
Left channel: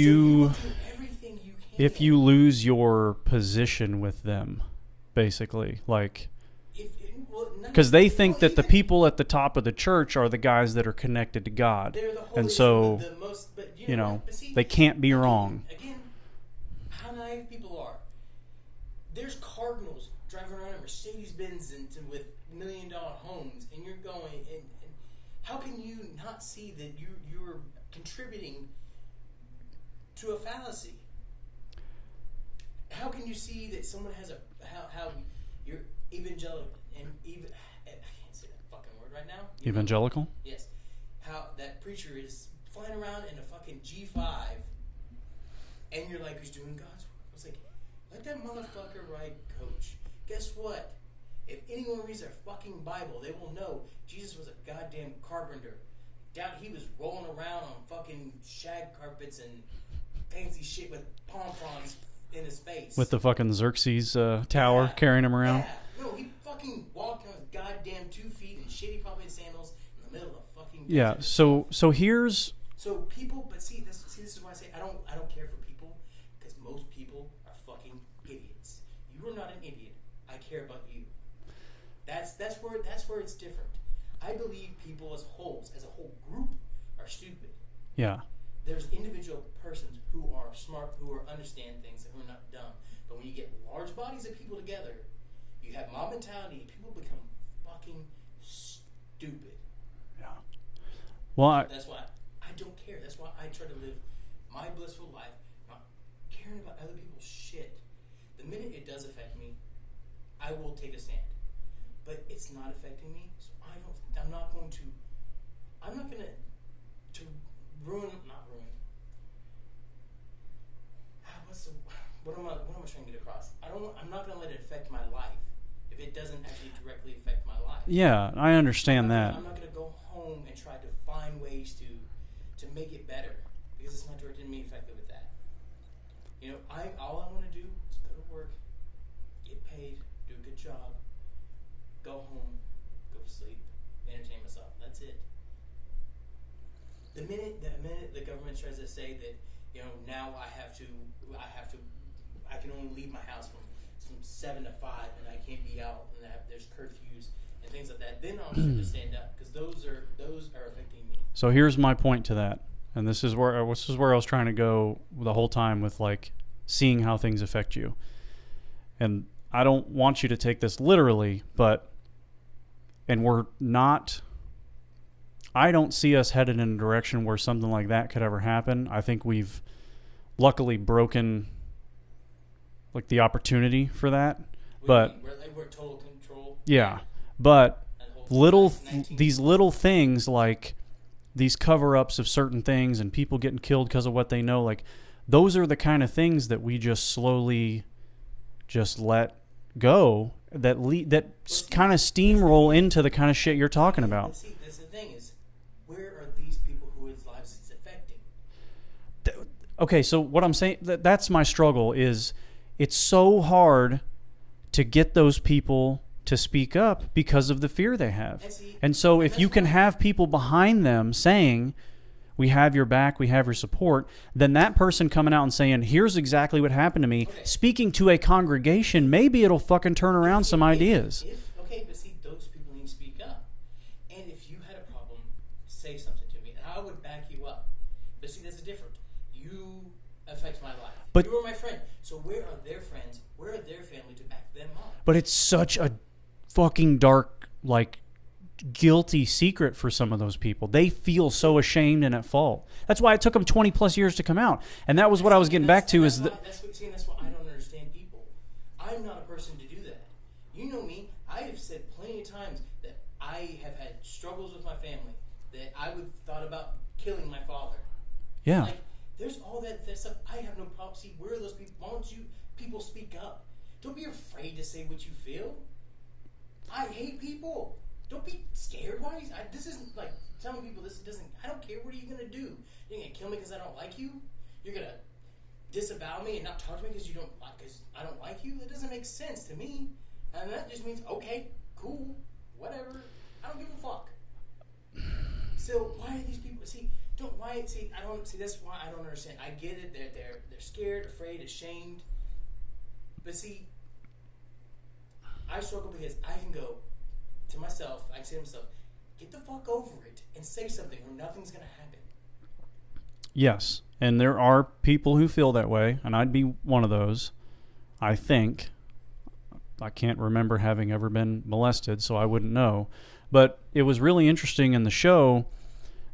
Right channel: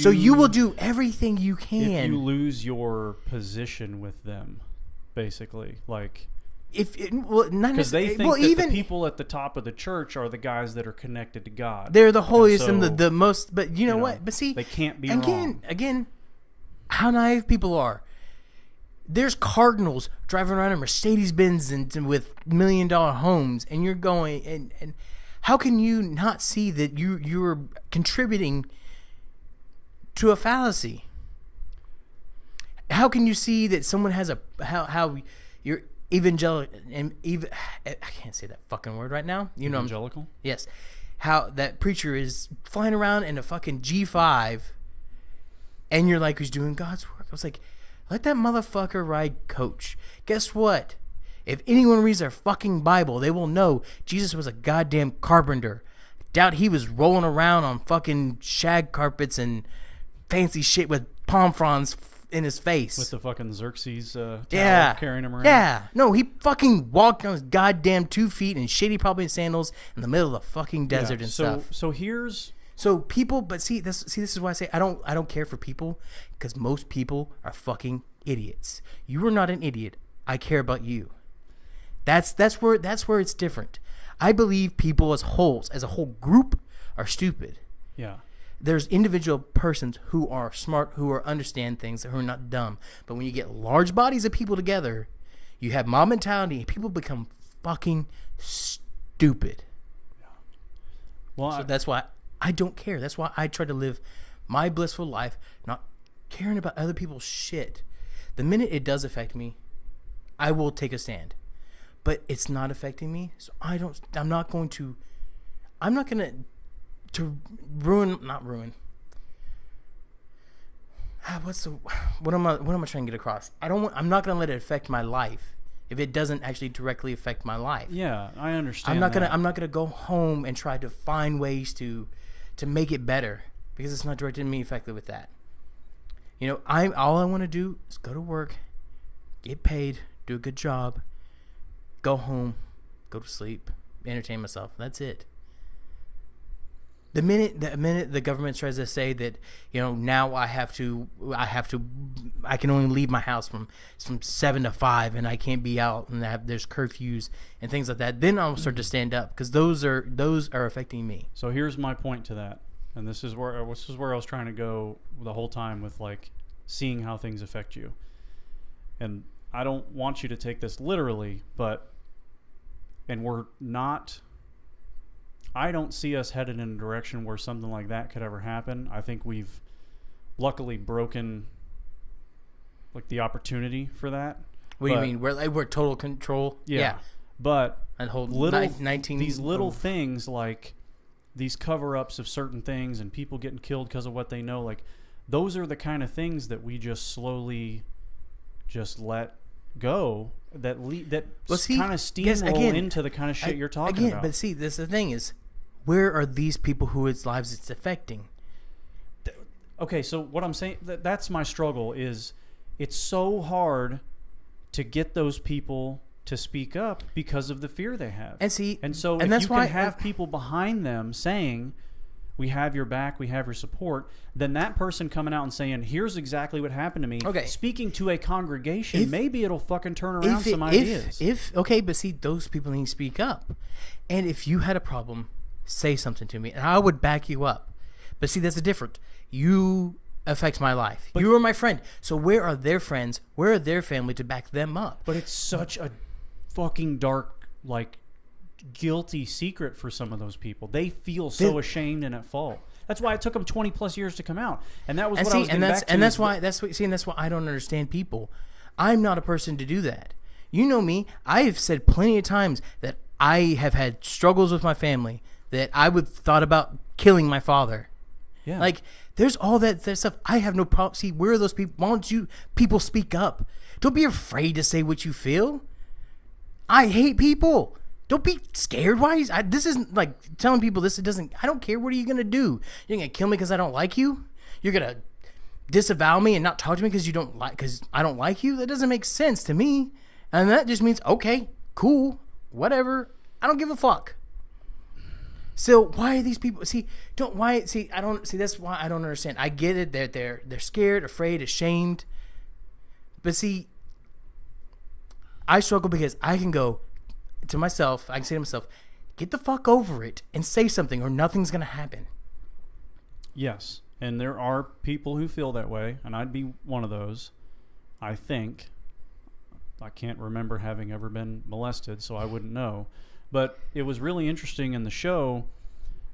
So you will do everything you can. If you lose your position with them, basically, like... Because they think that the people at the top of the church are the guys that are connected to God. They're the holiest and the most. But you know what? But see, they can't be wrong. Again, how naive people are. There's cardinals driving around in Mercedes-Benz and with $1 million homes, and you're going and how can you not see that you're contributing to a fallacy? How can you see that someone has how you're evangelical and I can't say that fucking word right now. Evangelical? Yes. How that preacher is flying around in a fucking G5 and you're like, who's doing God's work? I was like, let that motherfucker ride coach. Guess what? If anyone reads their fucking Bible, they will know Jesus was a goddamn carpenter. Doubt he was rolling around on fucking shag carpets and fancy shit with palm fronds in his face. With the fucking Xerxes tower carrying him around. Yeah. No, he fucking walked on his goddamn 2 feet in shitty probably sandals in the middle of the fucking desert and stuff. So here's... So people, but this is why I say I don't care for people, because most people are fucking idiots. You are not an idiot. I care about you. That's where it's different. I believe people as wholes, as a whole group, are stupid. Yeah. There's individual persons who are smart, who understand things, who are not dumb. But when you get large bodies of people together, you have mob mentality, and people become fucking stupid. Yeah. Well, so that's why I don't care. That's why I try to live my blissful life, not caring about other people's shit. The minute it does affect me, I will take a stand. But it's not affecting me, so I'm not going to not ruin. What am I trying to get across? I'm not going to let it affect my life if it doesn't actually directly affect my life. Yeah, I understand that. I'm not going to go home and try to find ways to make it better, because it's not directed at me effectively with that. You know, all I want to do is go to work, get paid, do a good job, go home, go to sleep, entertain myself. That's it. The minute the government tries to say that, you know, now I can only leave my house from 7 to 5 and I can't be out, and there's curfews and things like that, then I'll start to stand up, because those are affecting me. So here's my point to that, and this is where I was trying to go the whole time with, like, seeing how things affect you. And I don't want you to take this literally, I don't see us headed in a direction where something like that could ever happen. I think we've luckily broken, like, the opportunity for that. What do you mean? We're total control? Yeah. But these little things, like these cover-ups of certain things and people getting killed because of what they know, like, those are the kind of things that we just slowly just let go, that kind of steamroll into the kind of shit you're talking about. But see, the thing is, where are these people whose lives it's affecting? Okay, so what I'm saying, that's my struggle, is it's so hard to get those people to speak up because of the fear they have. And so if you can have people behind them saying, we have your back, we have your support, then that person coming out and saying, here's exactly what happened to me, speaking to a congregation, maybe it'll fucking turn around some ideas. But see, those people need to speak up. And if you had a problem, say something to me, and I would back you up. But see, that's the difference. You affect my life. But you are my friend. So where are their friends? Where are their family to back them up? But it's such a fucking dark, like, guilty secret for some of those people. They feel so ashamed and at fault. That's why it took them 20 plus years to come out. And that was what I was getting back to. And that's why I don't understand people. I'm not a person to do that. You know me. I have said plenty of times that I have had struggles with my family, that I would thought about killing my father. Yeah. Like, there's all that stuff. I have no problem. See, where are those people? Why don't you people speak up? Don't be afraid to say what you feel. I hate people. Don't be scared. Why? This isn't like telling people this. It doesn't. I don't care. What are you gonna do? You're gonna kill me because I don't like you? You're gonna disavow me and not talk to me because I don't like you? That doesn't make sense to me. And that just means, okay, cool, whatever. I don't give a fuck. So why are these people? That's why I don't understand. I get it. They're scared, afraid, ashamed. But see, I struggle because I can go to myself. I can say to myself, get the fuck over it and say something, or nothing's gonna happen. Yes, and there are people who feel that way, and I'd be one of those. I think. I can't remember having ever been molested, so I wouldn't know. But it was really interesting in the show.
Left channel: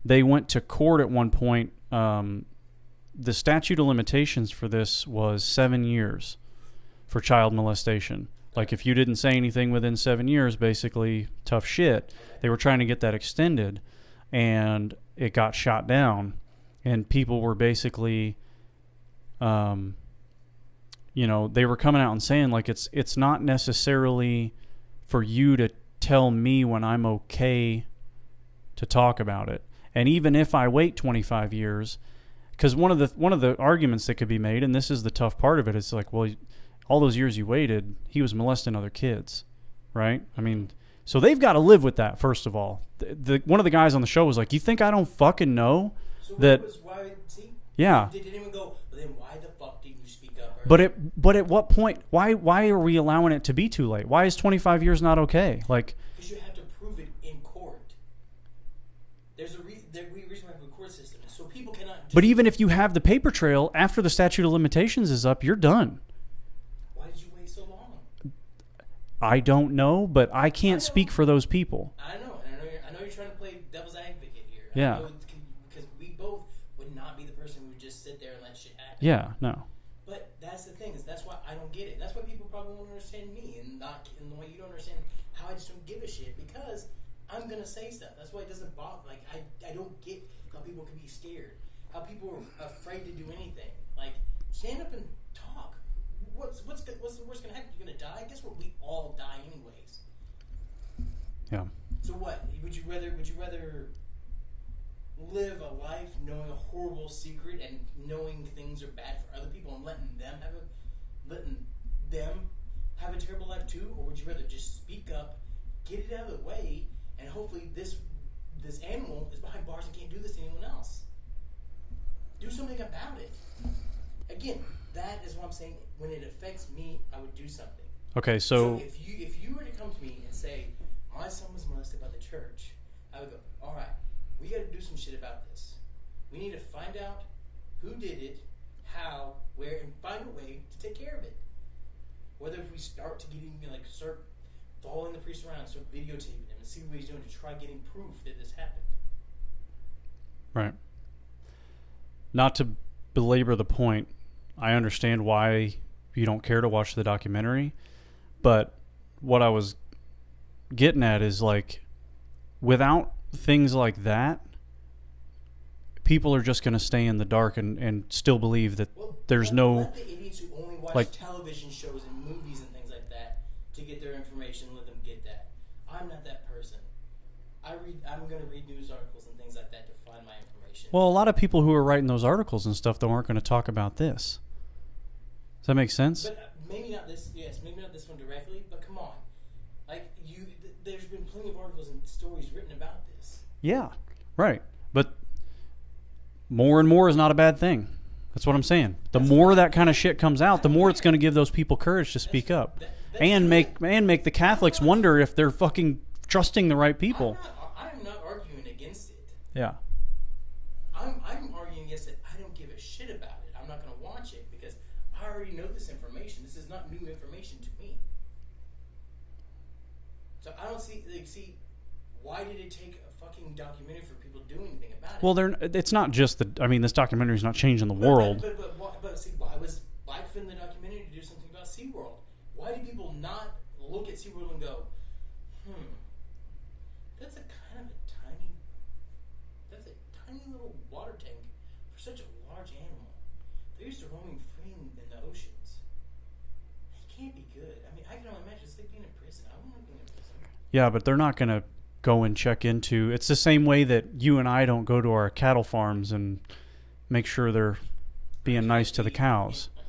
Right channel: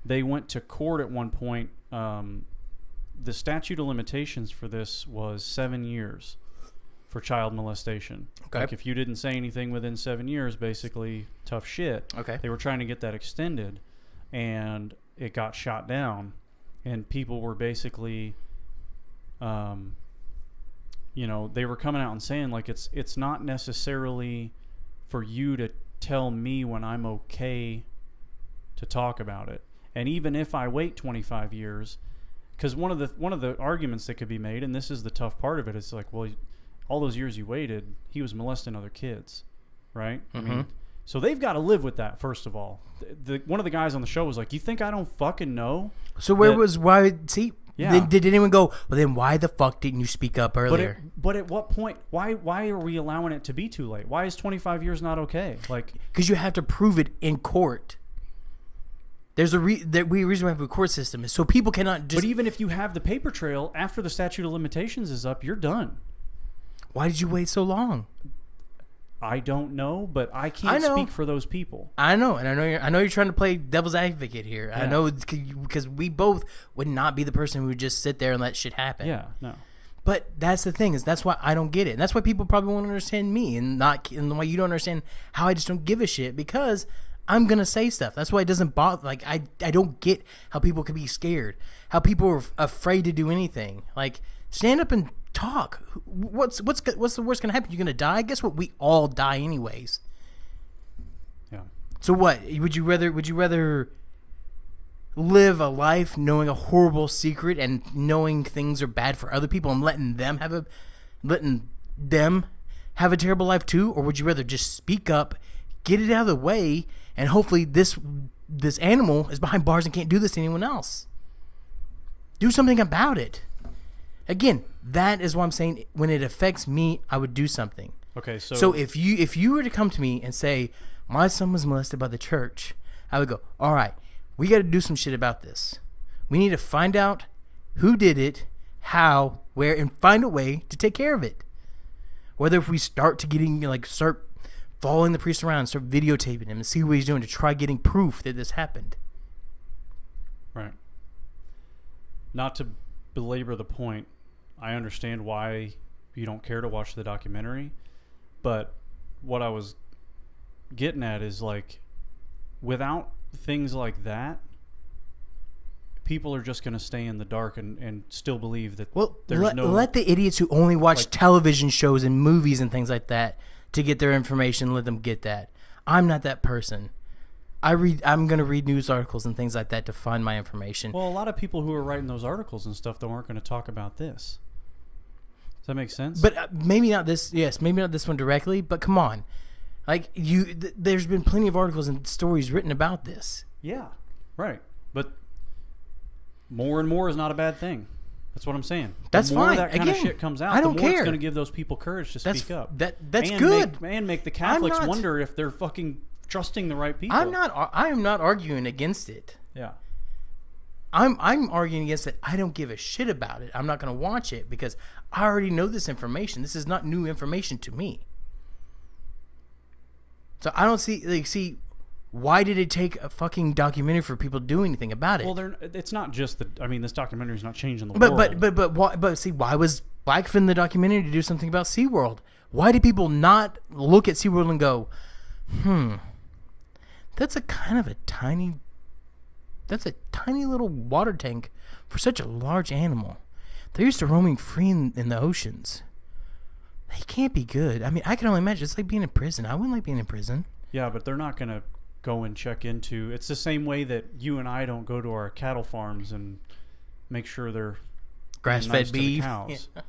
They went to court at one point. The statute of limitations for this was 7 years for child molestation. Okay. Like, if you didn't say anything within 7 years, basically tough shit. Okay. They were trying to get that extended, and it got shot down. And people were basically, they were coming out and saying, like, it's not necessarily for you to tell me when I'm okay to talk about it. And even if I wait 25 years, because one of the arguments that could be made, and this is the tough part of it, is like, well, all those years you waited, he was molesting other kids, right? I mean, so they've got to live with that, first of all. One of the guys on the show was like, you think I don't fucking know? So did anyone go, well, then why the fuck didn't you speak up earlier? But at what point, why are we allowing it to be too late? Why is 25 years not okay? Like, because you have to prove it in court. There's a reason we have a court system is so people cannot just... But even if you have the paper trail, after the statute of limitations is up, you're done. Why did you wait so long? I don't know, but I can't speak for those people. I know, and I know you're trying to play devil's advocate here. Yeah. I know because we both would not be the person who would just sit there and let shit happen. Yeah, no. But that's the thing, is that's why I don't get it. And that's why people probably won't understand me, and why you don't understand how I just don't give a shit, because I'm going to say stuff. That's why it doesn't bother. Like, I don't get how people can be scared, how people are afraid to do anything. Like, stand up and talk. What's the worst going to happen? You're going to die? Guess what? We all die anyways. Yeah. So what? Would you rather live a life knowing a horrible secret and knowing things are bad for other people and letting them have a terrible life too? Or would you rather just speak up, get it out of the way, and hopefully this animal is behind bars and can't do this to anyone else? Do something about it. Again, that is what I'm saying. When it affects me, I would do something. Okay, so if you were to come to me and say, my son was molested by the church, I would go, all right, we got to do some shit about this. We need to find out who did it, how, where, and find a way to take care of it. Whether if we start following the priest around, start videotaping him and see what he's doing to try getting proof that this happened. Right. Not to belabor the point, I understand why you don't care to watch the documentary, but what I was getting at is, like, without things like that, people are just going to stay in the dark and still believe that let the idiots who only watch television shows and movies and things like that to get their information, let them get that. I'm not that person. I'm going to read news articles and things like that to find my information. Well, a lot of people who are writing those articles and stuff, though, aren't going to talk about this. Does that make sense? But maybe not this. Yes, maybe not this one directly. But come on, like there's been plenty of articles and stories written about this. Yeah, right. But more and more is not a bad thing. That's what I'm saying. The more that kind of shit comes out, the more it's going to give those people courage to speak up. That's and good. make the Catholics wonder if they're fucking trusting the right people. I am not arguing against it. Yeah. I'm arguing against it. I don't give a shit about it. I'm not going to watch it because I already know this information. This is not new information to me. So I don't see why did it take a fucking documentary for people to do anything about it? Well, it's not just this documentary is not changing the world. But see, why for the documentary to do something about SeaWorld? Why do people not look at SeaWorld and go, that's a tiny little water tank for such a large animal. They're used to roaming free in the oceans. They can't be good. I mean, I can only imagine. It's like being in prison. I wouldn't like being in prison. Yeah, but they're not going to go and check into... It's the same way that you and I don't go to our cattle farms and make sure they're being nice to the cows. Yeah.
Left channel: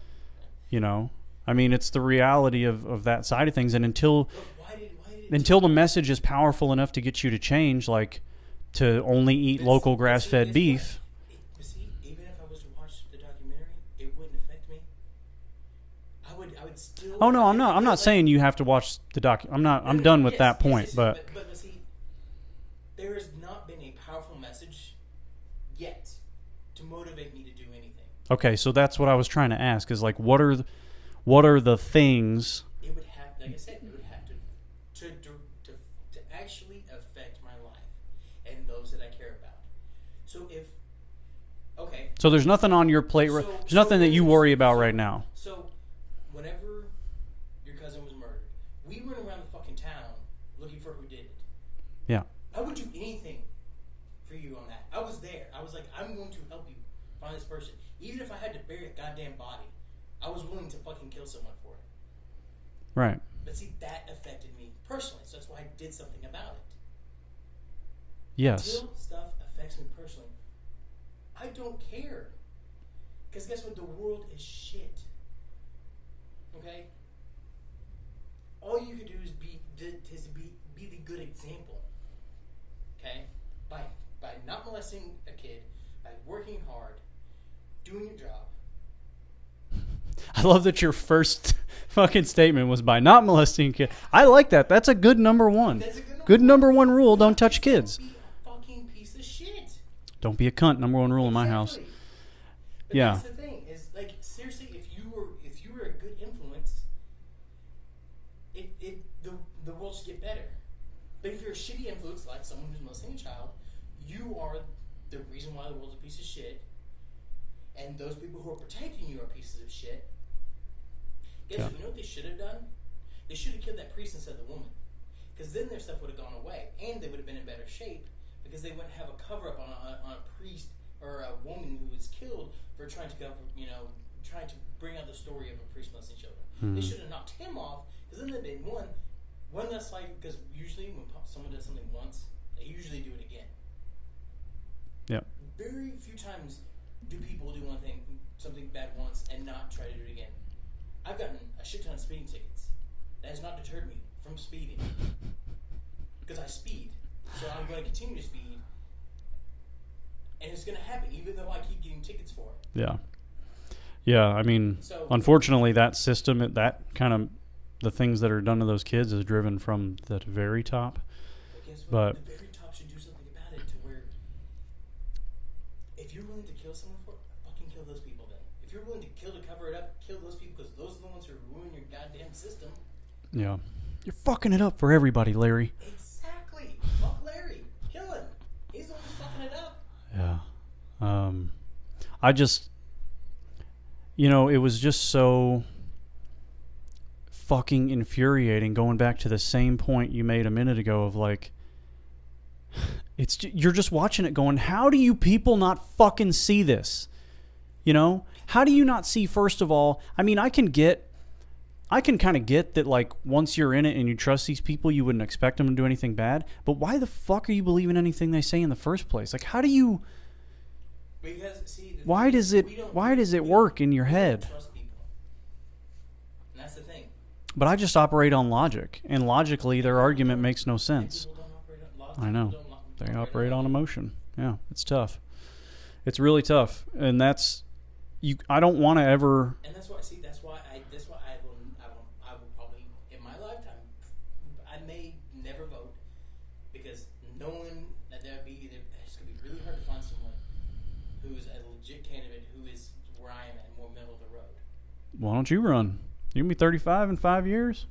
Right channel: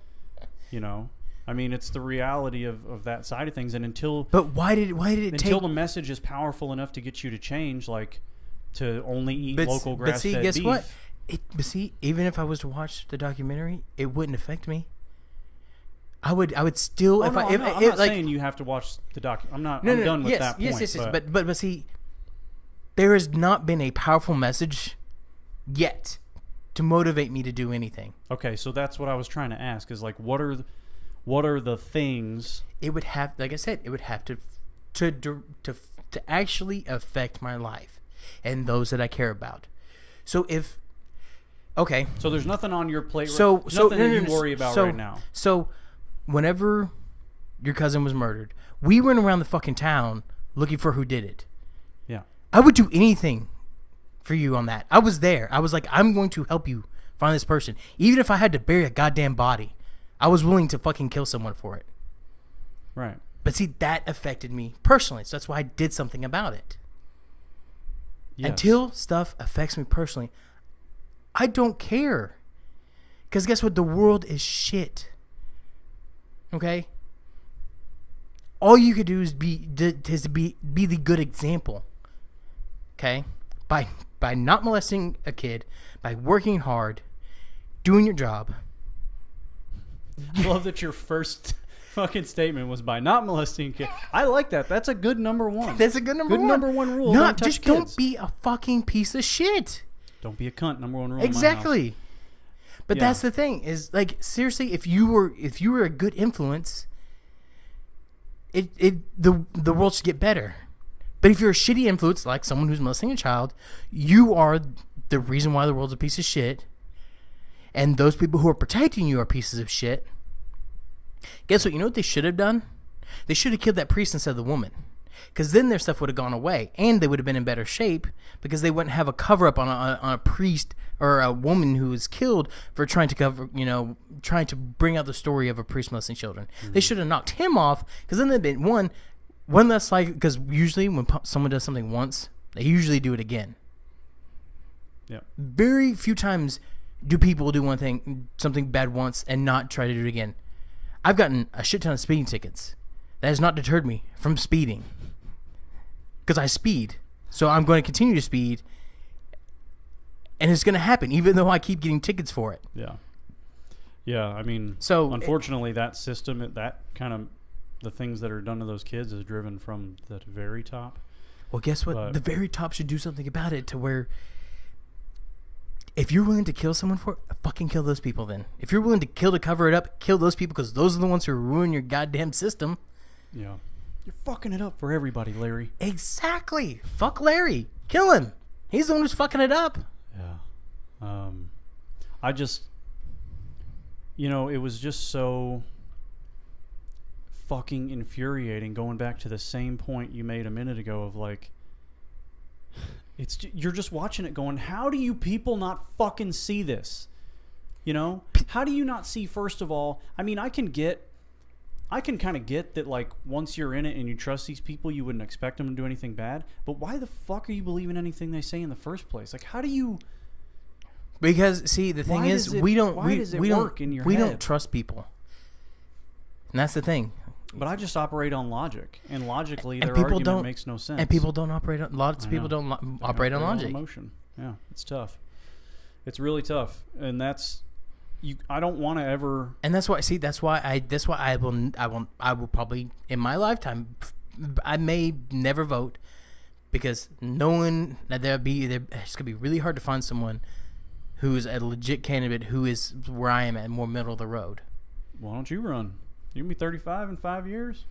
You know? I mean, it's the reality of that side of things. And until... But why did it until the message is powerful enough to get you to change, like, to only eat local grass-fed beef... But see, even if I was to watch the documentary, it wouldn't affect me. I would still... Oh, no, I'm not saying you have to watch the doc. I'm done with that point. Yes, but see, there has not been a powerful message yet to motivate me to do anything. Okay, so that's what I was trying to ask, is like, what are the things... It would have, like I said, it would have to actually affect my life and those that I care about. So if... Okay. So there's nothing on your plate. Nothing that you worry about right now. So whenever your cousin was murdered, we went around the fucking town looking for who did it. Yeah. I would do anything for you on that. I was there. I was like, I'm going to help you find this person. Even if I had to bury a goddamn body, I was willing to fucking kill someone for it. Right. But see, that affected me personally. So that's why I did something about it. Yes. Until stuff affects me personally, I don't care. Because guess what? The world is shit. Okay? All you could do is be the good example. Okay? By not molesting a kid, by working hard, doing your job. I love that your first fucking statement was by not molesting a kid. I like that. That's a good number one. That's a good number good one. number one rule. No, don't touch just kids. Don't be a fucking piece of shit. Don't be a cunt. Number one rule in my house. Exactly. But Yeah. that's the thing is, like, seriously, if you were a good influence, the world should get better. But if you're a shitty influence, like someone who's molesting a child, you are the reason why the world's a piece of shit. And those people who are protecting you are pieces of shit. Guess what? You know what they should have done? They should have killed that priest instead of the woman. Because then their stuff would have gone away. And they would have been in better shape because they wouldn't have a cover-up on a priest or a woman who was killed for trying to trying to bring out the story of a priest molesting children. They should have knocked him off because then they'd been one less likely. Because usually when someone does something once, they usually do it again. Yeah. Very few times do people do something bad once and not try to do it again. I've gotten a shit ton of speeding tickets. That has not deterred me from speeding. Because I speed. So I'm going to continue to speed. And it's going to happen, even though I keep getting tickets for it. Yeah. Yeah, I mean, So unfortunately, that system, that kind of, the things that are done to those kids is driven from the very top. Well, guess what? But the very top should do something about it to where if you're willing to kill someone for it, fucking kill those people then. If you're willing to kill to cover it up, kill those people because those are the ones who ruin your goddamn system. Yeah. You're fucking it up for everybody, Larry. Exactly. Fuck Larry. Kill him. He's the one who's fucking it up. Yeah. I just, it was just so fucking infuriating going back to the same point you made a minute ago of like, you're just watching it going, how do you people not fucking see this? How do you not see, first of all, I mean, I can kind of get that, like, once you're in it and you trust these people, you wouldn't expect them to do anything bad. But why the fuck are you believing anything they say in the first place? Like, how do you... Because, see, the thing is, we don't... Why does it work in your head? We don't trust people. And that's the thing. But I just operate on logic. And logically, their argument makes no sense. And people don't operate on... Lots of people don't operate on logic. On emotion. Yeah, it's tough. It's really tough. And that's... I don't want to ever, and that's why. See, that's why I will probably in my lifetime, I may never vote because knowing that it's gonna be really hard to find someone who is a legit candidate who is where I am at, more middle of the road. Why don't you run? You can be 35 in 5 years.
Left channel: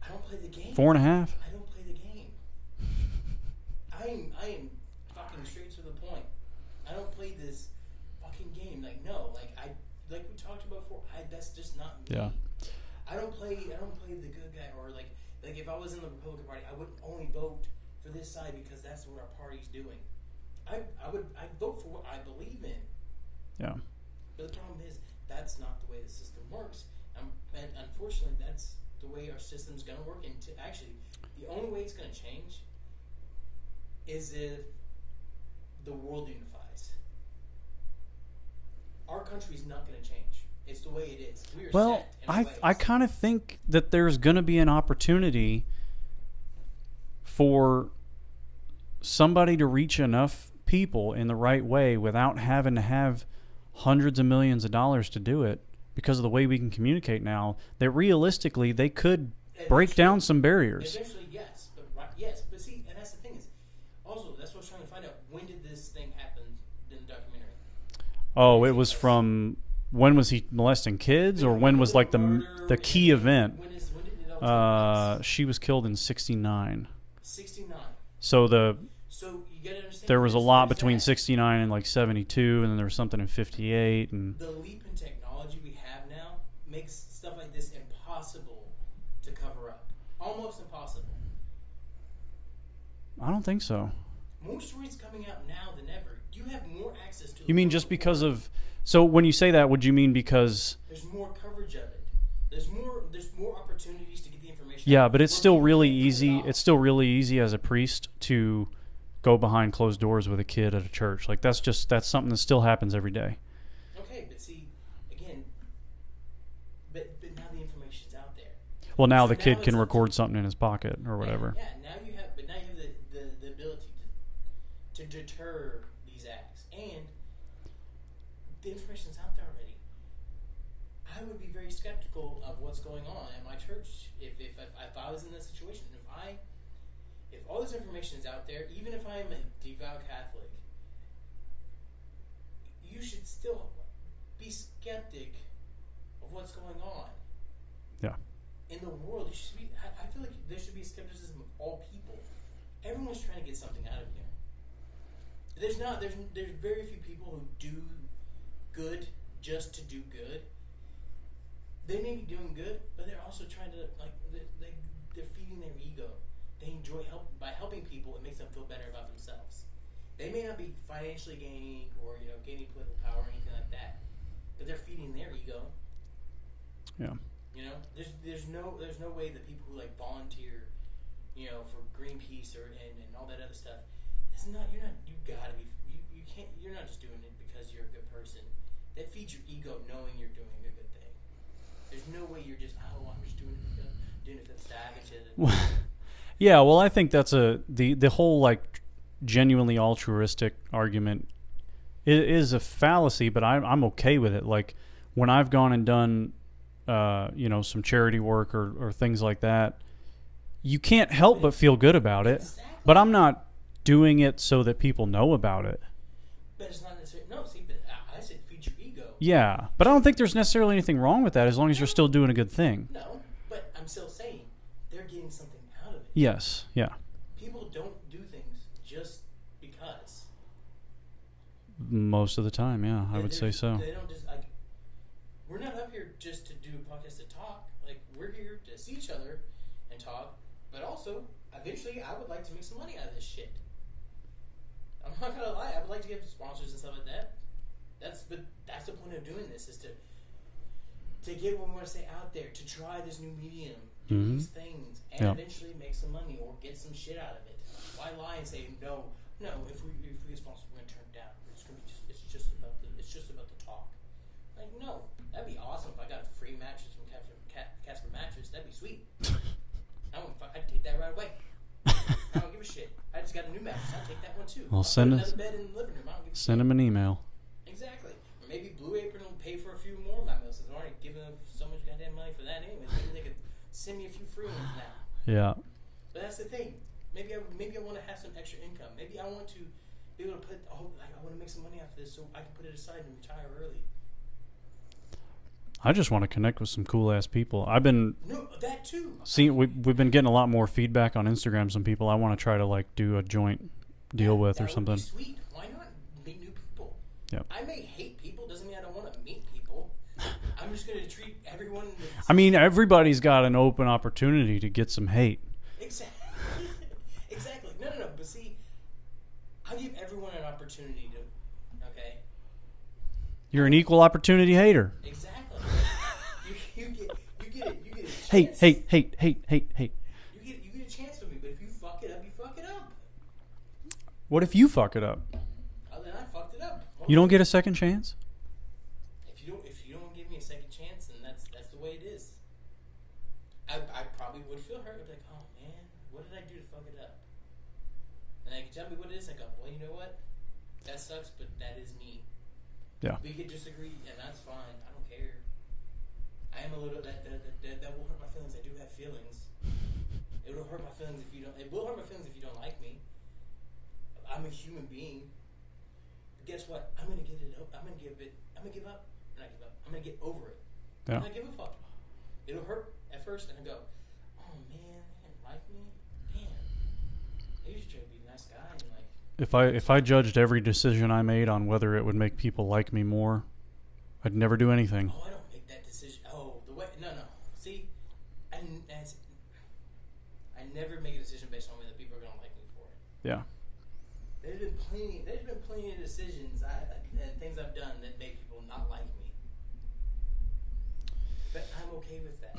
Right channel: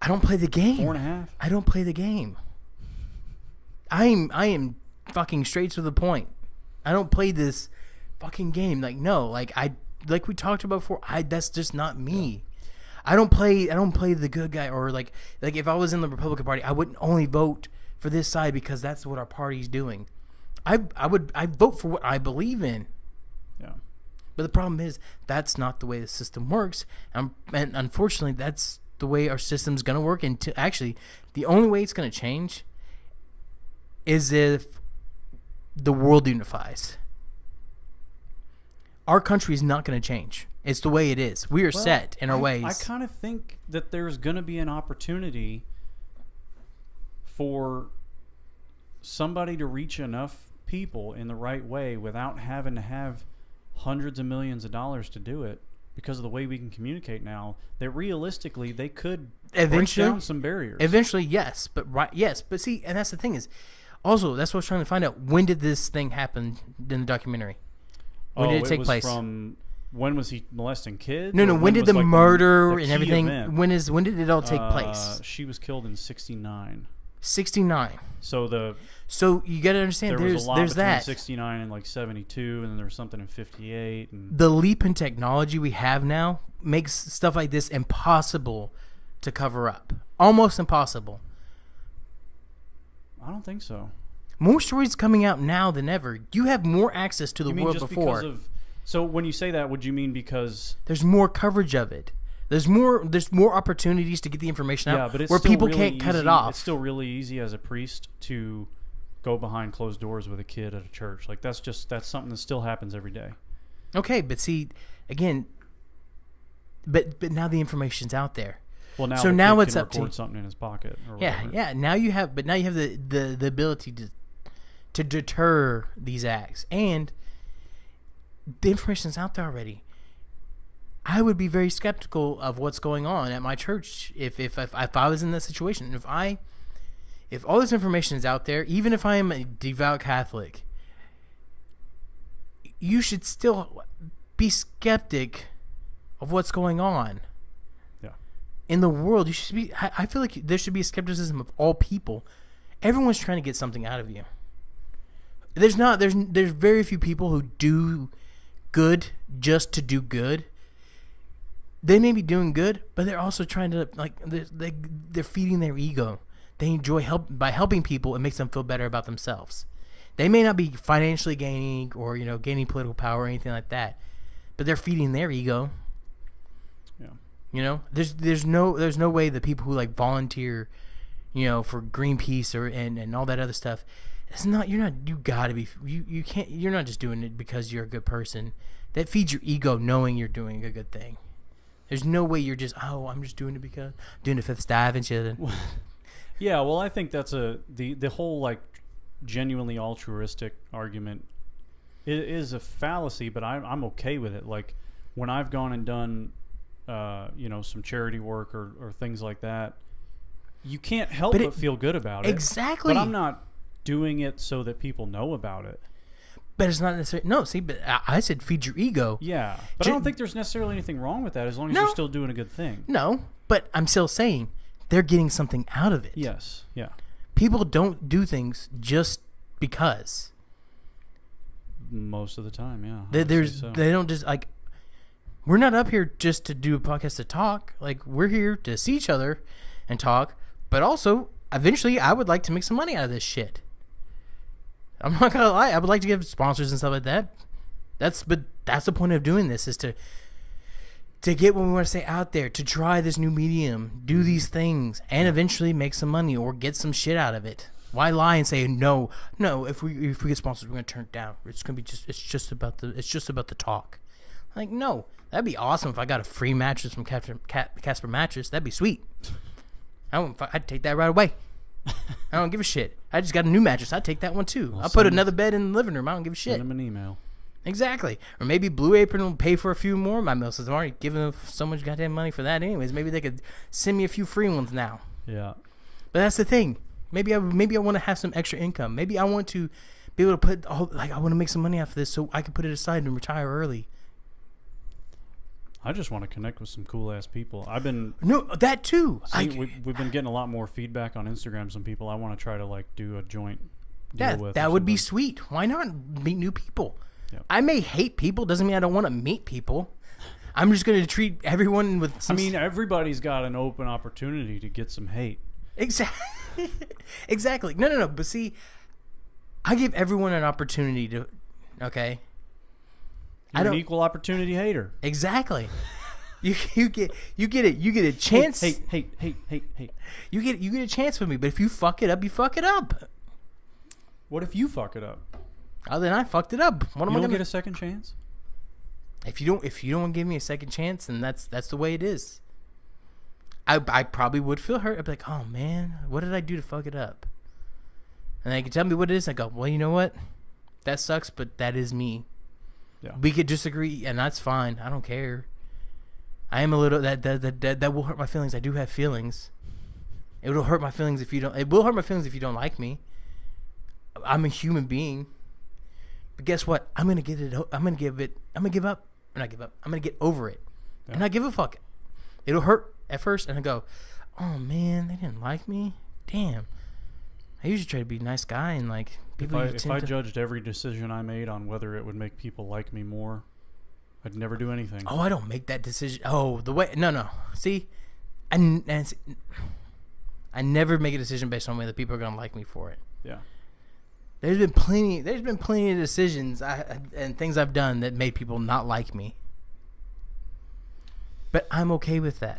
I don't play the game. 4.5. I don't play the game. I am fucking straight to the point. I don't play this fucking game. Like, no, like we talked about before, that's just not me. Yeah. I don't play the good guy, or like if I was in the Republican Party, I wouldn't only vote for this side because that's what our party's doing. I vote for what I believe in. Yeah. But the problem is that's not the way the system works, and unfortunately that's the way our system's gonna work. And actually, the only way it's gonna change is if the world unifies. Our country is not going to change. It's the way it is. We are set in our ways. I kind of think that there's going to be an opportunity for somebody to reach enough people in the right way without having to have hundreds of millions of dollars to do it, because of the way we can communicate now, that realistically they could break down some barriers. Eventually, yes. But see, and that's the thing is, also, that's what I was trying to find out. When did this thing happen in the documentary? It was from, when was he molesting kids? No, when did the murder the and key everything, event? when did it all take place? She was killed in 69. 69. So you got to understand, there was a lot between that. 69 and like 72, and then there was something in 58. And the leap in technology we have now makes stuff like this impossible to cover up. Almost impossible. I don't think so. More stories coming out now than ever. You have more access to the world. You mean just before. because of... So when you say that, would you mean because... There's more coverage of it. There's more opportunities to get the information out. Yeah, but it's where still people really can't cut easy. it off. It's still really easy as a priest to go behind closed doors with a kid at a church. Like that's something that still happens every day. Okay, but see, again, but now the information's out there. Well, now So the now kid it's can up to- record something in his pocket or whatever. Yeah. Now you have the ability to deter these acts, and the information's out there already. I would be very skeptical of what's going on at my church if I was in that situation. If all this information is out there, even if I am a devout Catholic, you should still be skeptic of what's going on. Yeah. In the world, you should be. I feel like there should be a skepticism of all people. Everyone's trying to get something out of you. There's very few people who do good just to do good. They may be doing good, but they're also trying to they're feeding their ego. They enjoy by helping people. It makes them feel better about themselves. They may not be financially gaining or gaining political power or anything like that, but they're feeding their ego. Yeah. There's no way that people who volunteer, for Greenpeace and all that other stuff. You can't. You're not just doing it because you're a good person. That feeds your ego, knowing you're doing a good thing. There's no way you're just I'm just doing it because doing the fifth dive and shit. Yeah, well, I think that's the whole genuinely altruistic argument is a fallacy, but I'm okay with it. Like when I've gone and done some charity work or things like that, you can't help but feel good about it. Exactly. But I'm not doing it so that people know about it. But it's not necessarily but I said feed your ego. Yeah, but I don't think there's necessarily anything wrong with that as long as you're still doing a good thing. No, but I'm still saying they're getting something out of it. Yes, yeah. People don't do things just because. Most of the time, yeah. I would say so. They don't just we're not up here just to do a podcast to talk. We're here to see each other and talk, but also eventually I would like to make some money out of this shit. I'm not gonna lie. I would like to give sponsors and stuff like that. That's the point of doing this, is to get what we want to say out there, to try this new medium, do these things, and eventually make some money or get some shit out of it. Why lie and say no? If we get sponsors, we're gonna turn it down. It's just about the talk. No, that'd be awesome if I got a free mattress from Casper Mattress. That'd be sweet. I'd take that right away. I don't give a shit. I just got a new mattress. I'd take that one too. I'll put another bed in the living room. I don't give a shit. Send them an email. Exactly. Or maybe Blue Apron will pay for a few more of my meals. I'm already giving them so much goddamn money for that anyways. Maybe they could send me a few free ones now. Yeah. But that's the thing. Maybe I want to have some extra income. Maybe I want to be able to put I want to make some money off of this so I can put it aside and retire early. I just want to connect with some cool ass people. That too. We've been getting a lot more feedback on Instagram. Some people I want to try to do a joint deal with. That would be sweet. Why not meet new people? Yep. I may hate people. Doesn't mean I don't want to meet people. I'm just going to treat everyone with. Everybody's got an open opportunity to get some hate. Exactly. Exactly. No. But see, I give everyone an opportunity to. Okay. You're an equal opportunity hater. Exactly. You get a chance. Hate. You get a chance with me, but if you fuck it up, you fuck it up. What if you fuck it up? Oh, then I fucked it up. You don't get a second chance? If you don't give me a second chance, then that's the way it is. I probably would feel hurt. I'd be like, oh man, what did I do to fuck it up? And they can tell me what it is. I go, well, you know what? That sucks, but that is me. Yeah. We could disagree, and that's fine. I don't care. I am a little that will hurt my feelings. I do have feelings. It will hurt my feelings if you don't. It will hurt my feelings if you don't like me. I'm a human being. But guess what? I'm gonna give up. Or not give up. I'm gonna get over it, and not give a fuck. It'll hurt at first, and I go, oh man, they didn't like me. Damn. I usually try to be a nice guy and If I judged every decision I made on whether it would make people like me more, I'd never do anything. Oh, I don't make that decision. Oh, no. See, I never make a decision based on whether people are gonna like me for it. Yeah. There's been plenty of decisions and things I've done that made people not like me. But I'm okay with that.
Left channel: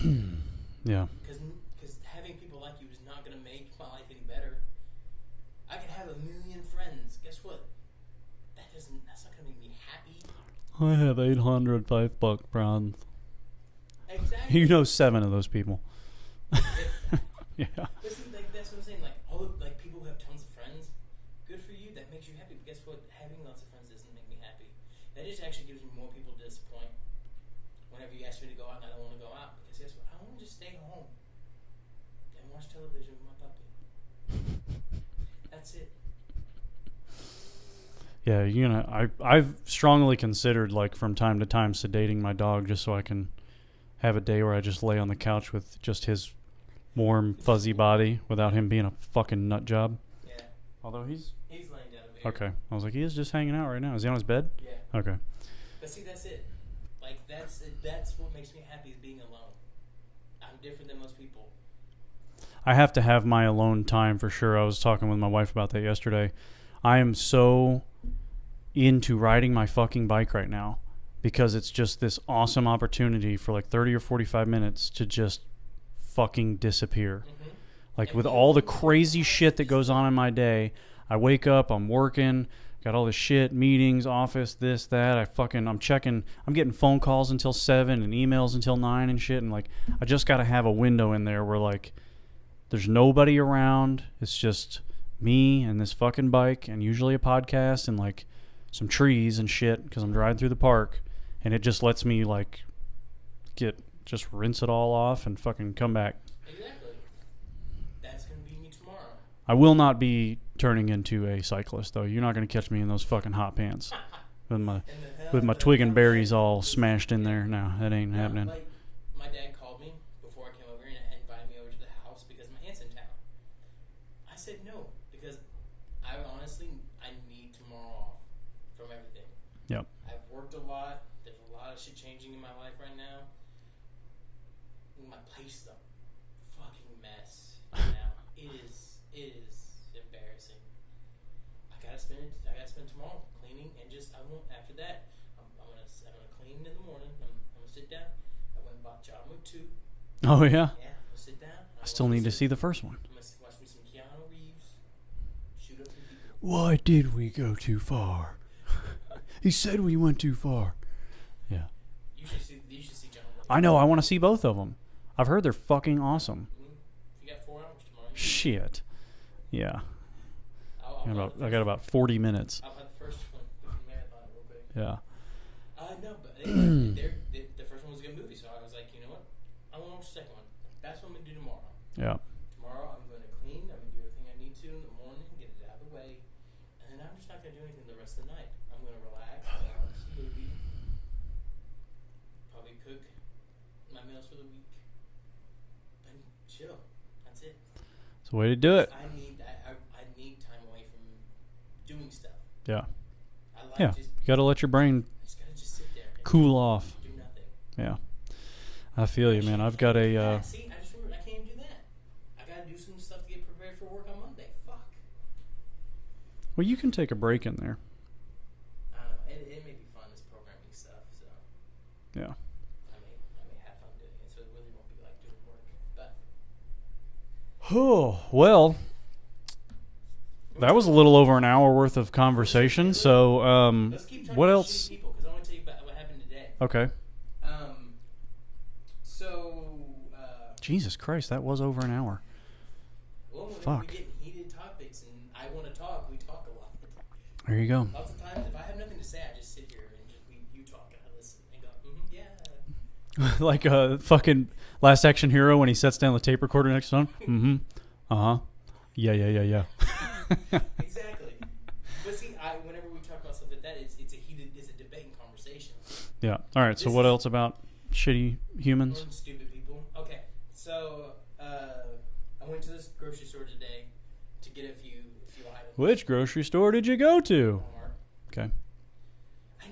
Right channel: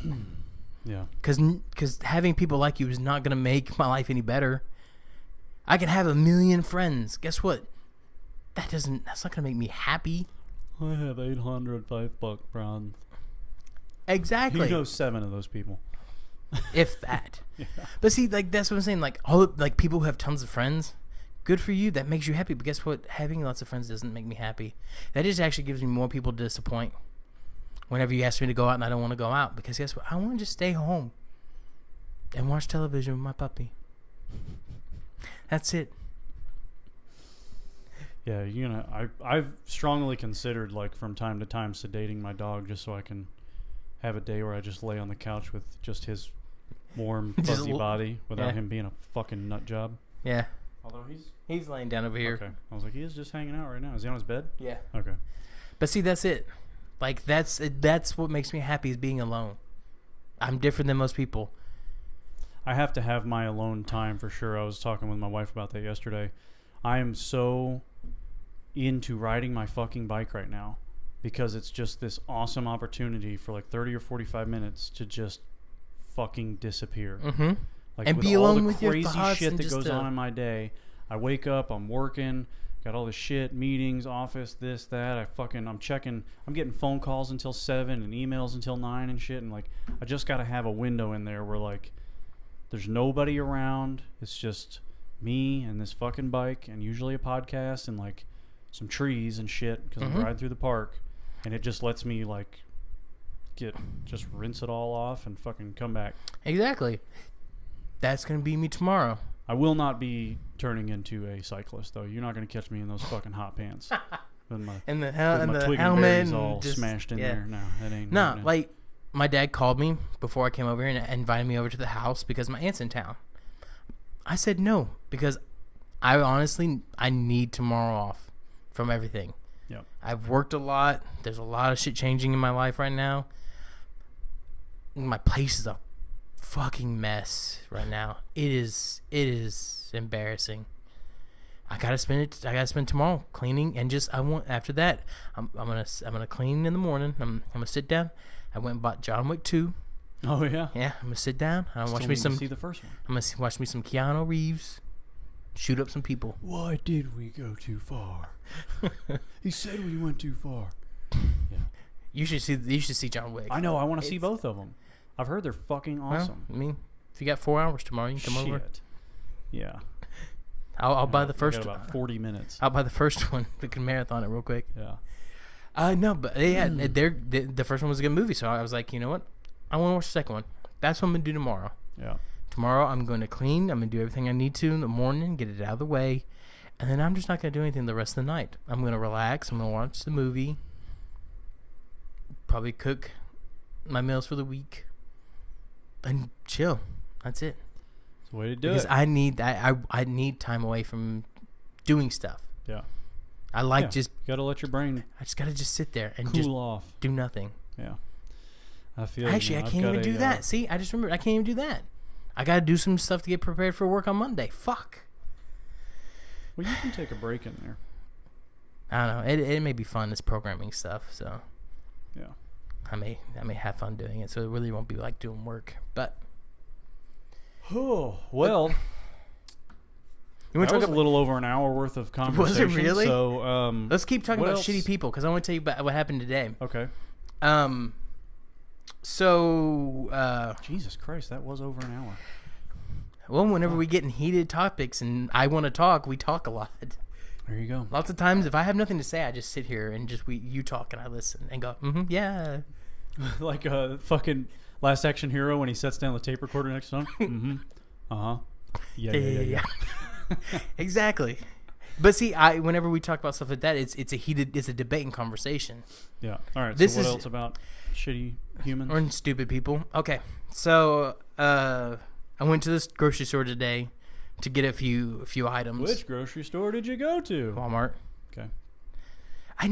Yeah. Because having people like you is not going to make my life any better. I can have 1 million friends. Guess what? That's not going to make me happy. I have 800 Facebook friends. Exactly. You know 7 of those people. If that. Yeah. But see, like, that's what I'm saying. Like, people who have tons of friends, good for you. That makes you happy. But guess what? Having lots of friends doesn't make me happy. That just actually gives me more people to disappoint. Whenever you ask me to go out and I don't want to go out. Because guess what? I want to just stay home and watch television with my puppy. That's it. Yeah, you know, I've strongly considered, like, from time to time sedating my dog just so I can have a day where I just lay on the couch with just his warm, fuzzy body without him being a fucking nut job. Yeah. Although he's laying down over here. Okay. I was like, he is just hanging out right now. Is he on his bed? Yeah. Okay. But see, that's it. Like, that's what makes me happy is being alone. I'm different than most people. I have to have my alone time for sure. I was talking with my wife about that yesterday. I am so into riding my fucking bike right now because it's just this awesome opportunity for like 30 or 45 minutes to just fucking disappear. Mm-hmm. Like, and with all the crazy shit that just goes on in my day, I wake up, I'm working, got all this shit, meetings, office, this, that. I'm getting phone calls until 7 and emails until 9 and shit. And like, I just got to have a window in there where like, there's nobody around. It's just me and this fucking bike and usually a podcast and like some trees and shit because I'm riding through the park. And it just lets me like just rinse it all off and fucking come back. Exactly. That's going to be me tomorrow. I will not be turning into a cyclist, though. You're not going to catch me in those fucking hot pants with my twig and berries all smashed in there. No, that ain't happening. Like, my dad called me before I came over here and invited me over to the house because my aunt's in town. I said no because I need tomorrow off from everything. Yep. I've worked a lot. There's a lot of shit changing in my life right now. My place is a fucking mess right now. It is embarrassing. I gotta spend tomorrow cleaning and after that I'm gonna clean in the morning. I'm gonna sit down. I went and bought John Wick 2. Oh yeah. Yeah, I'm gonna sit down. Still need to see the first one. I'm gonna watch me some Keanu Reeves shoot up some people. Why did we go too far? He said we went too far. Yeah. You should see John Wick. I know. I want to see both of them. I've heard they're fucking awesome. Well, I mean, if you got 4 hours tomorrow, you can come over. Shit. Yeah. I'll buy the first. I got about 40 minutes. I'll buy the first one. We can marathon it real quick. Yeah. No, but the first one was a good movie, so I was like, you know what? I want to watch the second one. That's what I'm gonna do tomorrow. Yeah. Tomorrow I'm going to clean. I'm gonna do everything I need to in the morning, get it out of the way, and then I'm just not gonna do anything the rest of the night. I'm gonna relax. I'm gonna watch the movie. Probably cook my meals for the week. And chill. That's it. It's the way to do it. I need time away from doing stuff. Yeah. I like just. You gotta let your brain. I just gotta sit there and cool off. Do nothing. Yeah. I feel you, man. I've got a. See, I just remembered. I can't even do that. I gotta do some stuff to get prepared for work on Monday. Fuck. Well, you can take a break in there. I don't know. It may be fun. This programming stuff. So. Yeah. I may have fun doing it, so it really won't be like doing work. But oh well, that was a little over an hour worth of conversation. Was it really? So let's keep talking about shitty people because I want to tell you about what happened today. Okay. So Jesus Christ, that was over an hour. Well, whenever we get in heated topics and I want to talk, we talk a lot. There you go. Lots of times, if I have nothing to say, I just sit here and you talk and I listen and go, yeah. Like a fucking Last Action Hero when he sets down the tape recorder next to him. Yeah. Exactly. But see, whenever we talk about stuff like that, it's a debating conversation. Yeah. All right. So what else about shitty humans or stupid people? Okay. So I went to this grocery store today to get a few items. Which grocery store did you go to? Walmart. Okay. I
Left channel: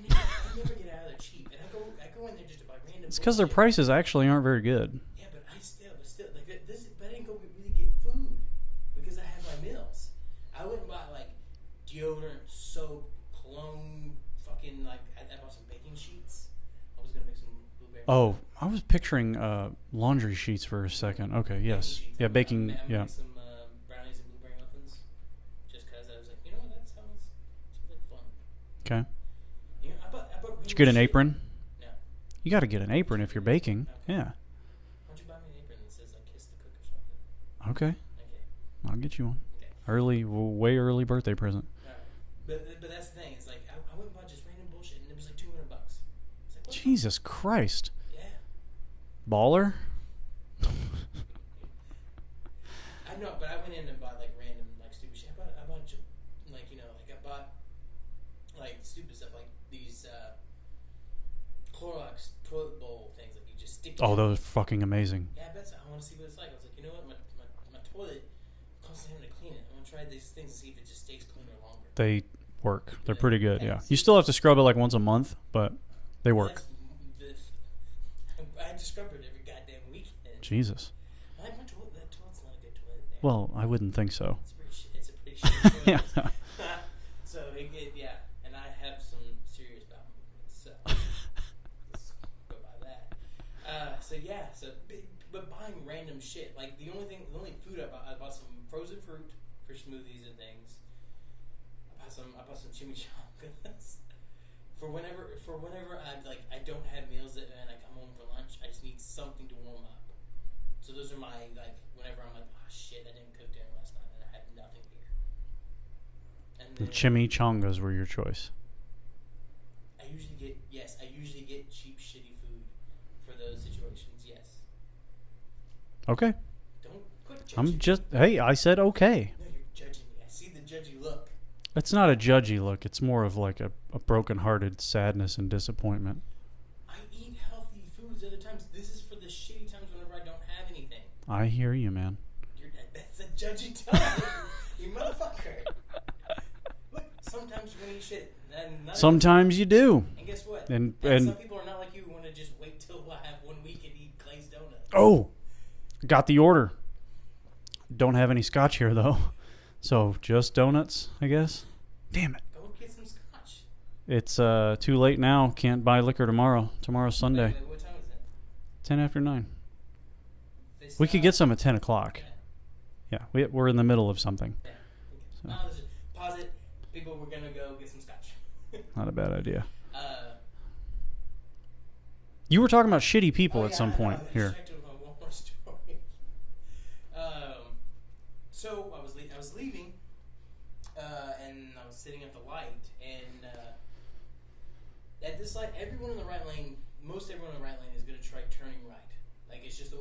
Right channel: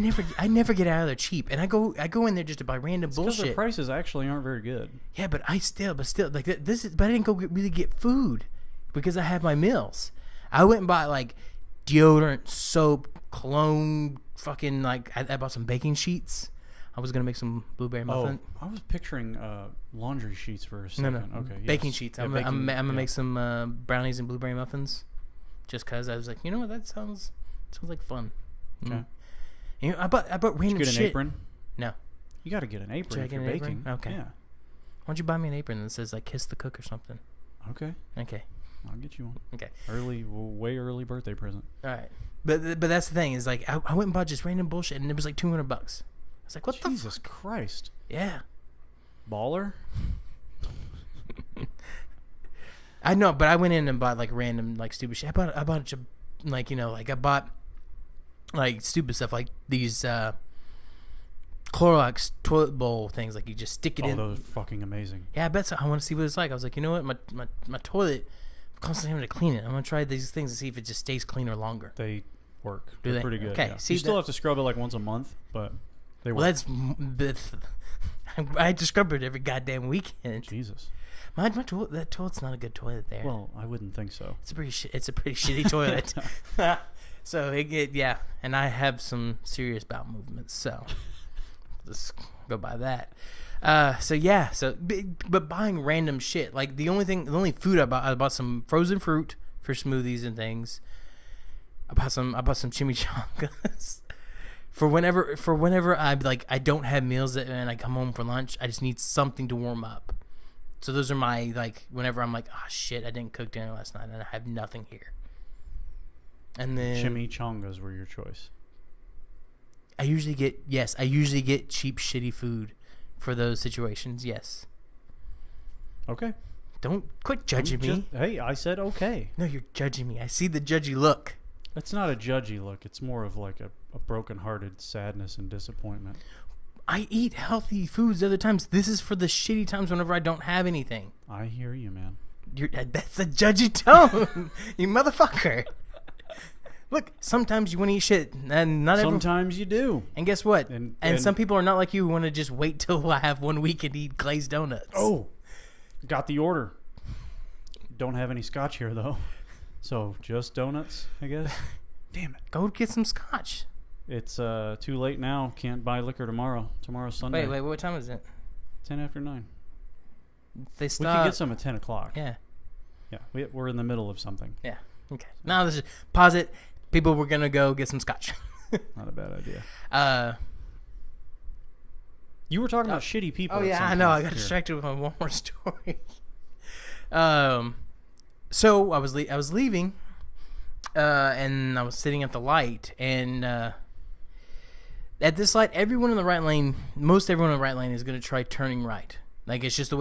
never get out of there cheap, and I go in there just to buy random bullshit. Because their prices actually aren't very good. Yeah, but still like this is. But I didn't go really get food because I have my meals. I went and bought like deodorant, soap, cologne, fucking like I bought some baking sheets. I was gonna make some blueberry Oh, muffin. I was picturing laundry sheets for a second. No. Okay, yes. Baking sheets. Yeah, I'm baking. gonna yeah. make some brownies and blueberry muffins, just cause I was like, you know what, that sounds like fun. Okay. You know, I bought random Did you get an shit. apron? No. You got to get an apron Should I if you're get an apron? baking. Okay. Yeah. Why don't you buy me an apron that says like "Kiss the Cook" or something? Okay. Okay. I'll get you one. Okay. Way early birthday present. All right. But that's the thing is like I went and bought just random bullshit and it was like $200. I was like, what Jesus Christ. the? Yeah. Baller? I know, but I went in and bought like random like stupid shit. I bought a bunch of like I bought like stupid stuff like these Clorox toilet bowl things like you just stick it in. Oh, those are fucking amazing. Yeah, I bet so. I want to see what it's like. I was like, you know what, my toilet, I'm constantly having to clean it. I'm gonna try these things to see if it just stays cleaner longer. They work. Do They're they? pretty good. Okay, Yeah. see You still that- have to scrub it like once a month, but they work. I had to scrub it every goddamn weekend. Jesus. My toilet, that toilet's not a good toilet there. Well, I wouldn't think so. It's a pretty shitty toilet. So yeah, and I have some serious bowel movements, so just go by that. But buying random shit, like the only food I bought some frozen fruit for smoothies and things. I bought some chimichangas for whenever I don't have meals and I come home for lunch. I just need something to warm up. So those are my whenever I'm like, oh shit, I didn't cook dinner last night and I have nothing here. And then Chimichangas were your choice. I usually get cheap shitty food for those situations. Yes. Okay. Don't quit judging me. Hey, I said okay. No, you're judging me. I see the judgy look. It's not a judgy look. It's more of like a broken-hearted sadness and disappointment. I eat healthy foods other times. This is for the shitty times whenever I don't have anything. I hear you, man. That's a judgy tone, you motherfucker. Look, sometimes you want to eat shit, and not Sometimes you do. And guess what? And some people are not like you who want to just wait till I have 1 week and eat glazed donuts. Oh, got the order. Don't have any scotch here, though. So just donuts, I guess. Damn it. Go get some scotch. It's too late now. Can't buy liquor tomorrow. Tomorrow's Sunday. Wait, what time is it? 10 after 9. They We could get some at 10 o'clock. Yeah. Yeah, we're in the middle of something. Yeah. Okay. So. Now let's just pause it. People, we're gonna go get some scotch. Not a bad idea. You were talking about shitty people oh at yeah, some I point. know. I got Here. distracted with my one more story. So I was leaving, and I was sitting at the light, and at this light, everyone in the right lane, most everyone in the right lane is gonna try turning right. Like it's just the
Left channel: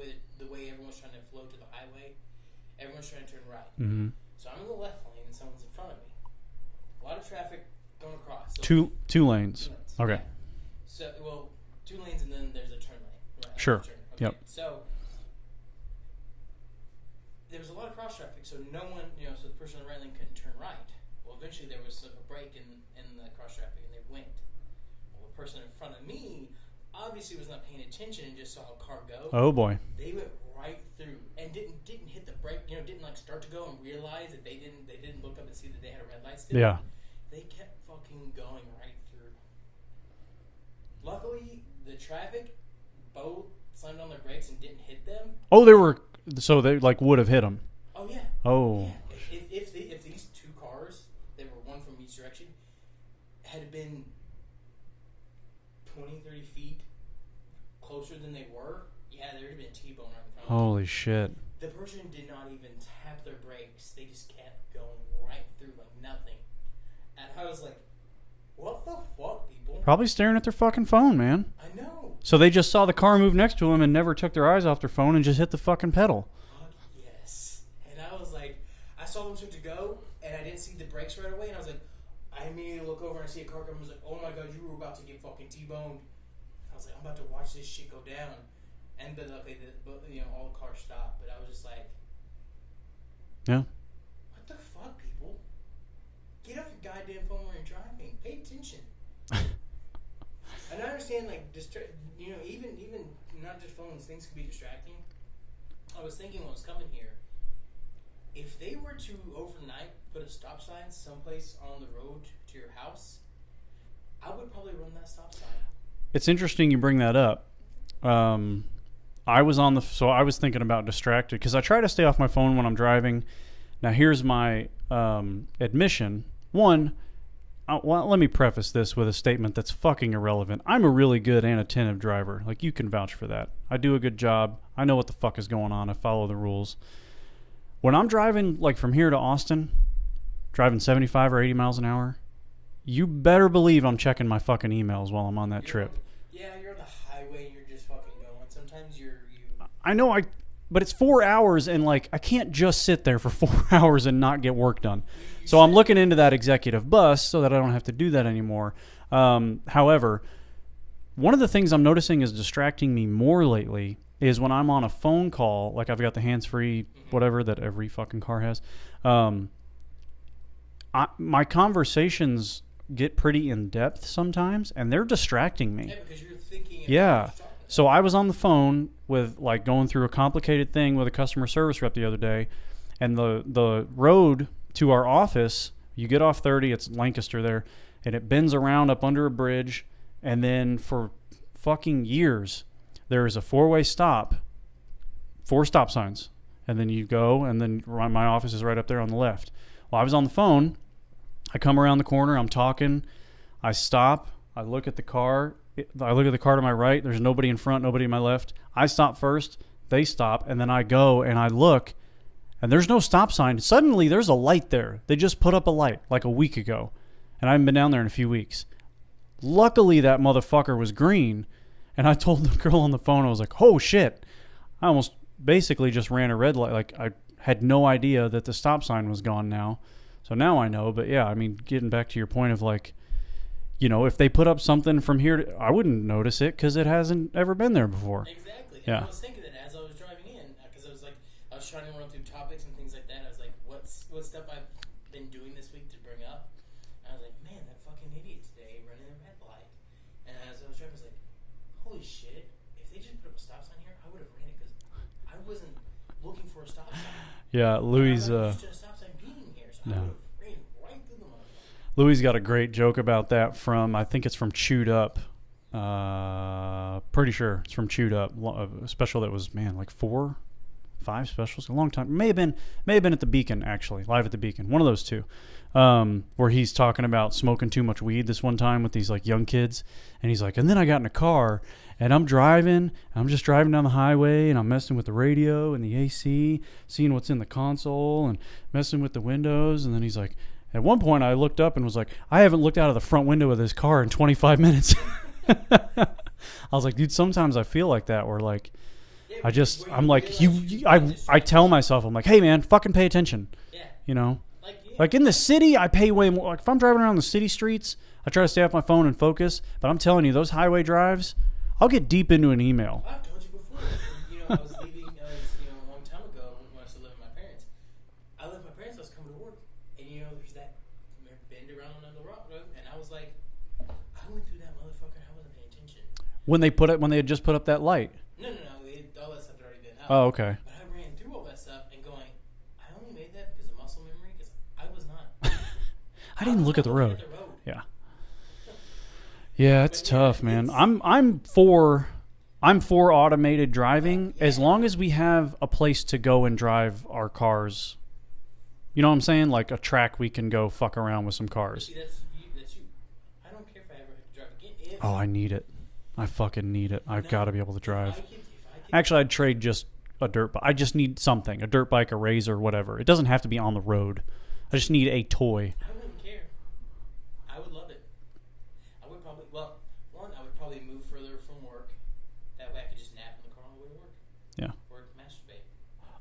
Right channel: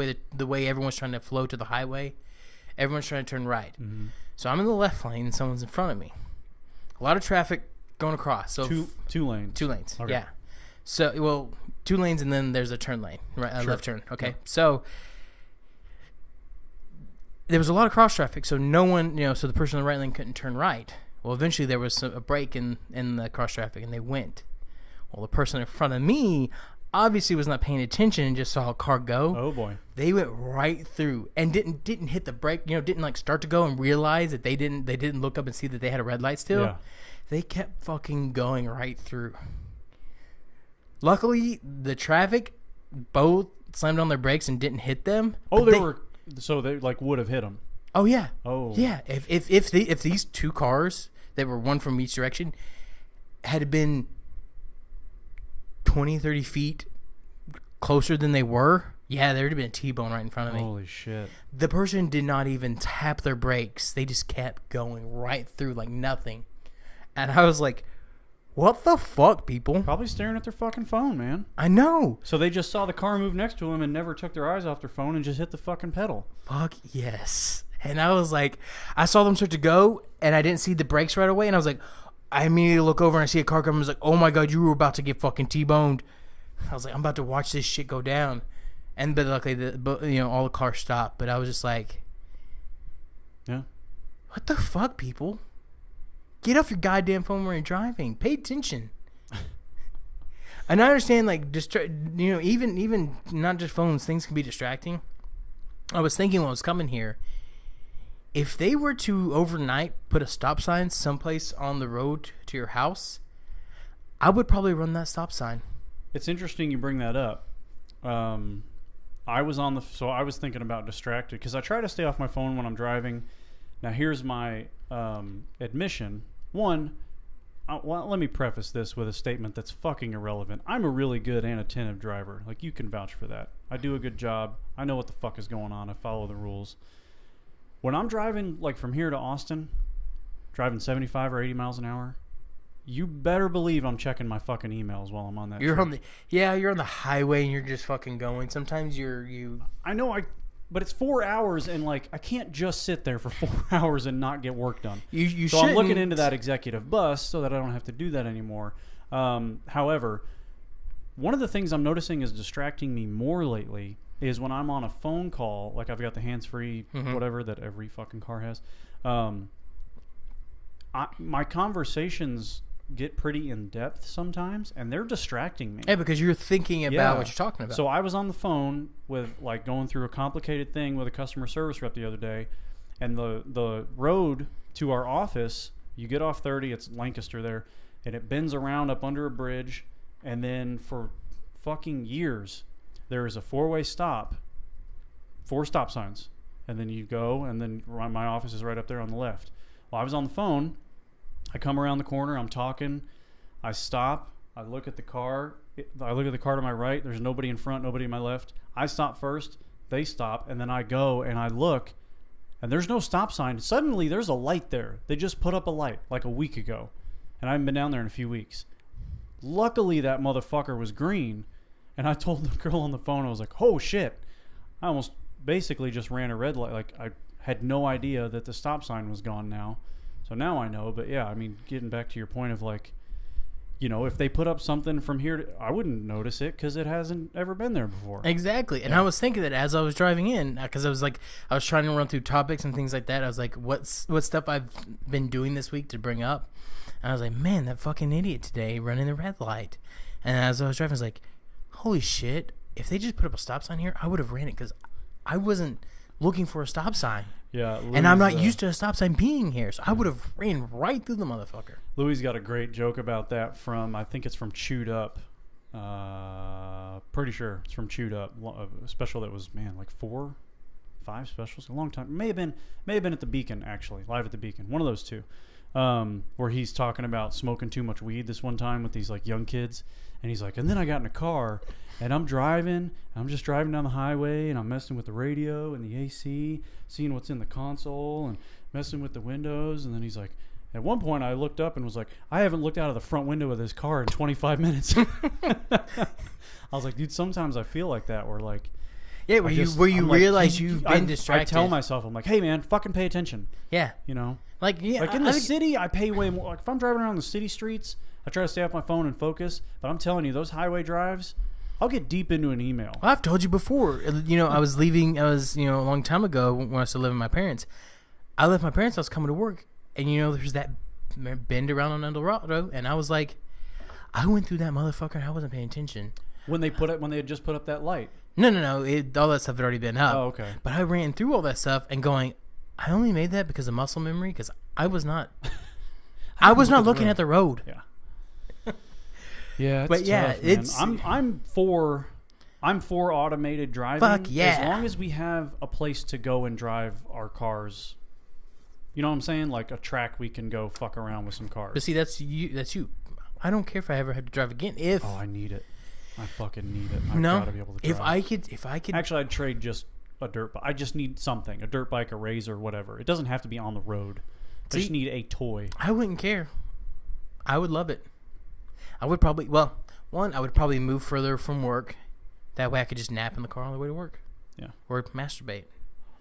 way everyone's trying to flow to the highway. Everyone's trying to turn right. Mm-hmm. So I'm in the left lane, and someone's in front of me. A lot of traffic going across. So Two lanes. 2 lanes. Okay. Yeah. So 2 lanes, and then there's a turn lane, right? Sure. Left turn. Okay. Yep. So there was a lot of cross traffic, so no one, so the person in the right lane couldn't turn right. Well, eventually there was a break in the cross traffic, and they went. Well, the person in front of me obviously was not paying attention and just saw a car go. Oh boy. They went right through and didn't hit the brake. Didn't like start to go and realize that they didn't look up and see that they had a red light still. Yeah. They kept fucking going right through. Luckily, the traffic both slammed on their brakes and didn't hit them. Oh, they like would have hit them. Oh yeah. Oh yeah. If these 2 cars that were one from each direction had been 20, 30 feet closer than they were, yeah, there would have been a T-bone right in front of me. Holy shit. The person did not even tap their brakes. They just kept going right through like nothing. And I was like, what the fuck, people? Probably staring at their fucking phone, man. I know. So they just saw the car move next to them and never took their eyes off their phone and just hit the fucking pedal. Fuck yes. And I was like, I saw them start to go, and I didn't see the brakes right away. And I was like, I immediately look over and I see a car coming. I was like, oh my God, you were about to get fucking T-boned. I was like, I'm about to watch this shit go down. But luckily, all the cars stopped. But I was just like, Yeah. what the fuck, people? Get off your goddamn phone when you're driving. Pay attention. And I understand, like, even not just phones, things can be distracting. I was thinking when I was coming here, if they were to overnight put a stop sign someplace on the road to your house, I would probably run that stop sign. it's interesting you bring that up. I was thinking about distracted because I try to stay off my phone when I'm driving. Now here's my admission. One, well, let me preface this with a statement that's fucking irrelevant. I'm a really good and attentive driver. Like, you can vouch for that. I do a good job. I know what the fuck is going on. I follow the rules. When I'm driving, like, from here to Austin, driving 75 or 80 miles an hour, you better believe I'm checking my fucking emails while I'm on that trip. You're on the highway and you're just fucking going. Sometimes I know, but it's 4 hours, and like I can't just sit there for 4 hours and not get work done. So I'm looking into that executive bus so that I don't have to do that anymore. However, one of the things I'm noticing is distracting me more lately is when I'm on a phone call, like I've got the hands-free whatever that every fucking car has. My conversations get pretty in-depth sometimes, and they're distracting me. Yeah, because you're thinking about what you're talking about. So I was on the phone with, like, going through a complicated thing with a customer service rep the other day, and the road to our office, you get off 30, it's Lancaster there, and it bends around up under a bridge, and then for fucking years, there is a 4-way stop, 4 stop signs, and then you go, and then my office is right up there on the left. Well, I was on the phone. I come around the corner. I'm talking. I stop. I look at the car. I look at the car to my right. There's nobody in front, nobody to my left. I stop first. They stop. And then I go and I look. And there's no stop sign. Suddenly, there's a light there. They just put up a light like a week ago. And I haven't been down there in a few weeks. Luckily, that motherfucker was green. And I told the girl on the phone, I was like, oh, shit. I almost basically just ran a red light. Like, I had no idea that the stop sign was gone now. So now I know. But yeah, I mean, getting back to your point of, like, you know, if they put up something from here, I wouldn't notice it because it hasn't ever been there before. Exactly. And I was thinking that as I was driving in, because I was trying to run through topics and things like that. I was like, what stuff I've been doing this week to bring up? And I was like, man, that fucking idiot today running the red light. And as I was driving, I was like, holy shit, if they just put up a stop sign here, I would have ran it because I wasn't looking for a stop sign. Yeah, Louis, and I'm not used to a stop sign being here, so I would have ran right through the motherfucker. Louis got a great joke about that from, I think it's from Chewed Up. Pretty sure it's from Chewed Up. A special that was, man, like 4, 5 specials, a long time. May have been at the Beacon, actually, live at the Beacon. One of those two. Where he's talking about smoking too much weed this one time with these, like, young kids. And he's like, and then I got in a car and I'm just driving down the highway and I'm messing with the radio and the AC, seeing what's in the console and messing with the windows. And then he's like, at one point I looked up and was like, I haven't looked out of the front window of this car in 25 minutes. I was like, dude, sometimes I feel like that, where, like, yeah, I tell myself, I'm like, hey man, fucking pay attention. Yeah. You know? Like in the city, I pay way more. Like, if I'm driving around the city streets, I try to stay off my phone and focus. But I'm telling you, those highway drives, I'll get deep into an email. Well, I've told you before. You know, I was a long time ago when I still living with my parents. I left my parents' house coming to work, and you know, there's that bend around on Eldorado, and I was like, I went through that motherfucker and I wasn't paying attention. When they had just put up that light. No. All that stuff had already been up. Oh, okay. But I ran through all that stuff and going, I only made that because of muscle memory, because I was not. I was not looking at the road. Yeah. Yeah, it's tough, man. I'm for automated driving. Fuck yeah. As long as we have a place to go and drive our cars. You know what I'm saying? Like a track we can go fuck around with some cars. But see, that's you. I don't care if I ever had to drive again. Oh, I need it. I fucking need it. I've got to be able to drive. If I could. Actually, I'd trade just a dirt bike. I just need something. A dirt bike, a razor, whatever. It doesn't have to be on the road. I just need a toy. I wouldn't care. I would love it. I would probably, I would probably move further from work. That way I could just nap in the car on the way to work. Yeah. Or masturbate.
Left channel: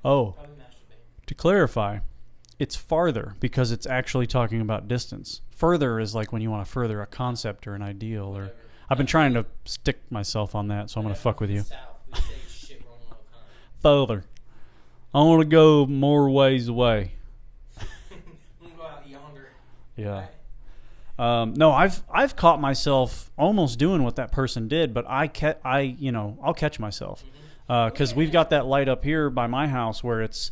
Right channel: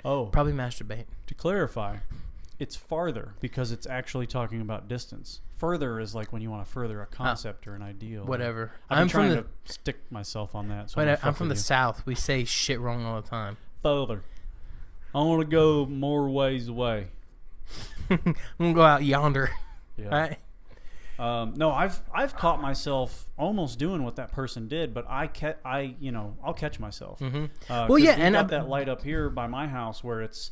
Oh. Probably masturbate. To clarify, it's farther because it's actually talking about distance. Further is like when you want to further a concept or an ideal. Whatever. I've been trying to stick myself on that, so I'm going to fuck with you. I'm from the South. We say shit wrong all the time. Further. I want to go more ways away. I'm going to go out yonder. Yeah. Right? No, I've caught myself almost doing what that person did, but I'll catch myself because we've got that light up here by my house where it's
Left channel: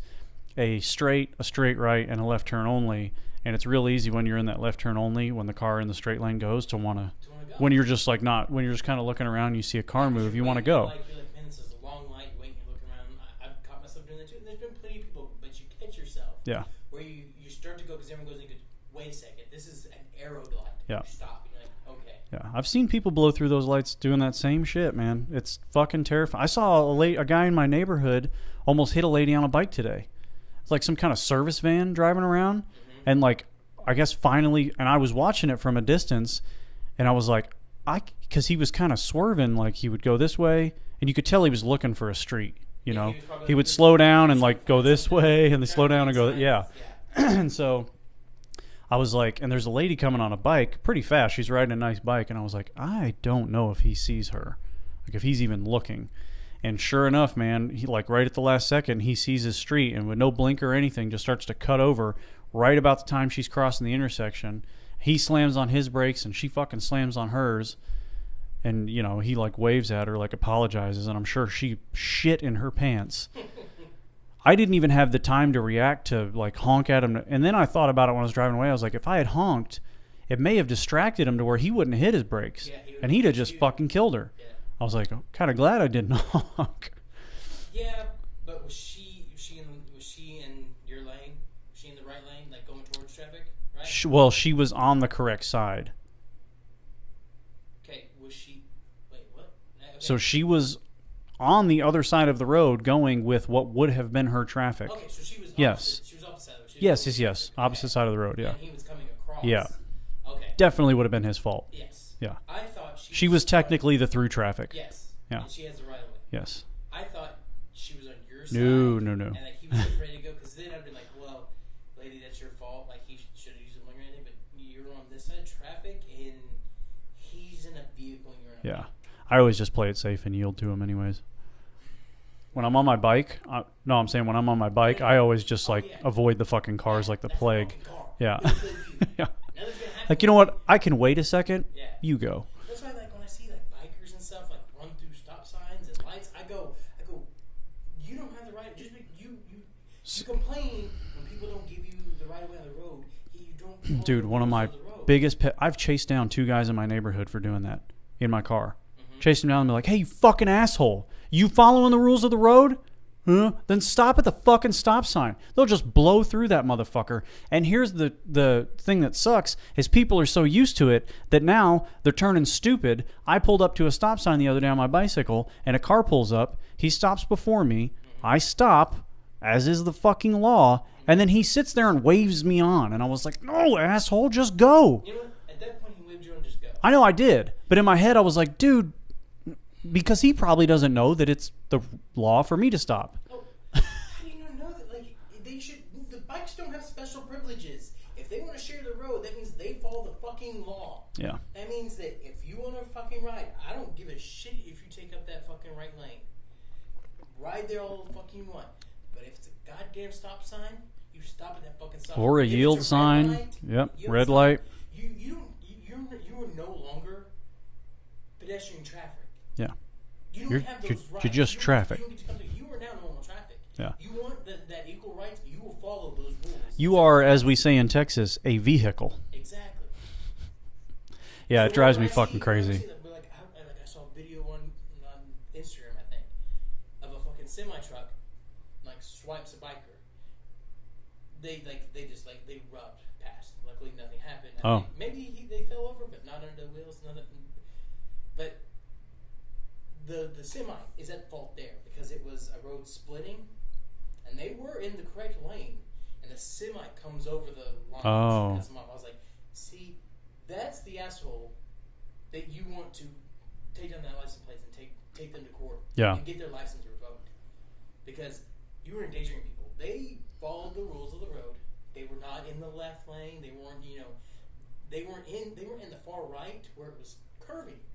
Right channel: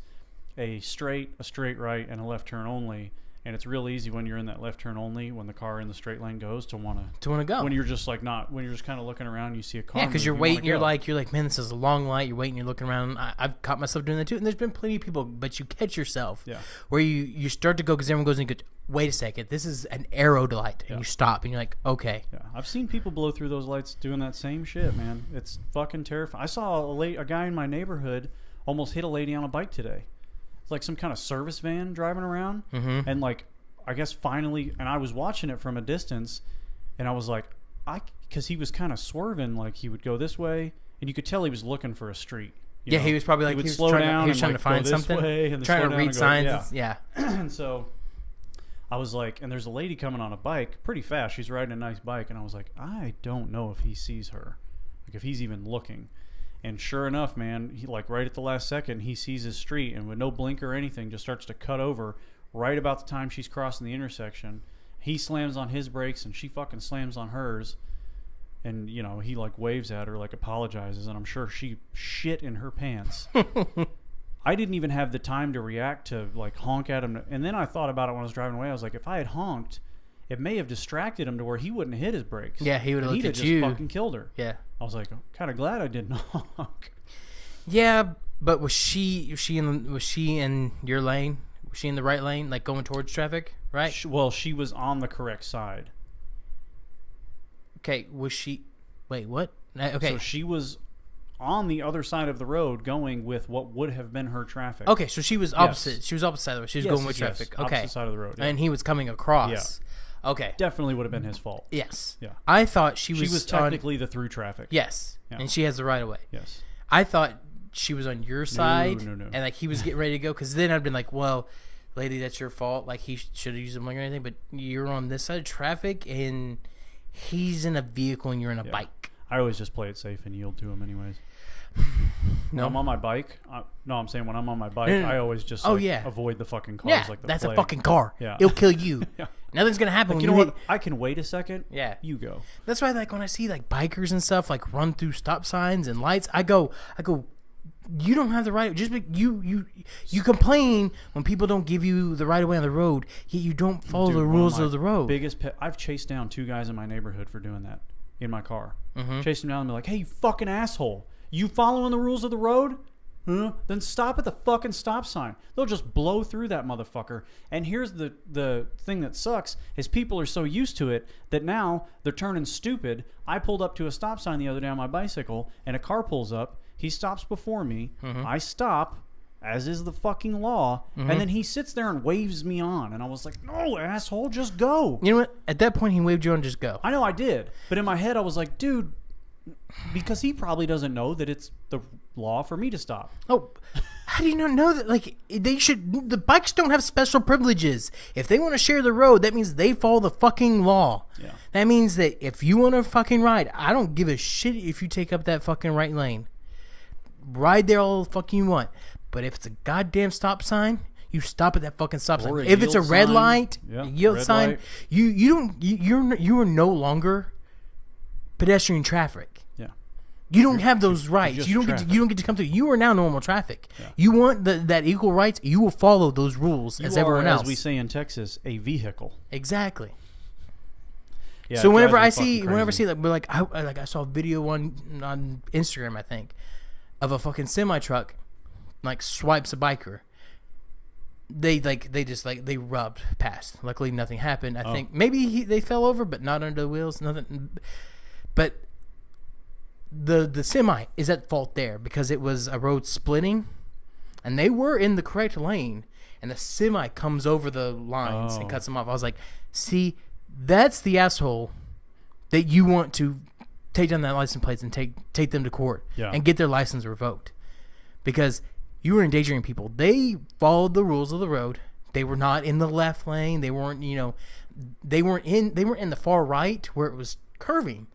a straight right and a left turn only, And it's real easy when you're in that left turn only, when the car in the straight lane goes, to want to go. When you're just like when you're just kind of looking around, and you see a car move, you're you waiting. want to go. You're like, man, this is a long light. You're waiting. You're looking around. I've caught myself doing that too. And there's been plenty of people, but you catch yourself. Yeah. Where you start to go because everyone goes and you go, wait a second, this is an arrow light, and you stop and you're like, okay. Yeah, I've seen people blow through those lights doing that same shit, man. It's fucking terrifying. I saw a guy in my neighborhood almost hit a lady on a bike today. It's like some kind of service van driving around, and like, I guess finally, and I was watching it from a distance, and I was like, because he was kind of swerving, like he would go this way, and you could tell he was looking for a street. You know? He was probably like, he would slow down and like go this way, and then slow down and go, yeah. And so I was like, and there's a lady coming on a bike pretty fast. She's riding a nice bike, and I was like, I don't know if he sees her, like if he's even looking. And sure enough, man, he like right at the last second, he sees his street, and with no blinker or anything, just starts to cut over right about the time she's crossing the intersection. He slams on his brakes, and she fucking slams on hers. And, you know, he like waves at her, like apologizes, and I'm sure she shit in her pants. I didn't even have the time to react to like honk at him. And then I thought about it when I was driving away. I was like, if I had honked, it may have distracted him to where he wouldn't have hit his brakes. Yeah, he would have. And he'd have just fucking killed her. Yeah. I was like, I'm kind of glad I didn't honk. Yeah, but was she in your lane? Was she in the right lane, like going towards traffic, right? Well, she was on the correct side. Okay, was she? Wait, what? Okay. So she was on the other side of the road going with what would have been her traffic. Okay, so she was opposite. Yes. She was opposite side of the road. She was going with traffic. Okay. Opposite side of the road. Yeah. And he was coming across. Yeah. Okay. Definitely would have been his fault. Yes. Yeah. I thought she was. She was technically the through traffic. Yes. Yeah. And she has the right of way. Yes. I thought she was on your side. No. And like he was getting ready to go, because then I'd been like, well, lady, that's your fault. Like he should have used a blinker or anything, but you're on this side of traffic and he's in a vehicle and you're in a bike. I always just play it safe and yield to him anyways. When I'm on my bike, I'm saying when I'm on my bike, I always just avoid the fucking cars like the that's plague. A fucking car. Yeah. It'll kill you. Yeah. Nothing's gonna happen. Like, you know what? I can wait a second. Yeah. You go. That's why, like, when I see like bikers and stuff like run through stop signs and lights, I go, you don't have the right. Just you complain when people don't give you the right of way on the road. Yet you don't follow the rules of the road. I've chased down 2 guys in my neighborhood for doing that in my car. Chased them down and be like, "Hey, you fucking asshole! You following the rules of the road? Huh? Then stop at the fucking stop sign." They'll just blow through that motherfucker. And here's the thing that sucks is people are so used to it that now they're turning stupid. I pulled up to a stop sign the other day on my bicycle, and a car pulls up. He stops before me. I stop, as is the fucking law, and then he sits there and waves me on. And I was like, no, asshole, just go. You know what? At that point, he waved you on, just go. I know I did. But in my head, I was like, dude, because he probably doesn't know that it's the law for me to stop. Oh, how do you not know that? Like, the bikes don't have special privileges. If they want to share the road, that means they follow the fucking law. Yeah. That means that if you want to fucking ride, I don't give a shit if you take up that fucking right lane. Ride there all the fucking you want. But if it's a goddamn stop sign, you stop at that fucking stop or sign. If it's a red sign. light, yield red sign, light. you are no longer pedestrian traffic. Yeah. You don't have those rights. You don't get to come through. You are now normal traffic. Yeah. You want that equal rights. You will follow those rules. You are, as we say in Texas, a vehicle. Exactly. Yeah. So it whenever drives me I see, fucking crazy. I saw a video on Instagram, I think, of a fucking semi truck, like swipes a biker. They rubbed past. Luckily, nothing happened. I think maybe they fell over, but not under the wheels. Nothing. But the semi is at fault there because it was a road splitting, and they were in the correct lane, and the semi comes over the lines and cuts them off. I was like, see, that's the asshole that you want to take down that license plates and take them to court and get their license revoked, because you were endangering people. They followed the rules of the road. They were not in the left lane. They weren't, they weren't in the far right where it was curving.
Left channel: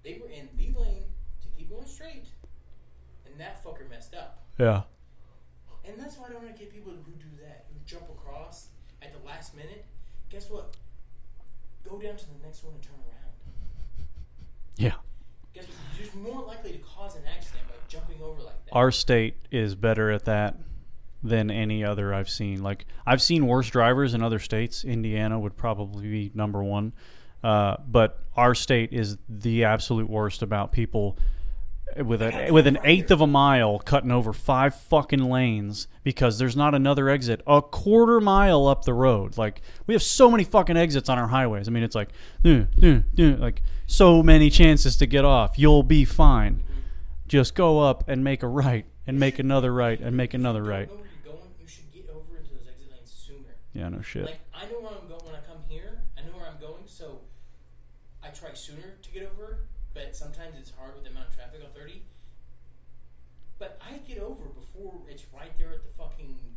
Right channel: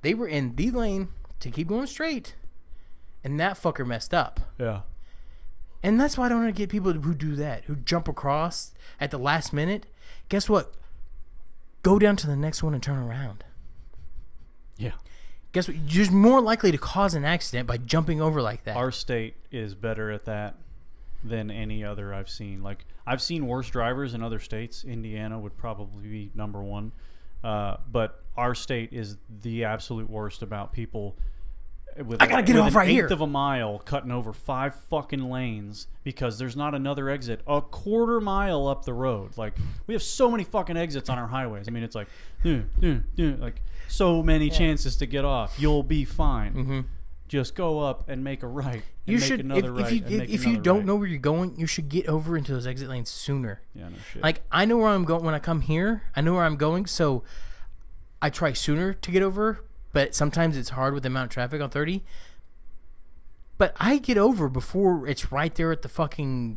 They were in the lane to keep going straight, and that fucker messed up. Yeah. And that's why I don't want to get people who do that, who jump across at the last minute. Guess what? Go down to the next one and turn around. Yeah. Guess what? You're more likely to cause an accident by jumping over like that. Our state is better at that than any other I've seen. Like, I've seen worse drivers in other states. Indiana would probably be number one. But our state is the absolute worst about people with an eighth of a mile cutting over 5 fucking lanes because there's not another exit a quarter mile up the road. Like, we have so many fucking exits on our highways. I mean, it's like, like so many chances to get off. You'll be fine. Mm-hmm. Just go up and make a right and make another right and make another right. If you don't know where you're going, you should get over into those exit lanes sooner. Yeah, no shit. Like, I know where I'm going when I come here. I know where I'm going, so I try sooner to get over. But sometimes it's hard with the amount of traffic on 30. But I get over before it's right there at the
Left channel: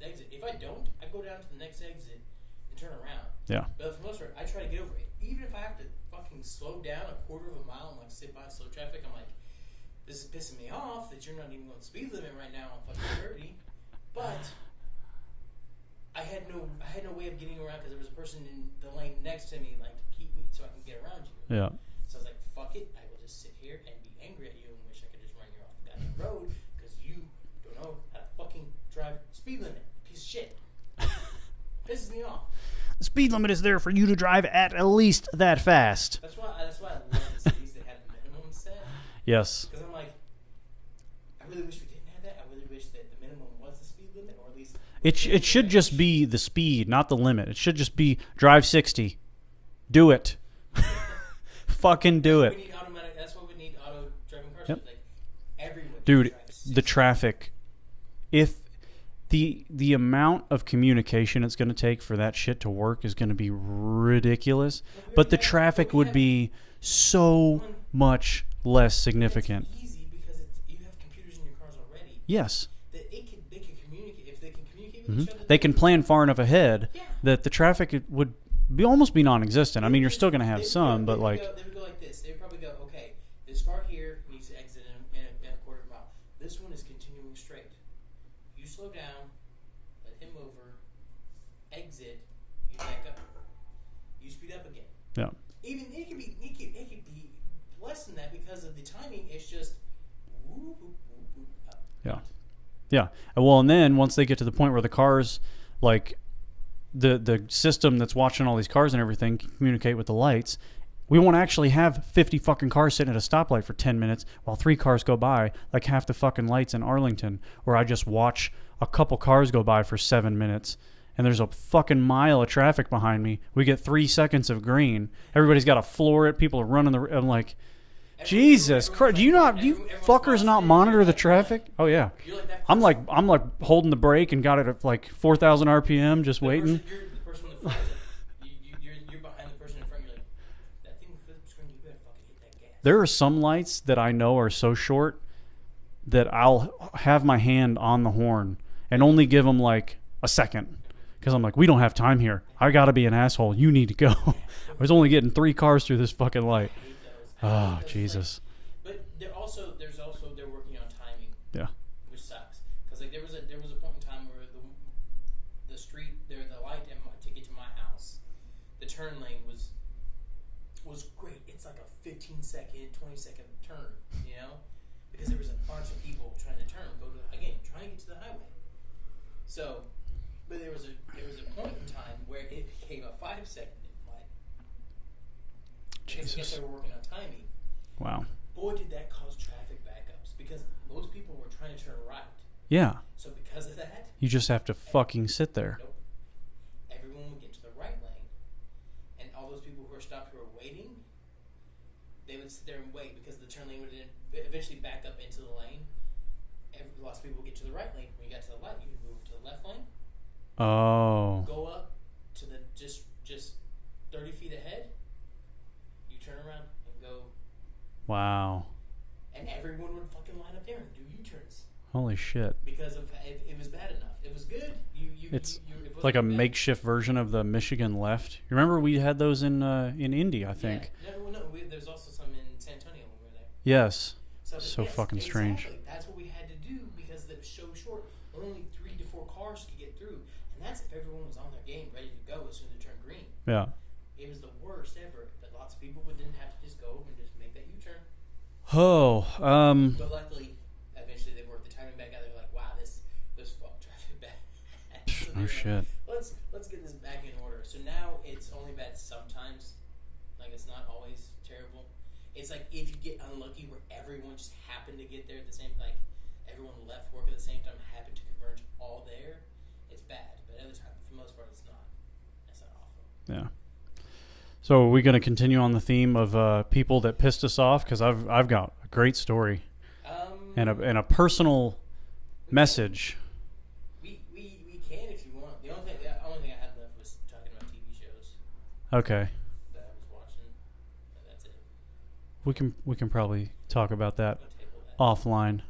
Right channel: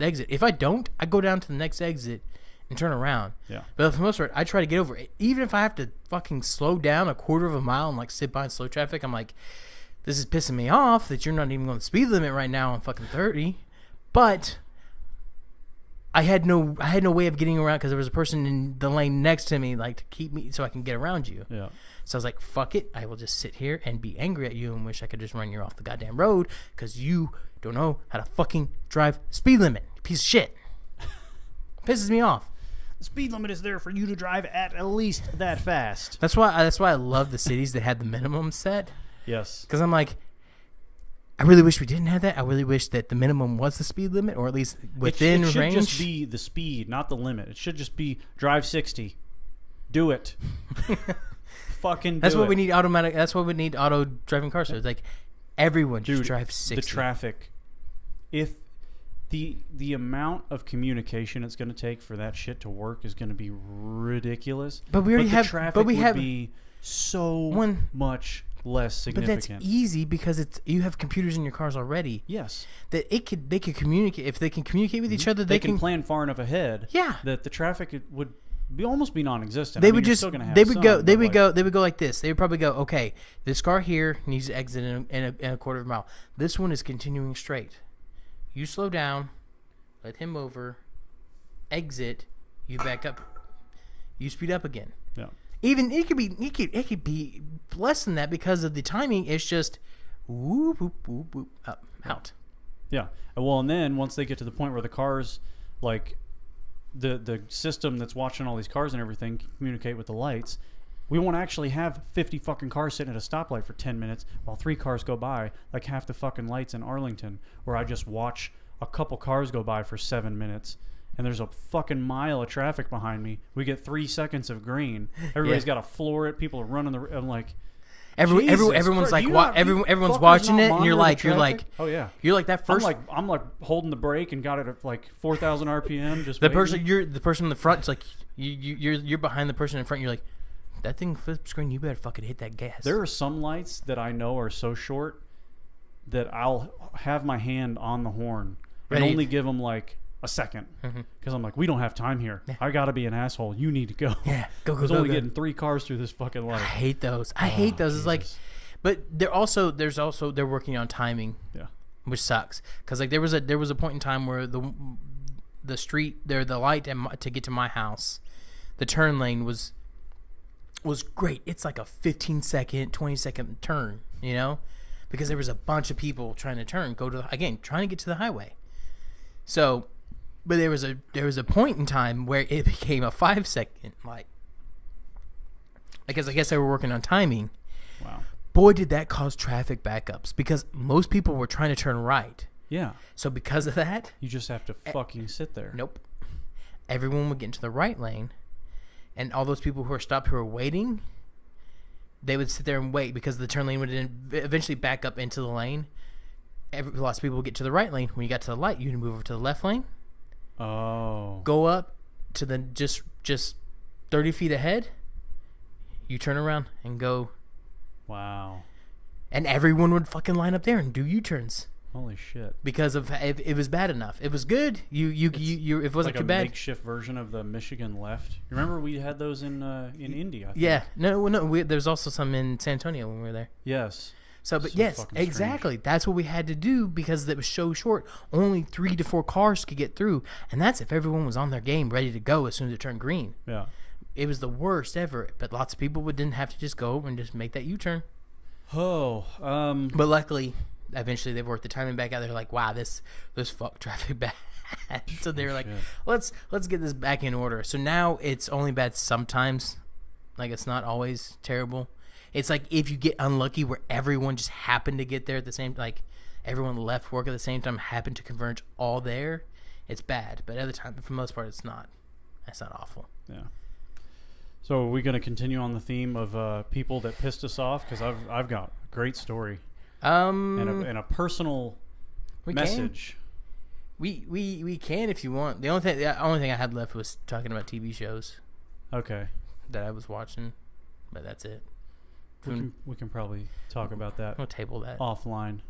exit. If I don't, I go down to the next exit and turn around. Yeah. But for the most part, I try to get over it. Even if I have to fucking slow down a quarter of a mile and like sit by in slow traffic, I'm like, this is pissing me off that you're not even going to speed limit right now on fucking 30. But I had no way of getting around because there was a person in the lane next to me, like, to keep me so I can get around you. Yeah. So I was like, fuck it. I will just sit here and be angry at you and wish I could just run you off the goddamn road because you don't know how to fucking drive speed limit. Piece of shit. Pisses me off. The speed limit is there for you to drive at least that fast. That's why I love the cities that had the minimum set. Yes. Because I'm like, I really wish we didn't have that. I really wish that the minimum was the speed limit, or at least within it should range. just be the speed, not the limit. It should just be drive 60. Do it. Fucking do That's it. what we need automatic. That's what we need auto driving cars. So it's like everyone just drive 60. The traffic. If the amount of communication it's going to take for that shit to work is going to be ridiculous. But the traffic would be so much less significant. But that's easy because you have computers in your cars already. Yes. That they could communicate. If they can communicate with each other, they can plan far enough ahead. Yeah. That the traffic would almost be non-existent. You're still going to have some. They would go like this. They would probably go, okay, this car here needs to exit in a quarter of a mile. This one is continuing straight. You slow down, let him over, exit, you back up, you speed up again. Yeah. Even it could be less than that because of the timing. It's just whoop whoop whoop whoop up out. Yeah. Well, and then once they get to the point where the cars, like the system that's watching all these cars and everything, can communicate with the lights. We won't actually have 50 fucking cars sitting at a stoplight for 10 minutes while 3 cars go by, like half the fucking lights in Arlington, where I just watch a couple cars go by for 7 minutes, and there's a fucking mile of traffic behind me. We get 3 seconds of green. Everybody's got to floor it. People are running I'm like, Jesus everyone's Christ. Everyone's watching not it. Monitor You're the traffic? Oh yeah. You're like that. First, I'm like holding the brake and got it at like 4,000 RPM. Just waiting. The person in the front. It's like you're behind the person in front. You're like, that thing flips screen. You better fucking hit that gas. There are some lights that I know are so short that I'll have my hand on the horn and only give them like a second because I'm like, we don't have time here. Yeah. I gotta be an asshole. You need to go. Yeah, go. I was only getting 3 cars through this fucking light. I hate those. It's like, but they're working on timing. Yeah, which sucks because like there was a point in time where the street there, the light to get to my house, the turn lane was great. It's like a 15-second, 20-second turn, you know, because there was a bunch of people trying to turn, trying to get to the highway. So, but there was a point in time where it became a 5-second light. Because I guess they were working on timing. Wow. Boy, did that cause traffic backups because most people were trying to turn right. Yeah. So because of that, you just have to fucking sit there. Nope. Everyone would get into the right lane. And all those people who were stopped who were waiting, they would sit there and wait because the turn lane would eventually back up into the lane. Lots of people would get to the right lane. When you got to the light, you would move over to the left lane. Oh. Go up to the just 30 feet ahead. You turn around and go. Wow. And everyone would fucking line up there and do U-turns. Holy shit! Because of it was bad enough. It was good. You it wasn't like a too bad. makeshift version of the Michigan left. You remember we had those in Indy, I think. Yeah. No. There's also some in San Antonio when we were there. Yes. So yes, exactly. That's what we had to do because it was so short. Only 3 to 4 cars could get through, and that's if everyone was on their game, ready to go as soon as it turned green. Yeah. It was the worst ever, but lots of people didn't have to just go over and just make that U-turn. Oh. But luckily, eventually they worked the timing back out. They're like, wow, this fuck traffic bad. So they were like, shit. let's get this back in order. So now it's only bad sometimes. Like, it's not always terrible. It's like if you get unlucky where everyone just happened to get there at the same, like everyone left work at the same time, happened to converge all there, it's bad. But other time, for the most part, it's not. It's not awful. Yeah. So are we going to continue on the theme of people that pissed us off? Because I've got a great story and a personal message. We can if you want. The only thing I had left was talking about TV shows. Okay. That I was watching, but that's it. We can probably talk about that. We'll table that offline.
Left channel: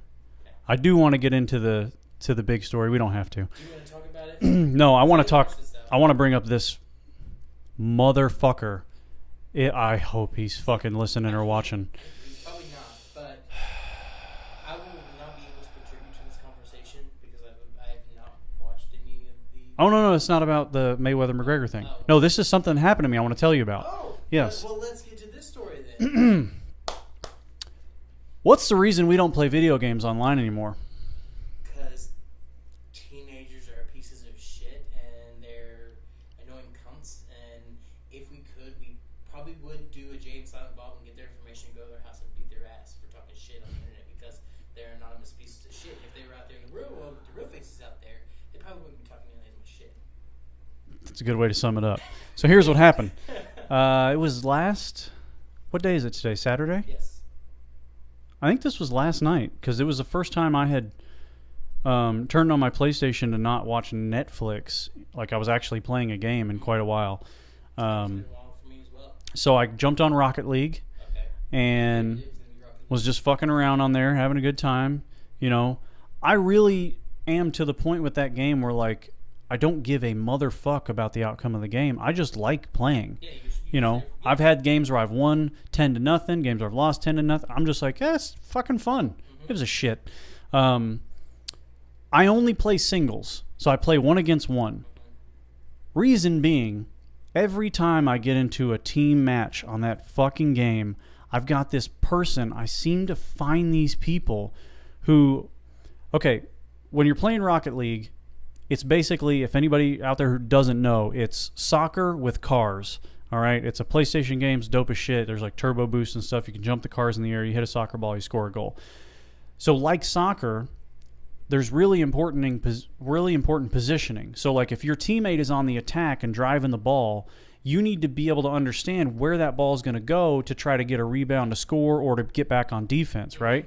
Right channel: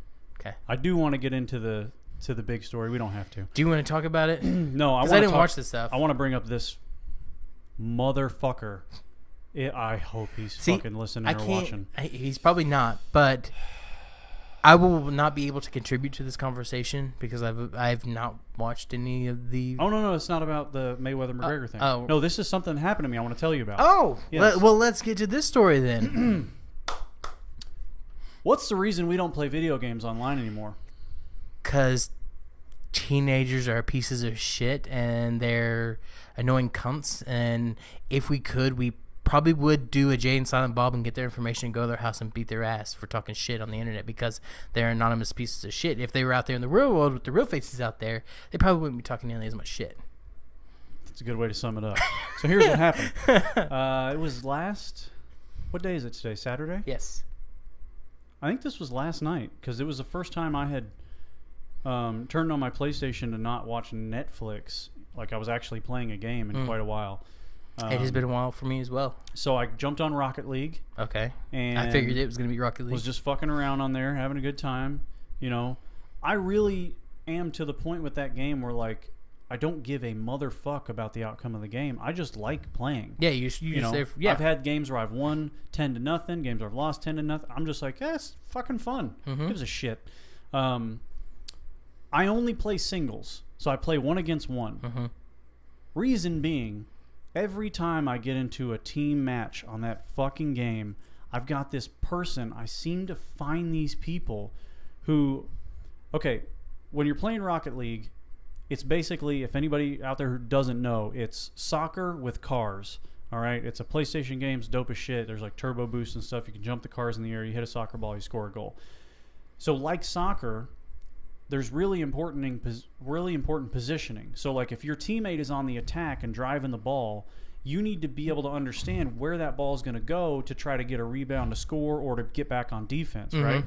Okay. I do want to get into the big story. We don't have to. Do you want to talk about it? No, I want to talk. Watch this stuff. I want to bring up this motherfucker. I hope he's fucking listening or watching. He's probably not, but I will not be able to contribute to this conversation because I've not watched any of the. Oh no, it's not about the Mayweather McGregor thing. Oh. No, this is something that happened to me. I want to tell you about. Oh, yes. Well, let's get to this story then. What's the reason we don't play video games online anymore? Because teenagers are pieces of shit and they're annoying cunts. And if we could, we probably would do a Jay and Silent Bob and get their information and go to their house and beat their ass for talking shit on the internet because they're anonymous pieces of shit. If they were out there in the real world with the real faces out there, they probably wouldn't be talking nearly as much shit. That's a good way to sum it up. So here's what happened. It was what day is it today? Saturday? Yes. I think this was last night because it was the first time I had turned on my PlayStation to not watch Netflix. Like I was actually playing a game in quite a while. It has been a while for me as well. So I jumped on Rocket League. Okay. And I figured it was going to be Rocket League. Was just fucking around on there, having a good time. You know, I really am to the point with that game where, like, I don't give a motherfuck about the outcome of the game. I just like playing. Yeah, you know, I've had games where I've won 10-0, games where I've lost 10-0. I'm just like, it's fucking fun. It was a shit. I only play singles, so I play 1 against 1. Reason being, every time I get into a team match on that fucking game, I've got this person. I seem to find these people who, okay, when you're playing Rocket League, it's basically, if anybody out there who doesn't know, it's soccer with cars. All right, it's a PlayStation game. It's dope as shit. There's like turbo boost and stuff. You can jump the cars in the air. You hit a soccer ball. You score a goal. So like soccer, there's really important positioning. So like if your teammate is on the attack and driving the ball, you need to be able to understand where that ball is going to go to try to get a rebound to score or to get back on defense, right?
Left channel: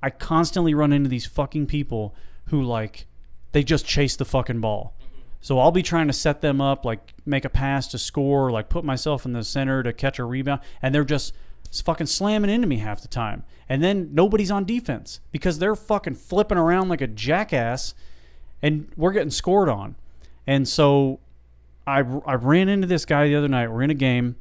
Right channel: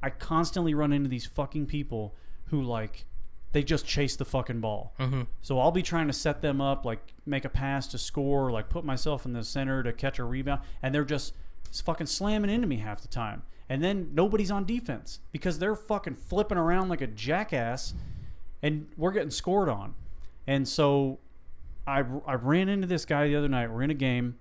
I constantly run into these fucking people who like they just chase the fucking ball. So I'll be trying to set them up, like make a pass to score, like put myself in the center to catch a rebound, and they're just fucking slamming into me half the time. And then nobody's on defense because they're fucking flipping around like a jackass and we're getting scored on. And so I ran into this guy the other night. We're in a game.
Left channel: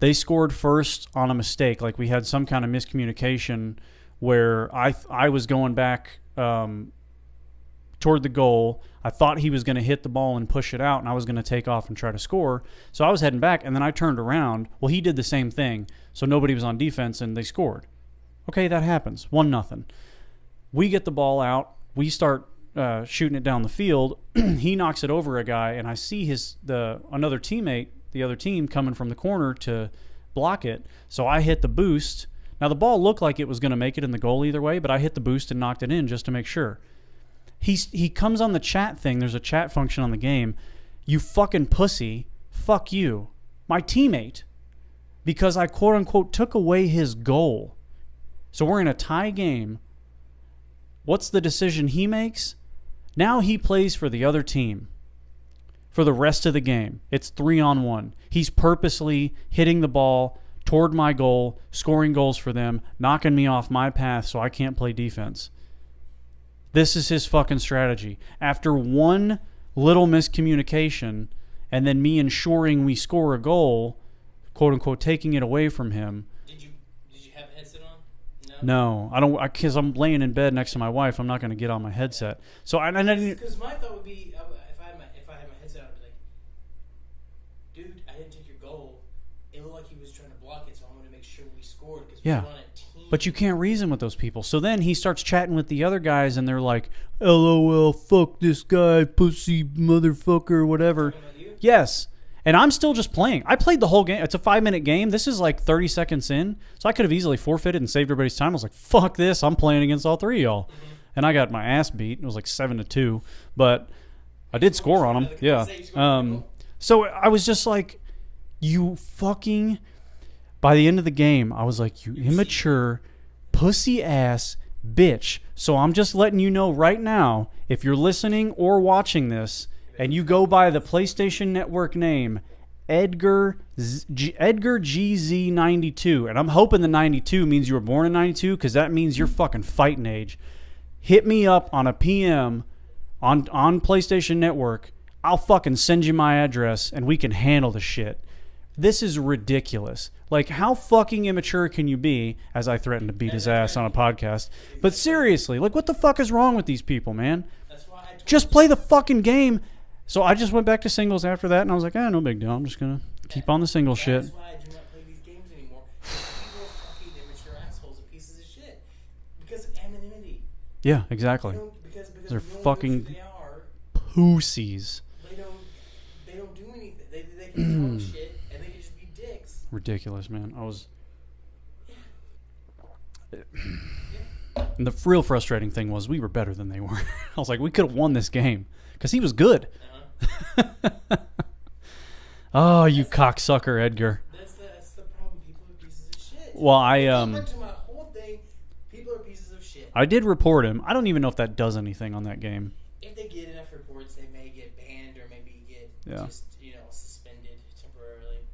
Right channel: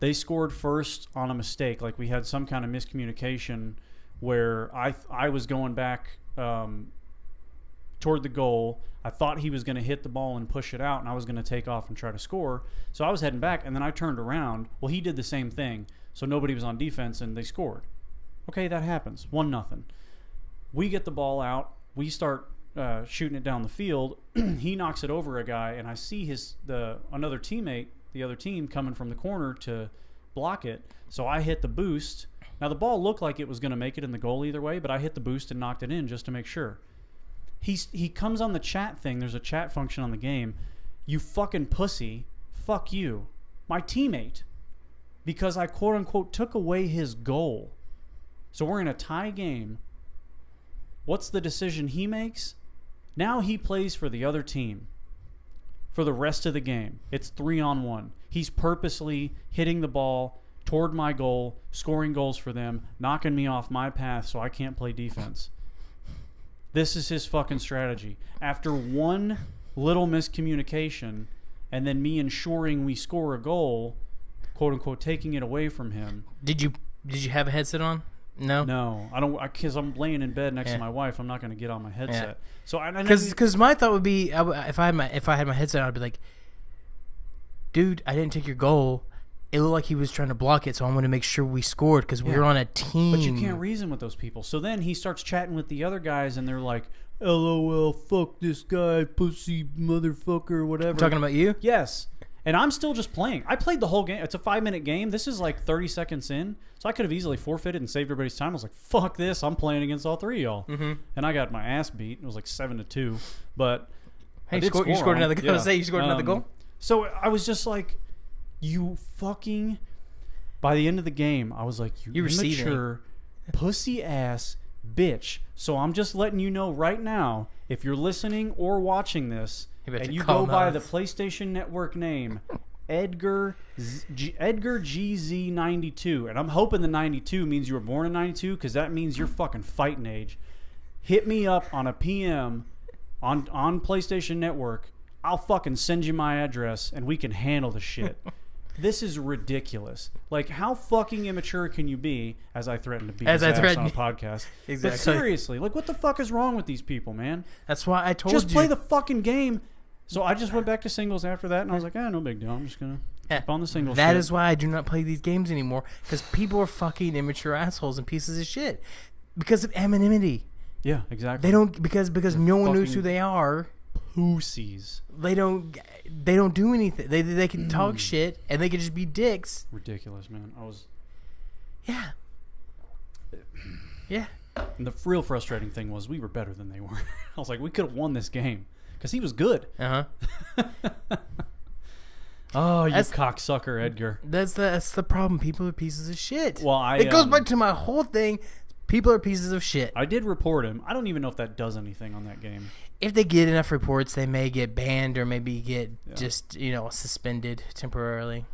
They scored first on a mistake. Like we had some kind of miscommunication where I was going back toward the goal. I thought he was going to hit the ball and push it out, and I was going to take off and try to score. So I was heading back, and then I turned around. Well, he did the same thing. So nobody was on defense, and they scored. Okay, that happens. 1-0. We get the ball out. We start shooting it down the field. He knocks it over a guy, and I see another teammate, the other team, coming from the corner to block it. So I hit the boost. Now, the ball looked like it was going to make it in the goal either way, but I hit the boost and knocked it in just to make sure. He comes on the chat thing. There's a chat function on the game. You fucking pussy. Fuck you. My teammate. Because I quote-unquote took away his goal. So we're in a tie game. What's the decision he makes? Now he plays for the other team for the rest of the game. It's 3-on-1. He's purposely hitting the ball toward my goal, scoring goals for them, knocking me off my path so I can't play defense. This is his fucking strategy. After one little miscommunication and then me ensuring we score a goal, quote-unquote taking it away from him. Did you have a headset on? No, I don't, because I'm laying in bed next to my wife. I'm not going to get on my headset. So because my thought would be, if I had my headset on, I'd be like, dude, I didn't take your goal. it looked like he was trying to block it, so I wanted to make sure we scored because we were on a team. But you can't reason with those people. So then he starts chatting with the other guys, and they're like, LOL, fuck this guy, pussy motherfucker, whatever. Talking about you? Yes. And I'm still just playing. I played the whole game. It's a 5-minute game. This is like 30 seconds in. So I could have easily forfeited and saved everybody's time. I was like, fuck this. I'm playing against all three of y'all. Mm-hmm. And I got my ass beat. It was like 7-2. But I did score on them. You scored another goal? So I was just like, you fucking... By the end of the game, I was like, you immature, pussy-ass bitch. So I'm just letting you know right now, if you're listening or watching this... And you go by the PlayStation Network name, Edgar GZ92. And I'm hoping the 92 means you were born in 92 because that means you're fucking fighting age. Hit me up on a PM on PlayStation Network. I'll fucking send you my address and we can handle the shit. This is ridiculous. Like, how fucking immature can you be, as I threatened to beat his ass on a podcast? Exactly. But seriously, like, what the fuck is wrong with these people, man? That's why I told you. Just play the fucking game. So I just went back to singles after that, and I was like, no big deal. I'm just going to keep on the single shit. That is why I do not play these games anymore, because people are fucking immature assholes and pieces of shit. Because of anonymity. Yeah, exactly. They don't, because no one knows who they are. Pussies. They don't do anything. They can talk shit, and they can just be dicks. Ridiculous, man. Yeah. Yeah. And the real frustrating thing was we were better than they were. I was like, we could have won this game. Because he was good. Uh-huh. Oh, you cocksucker, Edgar. That's the problem. People are pieces of shit. Well, it goes back to my whole thing. People are pieces of shit. I did report him. I don't even know if that does anything on that game. If they get enough reports, they may get banned or maybe get just, suspended temporarily.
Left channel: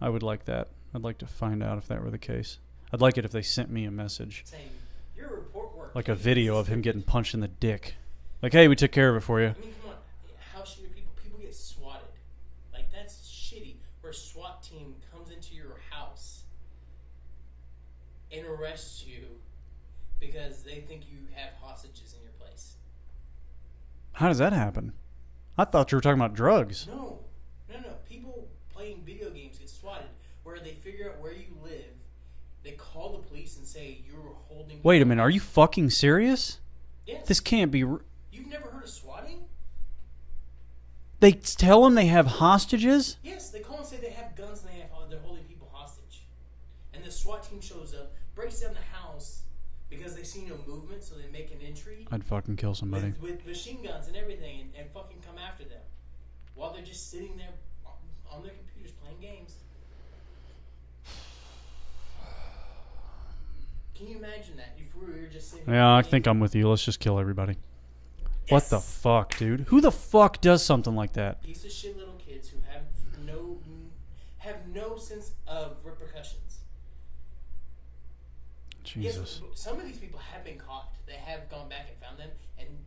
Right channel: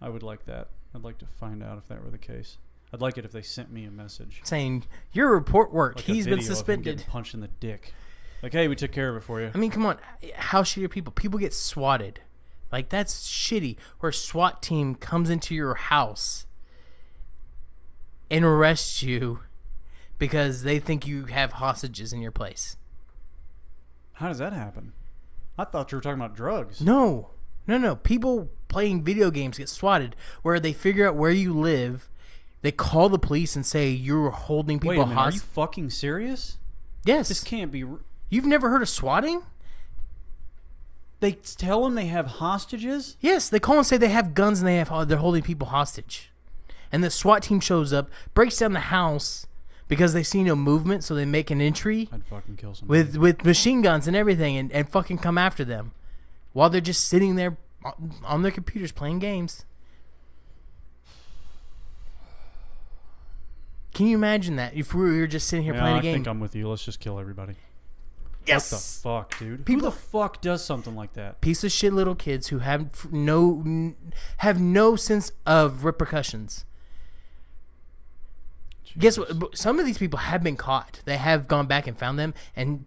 I would like that. I'd like to find out if that were the case. I'd like it if they sent me a message. Saying, your report worked. Like a video of him getting punched in the dick. Like, hey, we took care of it for you. I mean, come on. How shitty are people? People get swatted. Like, that's shitty. Where a SWAT team comes into your house and arrests you because they think you have hostages in your place. How does that happen? I thought you were talking about drugs. No. People playing video games get swatted where they figure out where you live. They call the police and say you're holding people. Wait a minute. Are you fucking serious? Yes. This can't be... You've never heard of swatting? They tell them they have hostages? Yes, they call and say they have guns and they're holding people hostage. And the SWAT team shows up, breaks down the house because they see no movement, so they make an entry. I'd fucking kill somebody. With machine guns and everything and fucking come after them while they're just sitting there on their computers playing games. Can you imagine that? If we were just sitting here playing a game? Yeah, I think I'm with you. Let's just kill everybody. Yes. What the fuck, dude? Who the fuck does something like that? Piece of shit little kids who have no sense of repercussions. Jesus. Guess what? Some of these people have been caught. They have gone back and found them and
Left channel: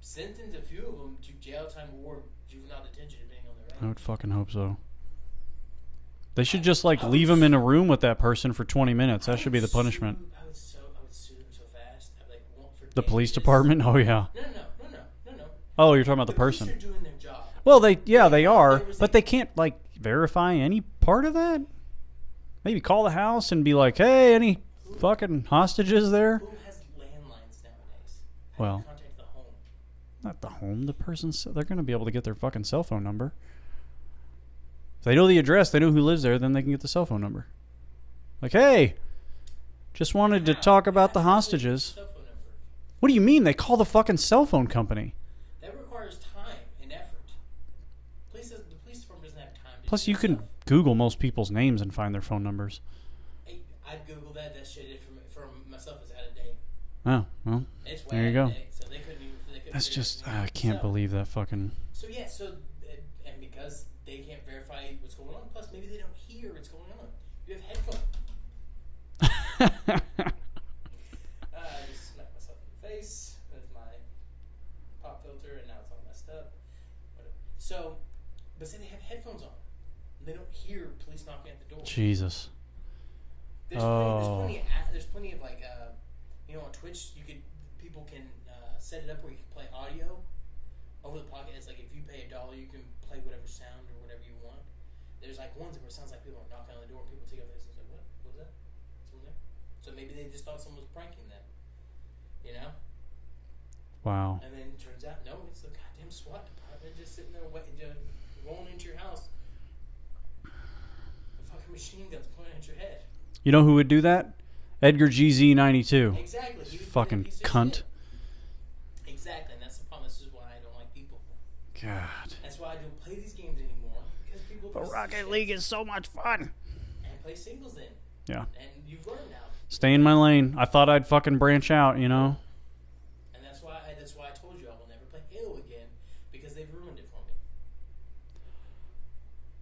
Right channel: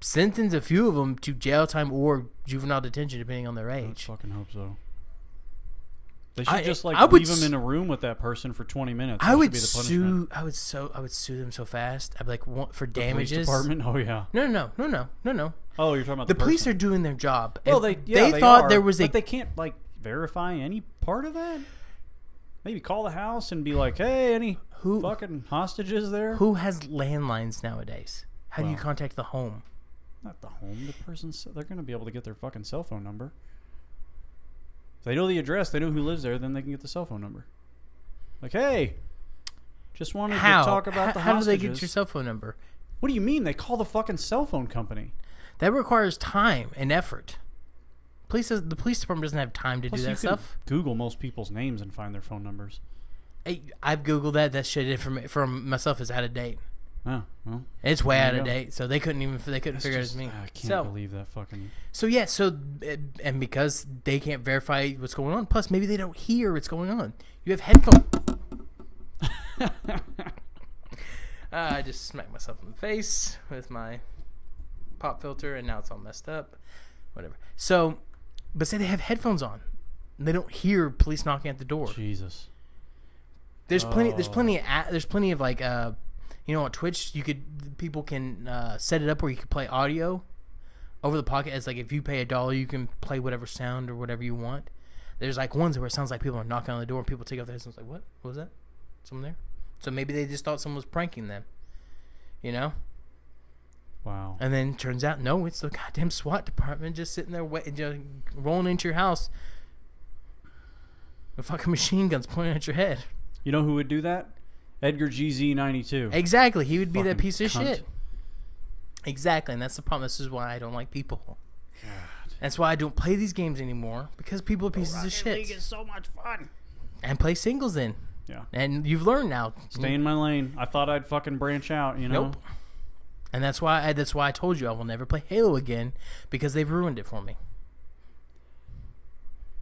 sentenced a few of them to jail time or juvenile detention, depending on their age. I would fucking hope so. They should just leave them in a room with that person for 20 minutes. That should be the punishment. I would sue them so fast. I'd be like, for the damages. Police department? Oh yeah. No. Oh, you're talking about the person. Police are doing their job. Well, they are. But they can't verify any part of that. Maybe call the house and be like, hey, any fucking hostages there? Who has landlines nowadays? How do you contact the home? Not the home. The person's. They're going to be able to get their fucking cell phone number. If they know the address, they know who lives there, then they can get the cell phone number. Like, hey, just wanted to talk about the hostages. How do they get your cell phone number? What do you mean? They call the fucking cell phone company. That requires time and effort. The police department doesn't have time to do that stuff. Plus, you can Google most people's names and find their phone numbers. I've Googled that. That shit for myself is out of date. Oh, well. It's way out of date, so they couldn't figure out it. I can't believe that fucking... And because they can't verify what's going on, plus maybe they don't hear what's going on. You have headphones. I just smacked myself in the face with my pop filter, and now it's all messed up. Whatever. So, but say they have headphones on. And they don't hear police knocking at the door. Jesus. There's plenty of like... on Twitch, people can set it up where you can play audio over the pocket. It's like if you pay $1, you can play whatever sound or whatever you want. There's like ones where it sounds like people are knocking on the door and people take off their headsets like, what was that? Someone there? So maybe they just thought someone was pranking them, you know? Wow. And then turns out, no, it's the goddamn SWAT department just sitting there waiting, just rolling into your house with fucking machine guns pointing at your head. You know who would do that? Edgar GZ92. Exactly. He would be that Fucking piece of cunt. shit. Exactly. And that's the problem. This is why I don't like people. God. That's why I don't play these games anymore, because people are pieces of shit. Rocket League is so much fun. And play singles then. Yeah. And you've learned now. Stay in my lane. I thought I'd fucking branch out, you know? Nope. And that's why I told you I will never play Halo again, because they've ruined it for me.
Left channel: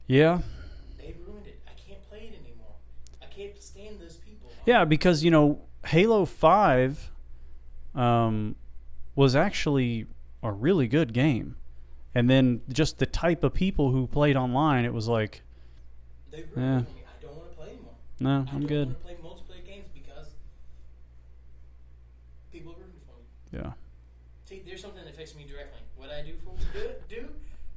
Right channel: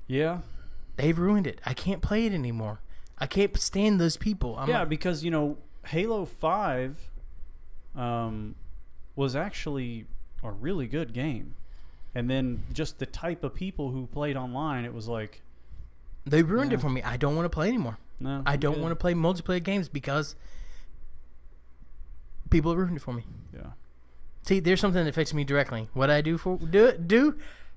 Yeah. They've ruined it. I can't play it anymore. I can't stand those people. Because, Halo 5 was actually a really good game. And then just the type of people who played online, it was like... They ruined it for me. I don't want to play anymore. No, I don't want to play multiplayer games because people have ruined it for me. Yeah. See, there's something that affects me directly. What I do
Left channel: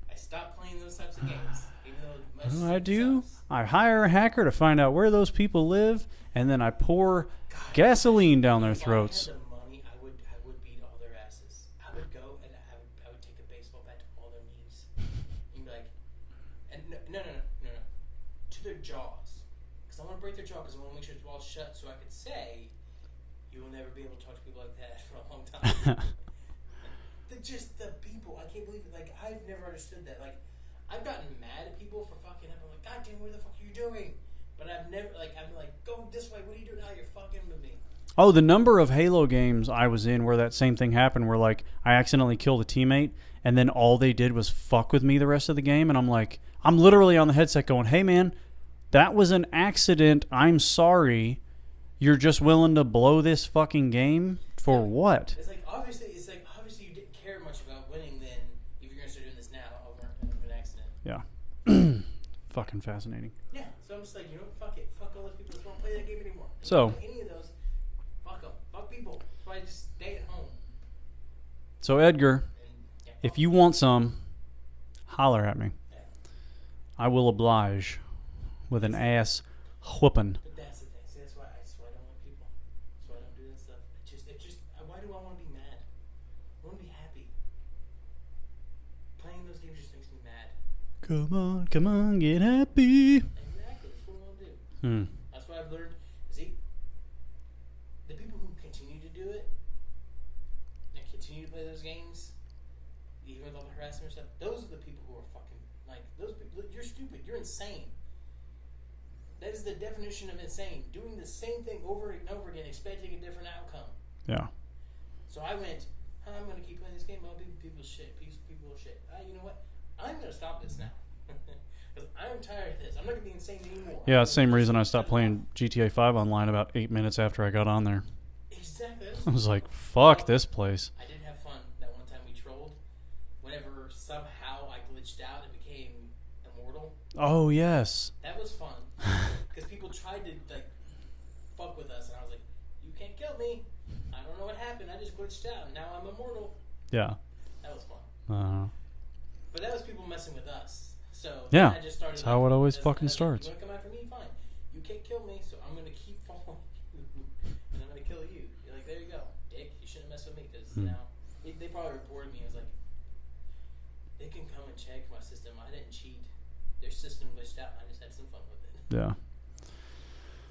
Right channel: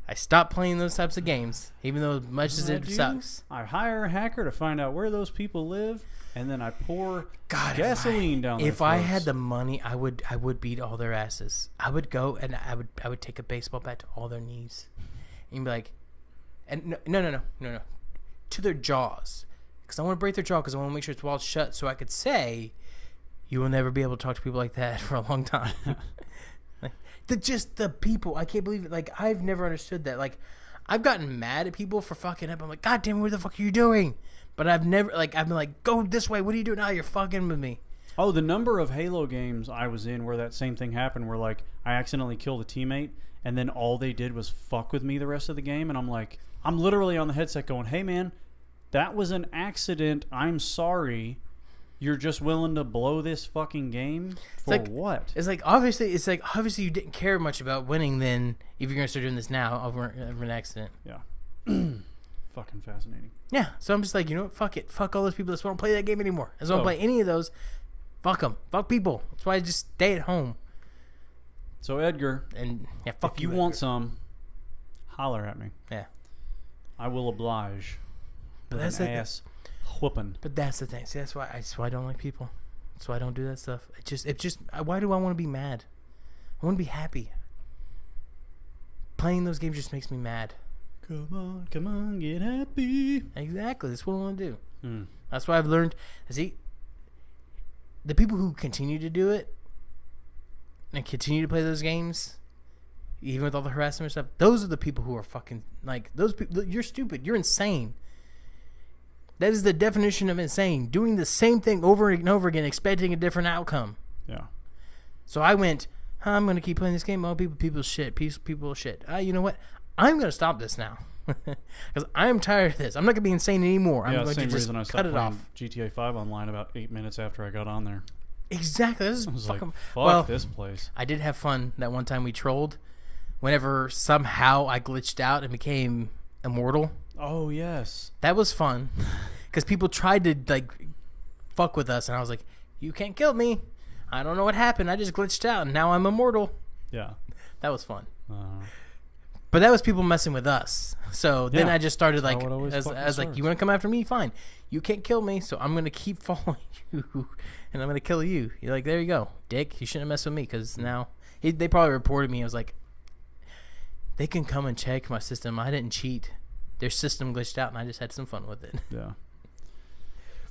I stop playing those types of games, even though much as it sucks. I hire a hacker to find out where those people live, and then I pour gasoline down their throats. If I had the money, I would beat all their asses. I would go and I would take a baseball bat to all their knees, and be like, and no, to their jaws, because I want to break their jaw, because I want to make sure it's walled shut, so I could say, you will never be able to talk to people like that for a long time. Just the people, I can't believe it. Like, I've never understood that. Like, I've gotten mad at people for fucking up. I'm like, God damn, what the fuck are you doing? But I've never, like, I've been like, go this way. What are you doing now? You're fucking with me. Oh, the number of Halo games I was in where that same thing happened, where, like, I accidentally killed a teammate, and then all they did was fuck with me the rest of the game, and I'm like, I'm literally on the headset going, hey, man, that was an accident. I'm sorry. You're just willing to blow this fucking game for what? It's like obviously you didn't care much about winning. Then if you're gonna start doing this now over an accident, yeah, fucking fascinating. Yeah, so I'm just like, you know what? Fuck it. Fuck all those people that won't play that game anymore. I don't play any of those. Fuck them. Fuck people. That's why I just stay at home. So Edgar, and if you want some, holler at me. Yeah, I will oblige with an ass whooping. But that's the thing. See, that's why I don't like people. That's why I don't do that stuff. It just. Why do I want to be mad? I want to be happy. Playing those games just makes me mad. Come on, get happy. Exactly. That's what I want to do. That's why I've learned. See, the people who continue to do it and continue to play those games, even with all the harassment and stuff, those are the people who are fucking like those people. You're stupid. You're insane. That is the definition of insane. Doing the same thing over and over again, expecting a different outcome. Yeah. So I went, I'm going to keep playing this game. Oh, people shit. People shit. You know what? I'm going to stop this now. Because I'm tired of this. I'm not going to be insane anymore. Yeah, same reason I stopped playing GTA 5 online about 8 minutes after I got on there. Exactly. I was like, fuck this place. I did have fun that one time we trolled. Whenever somehow I glitched out and became immortal. Oh, yes. That was fun. Because people tried to, like, fuck with us. And I was like, you can't kill me. I don't know what happened. I just glitched out. And now I'm immortal. Yeah. That was fun. Uh-huh. But that was people messing with us. So then I just started, like, I was like, you want to come after me? Fine. You can't kill me. So I'm going to keep following you. And I'm going to kill you. You're like, there you go. Dick, you shouldn't have messed with me. Because now they probably reported me. I was like, they can come and check my system. I didn't cheat. Their system glitched out, and I just had some fun with it. Yeah.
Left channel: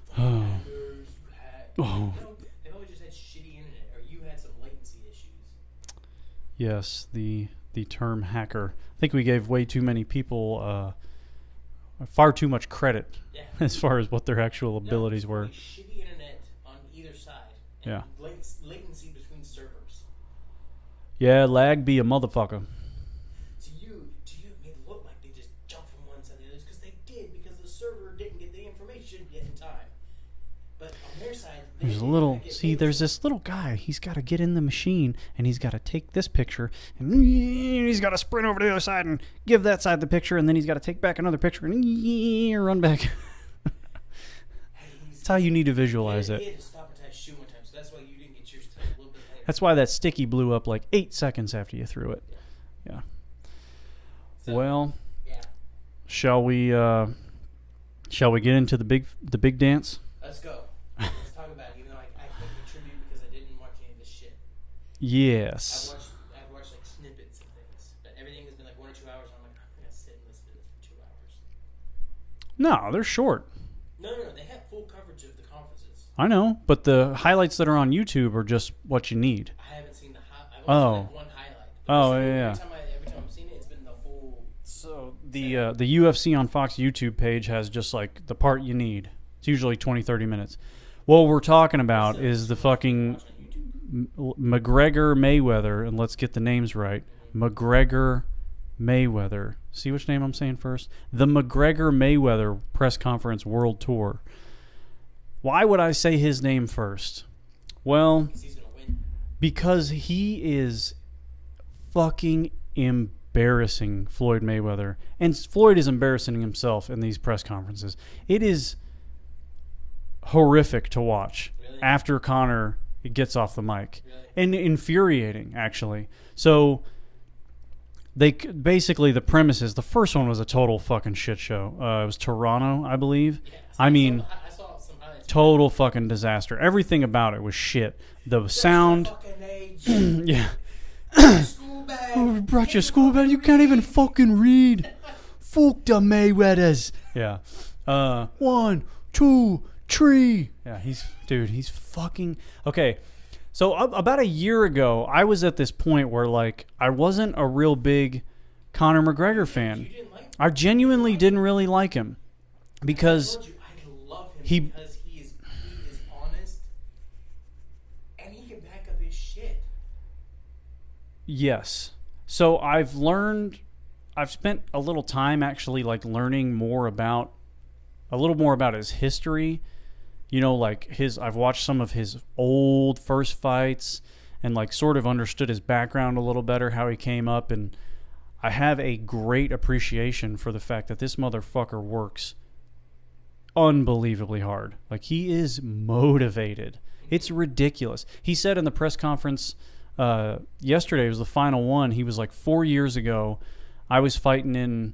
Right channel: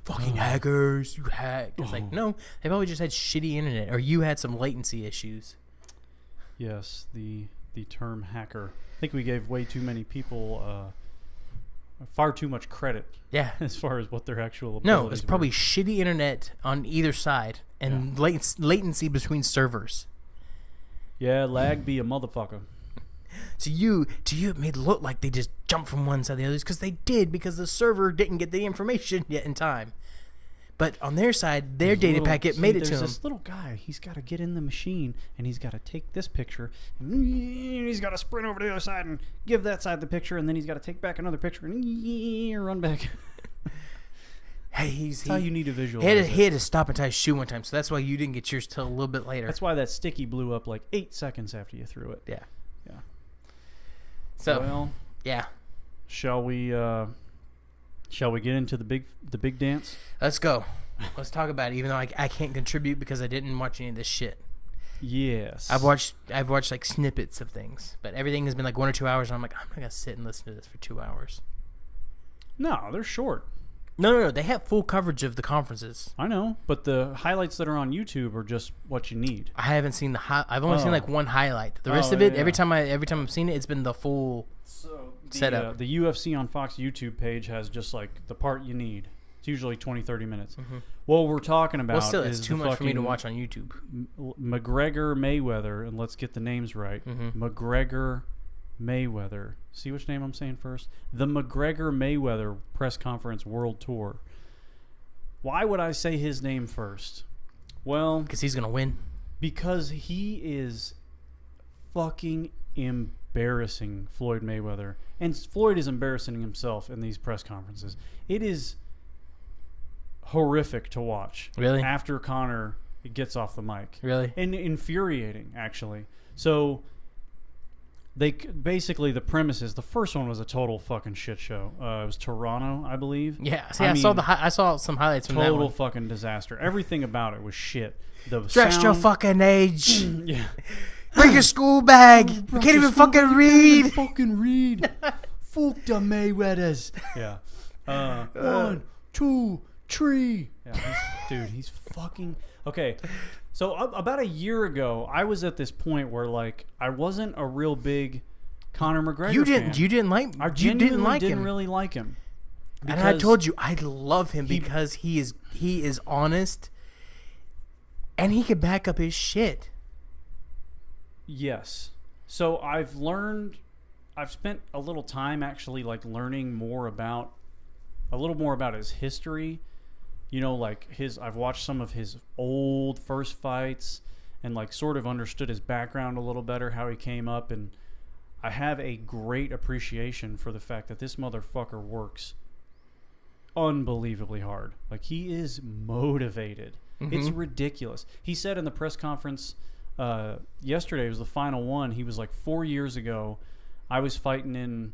Fucking hackers, you hack. It's like, no, they probably just had shitty internet, or you had some latency issues. Yes, the term hacker. I think we gave way too many people far too much credit. Yeah. As far as what their actual abilities were. No, it's probably shitty internet on either side, and latency between servers. Yeah, lag be a motherfucker. To you, it made it look like they just jumped from one side to the other, because they did, because the server didn't get the information yet in time. But on their side, their data packet made it to them. There's this little guy. He's got to get in the machine, and he's got to take this picture, and he's got to sprint over to the other side and give that side the picture, and then he's got to take back another picture and run back. Hey, that's how you need to visualize it. He had to stop and tie his shoe one time, so that's why you didn't get yours till a little bit later. That's why that sticky blew up like 8 seconds after you threw it. Yeah. Yeah. So, well, yeah. Shall we get into the big dance? Let's go. Let's talk about it. Even though I can't contribute because I didn't watch any of this shit. Yes. I've watched like snippets of things, but everything has been like 1 or 2 hours, and I'm like, I'm not gonna sit and listen to this for 2 hours. No, they're short. No. They have full coverage of the conferences. I know, but the highlights that are on YouTube are just what you need. I haven't seen I've only seen like one highlight. The rest of it, yeah. every time I've seen it, it's been the full. So setup. The UFC on Fox YouTube page has just like the part you need. It's usually 20-30 minutes. Mm-hmm. What we're talking about Well, still, it's is too the much for me to fucking watch on YouTube. McGregor Mayweather, and let's get the names right. Mm-hmm. McGregor Mayweather. See which name I'm saying first? The McGregor Mayweather Press Conference World Tour. Why would I say his name first? Well, Because he's gonna win. because he is fucking embarrassing Floyd Mayweather. And Floyd is embarrassing himself in these press conferences. It is horrific to watch. Really? After Conor gets off the mic. Really? And infuriating, actually. So basically the premise is the first one was a total fucking shit show. It was Toronto, I believe. Yeah. See, I mean, I saw some highlights. From total fucking disaster. Everything about it was shit. The Dress your sound. fucking age. Yeah. Bring your school bag. Brought Can't your even school fucking bag, you read. Can't even fucking read. Fuck the Mayweathers. Yeah. 1, 2, 3. Yeah, he's fucking okay. So about a year ago, I was at this point where like I wasn't a real big Conor McGregor fan. You didn't like. I genuinely didn't him. really like him Because I told you I love him because he is honest, and he can back up his shit. Yes. So I've spent a little time actually like learning a little more about his history. You know, like I've watched some of his old first fights and like sort of understood his background a little better, how he came up, and I have a great appreciation for the fact that this motherfucker works unbelievably hard. Like he is motivated. Mm-hmm. It's ridiculous. He said in the press conference yesterday, was the final one. He was like 4 years ago, I was fighting in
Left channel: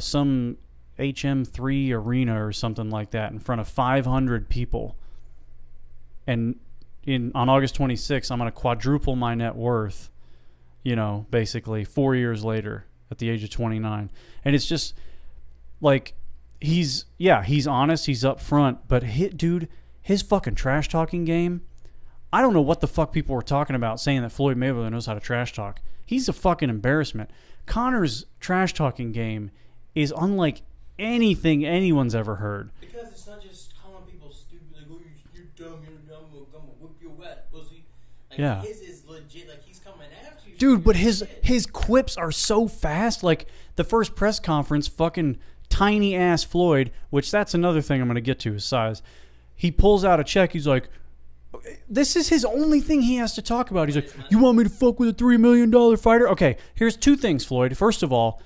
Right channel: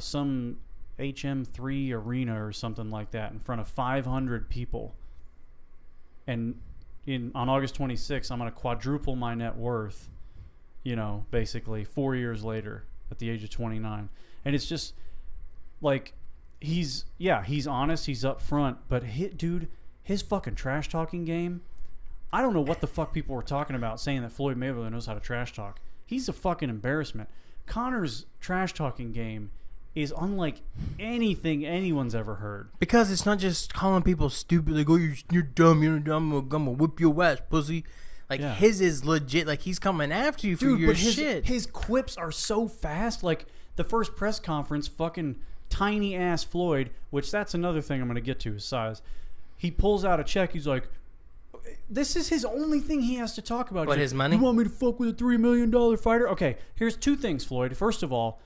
some HM3 arena or something like that in front of 500 people. And on August 26th, I'm going to quadruple my net worth, basically 4 years later at the age of 29. And it's just like, he's honest, he's upfront, but his fucking trash talking game, I don't know what the fuck people were talking about saying that Floyd Mayweather knows how to trash talk. He's a fucking embarrassment. Conor's trash talking game is unlike anything anyone's ever heard. Because it's not just calling people stupid, like, oh, you're dumb, I'm gonna whip your ass, pussy. Like, his is legit. Like, he's coming after you for your shit. His quips are so fast. Like, the first press conference, fucking tiny-ass Floyd, which that's another thing I'm going to get to, his size. He pulls out a check. He's like, this is his only thing he has to talk about. What, He's his like, money? You want me to fuck with a $3 million fighter? Okay, here's two things, Floyd. First of all,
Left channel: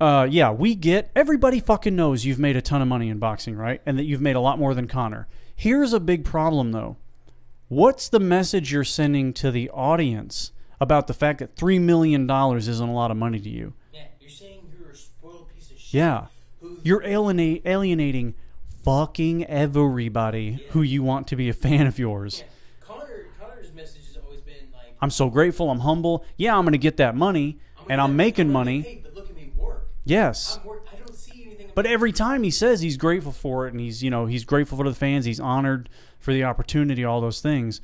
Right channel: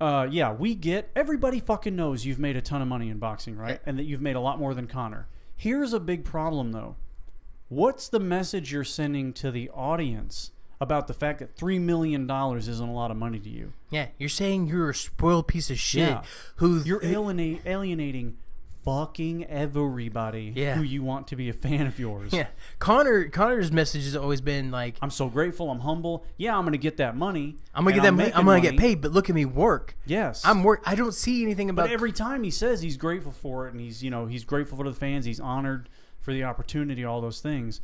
everybody fucking knows you've made a ton of money in boxing, right? And that you've made a lot more than Conor. Here's a big problem, though. What's the message you're sending to the audience about the fact that $3 million isn't a lot of money to you? Yeah, you're saying you're a spoiled piece of shit. Yeah. You're alienating fucking everybody who you want to be a fan of yours. Yeah. Conor's message has always been like, I'm so grateful, I'm humble. Yeah, I'm going to get that money. I'm gonna get paid, but look at me work. Yes. I don't see anything about. But every time he says he's grateful for it, and he's grateful for the fans, he's honored for the opportunity, all those things.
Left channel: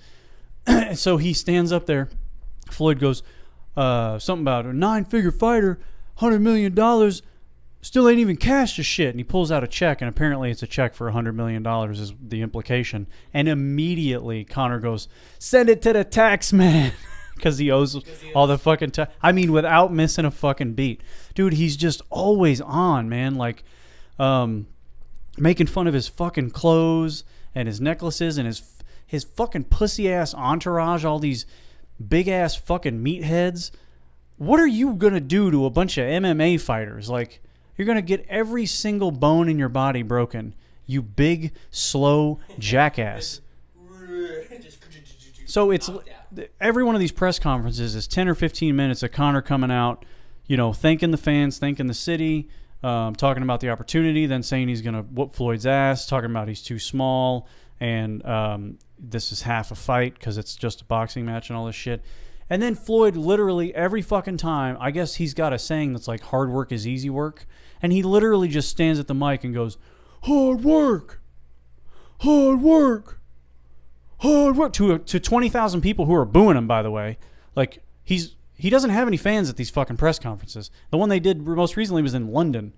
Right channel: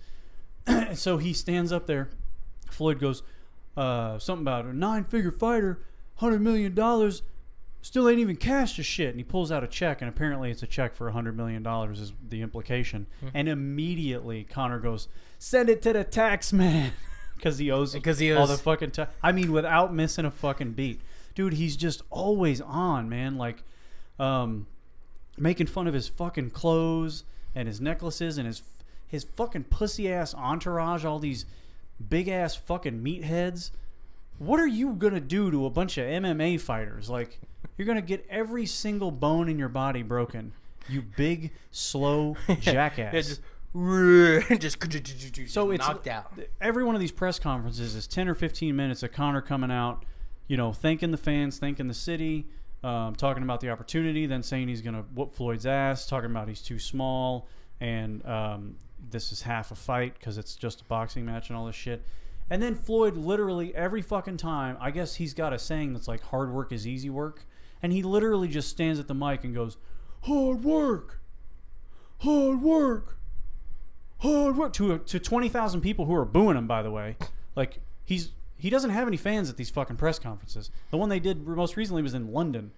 So he stands up there. Floyd goes, something about a 9-figure fighter, $100 million, still ain't even cashed a shit. And he pulls out a check, and apparently it's a check for $100 million is the implication. Mm-hmm. And immediately Conor goes, send it to the tax man. Because he owes all the fucking tax. I mean, without missing a fucking beat. Dude, he's just always on, man. Like, making fun of his fucking clothes and his necklaces and his fucking pussy-ass entourage, all these big-ass fucking meatheads. What are you going to do to a bunch of MMA fighters? Like, you're going to get every single bone in your body broken. You big, slow jackass. So it's knocked out. Every one of these press conferences is 10 or 15 minutes of Conor coming out, thanking the fans, thanking the city, talking about the opportunity, then saying he's going to whoop Floyd's ass, talking about he's too small, and this is half a fight because it's just a boxing match and all this shit. And then Floyd literally every fucking time, I guess he's got a saying that's like hard work is easy work. And he literally just stands at the mic and goes, hard work, hard work, hard work, to 20,000 people who are booing him, by the way. Like, he doesn't have any fans at these fucking press conferences. The one they did most recently was in London,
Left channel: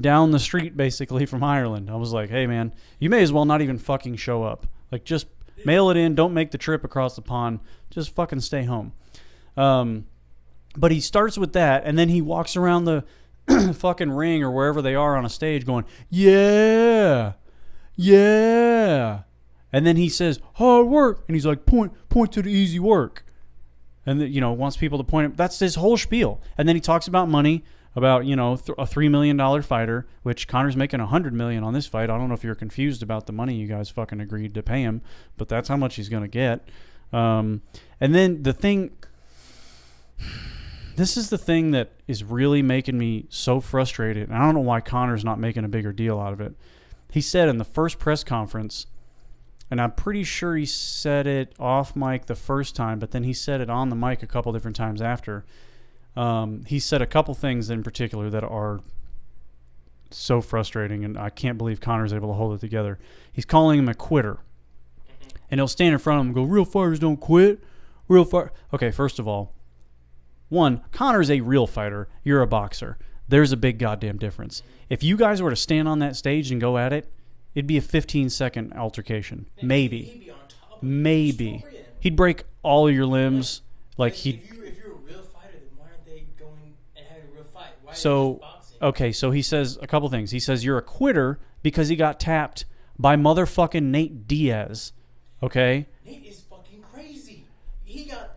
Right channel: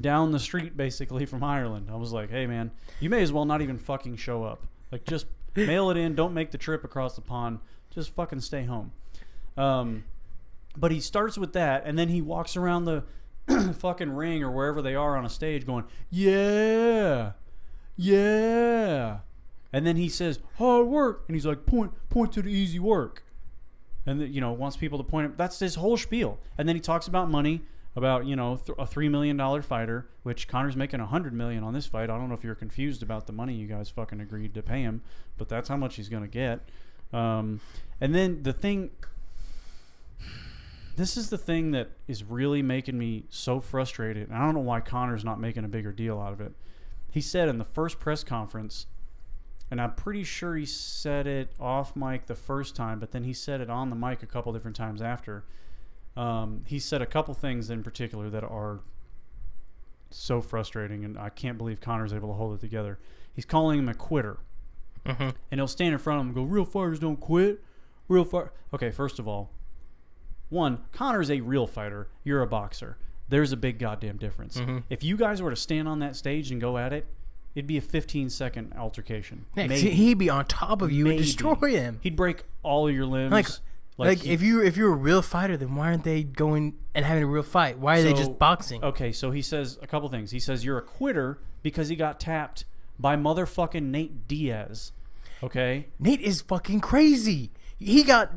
down the street basically from Ireland. I was like, hey man, you may as well not even fucking show up. Like, just mail it in. Don't make the trip across the pond. Just fucking stay home. But he starts with that, and then he walks around the fucking ring or wherever they are on a stage going, yeah, yeah. And then he says, hard work. And he's like, point to the easy work. And, wants people to point him. That's his whole spiel. And then he talks about money, about, a $3 million fighter, which Conor's making $100 million on this fight. I don't know if you're confused about the money you guys fucking agreed to pay him, but that's how much he's going to get. And then this is the thing that is really making me so frustrated. And I don't know why Conor's not making a bigger deal out of it. He said in the first press conference, and I'm pretty sure he said it off mic the first time, but then he said it on the mic a couple different times after. He said a couple things in particular that are so frustrating, and I can't believe Conor's able to hold it together. He's calling him a quitter. Mm-hmm. And he'll stand in front of him and go, real fighters don't quit. Real fight. Okay, first of all, one, Conor's a real fighter. You're a boxer. There's a big goddamn difference. Mm-hmm. If you guys were to stand on that stage and go at it, it'd be a 15-second altercation. Yeah, maybe. He'd be on top of you and destroy him. He'd break all of your limbs. Like if you're a real fighter, then why aren't they going and having a real fight? Why are they just boxing? Okay, so he says a couple things. He says you're a quitter because he got tapped by motherfucking Nate Diaz. Okay? Nate is fucking crazy. He got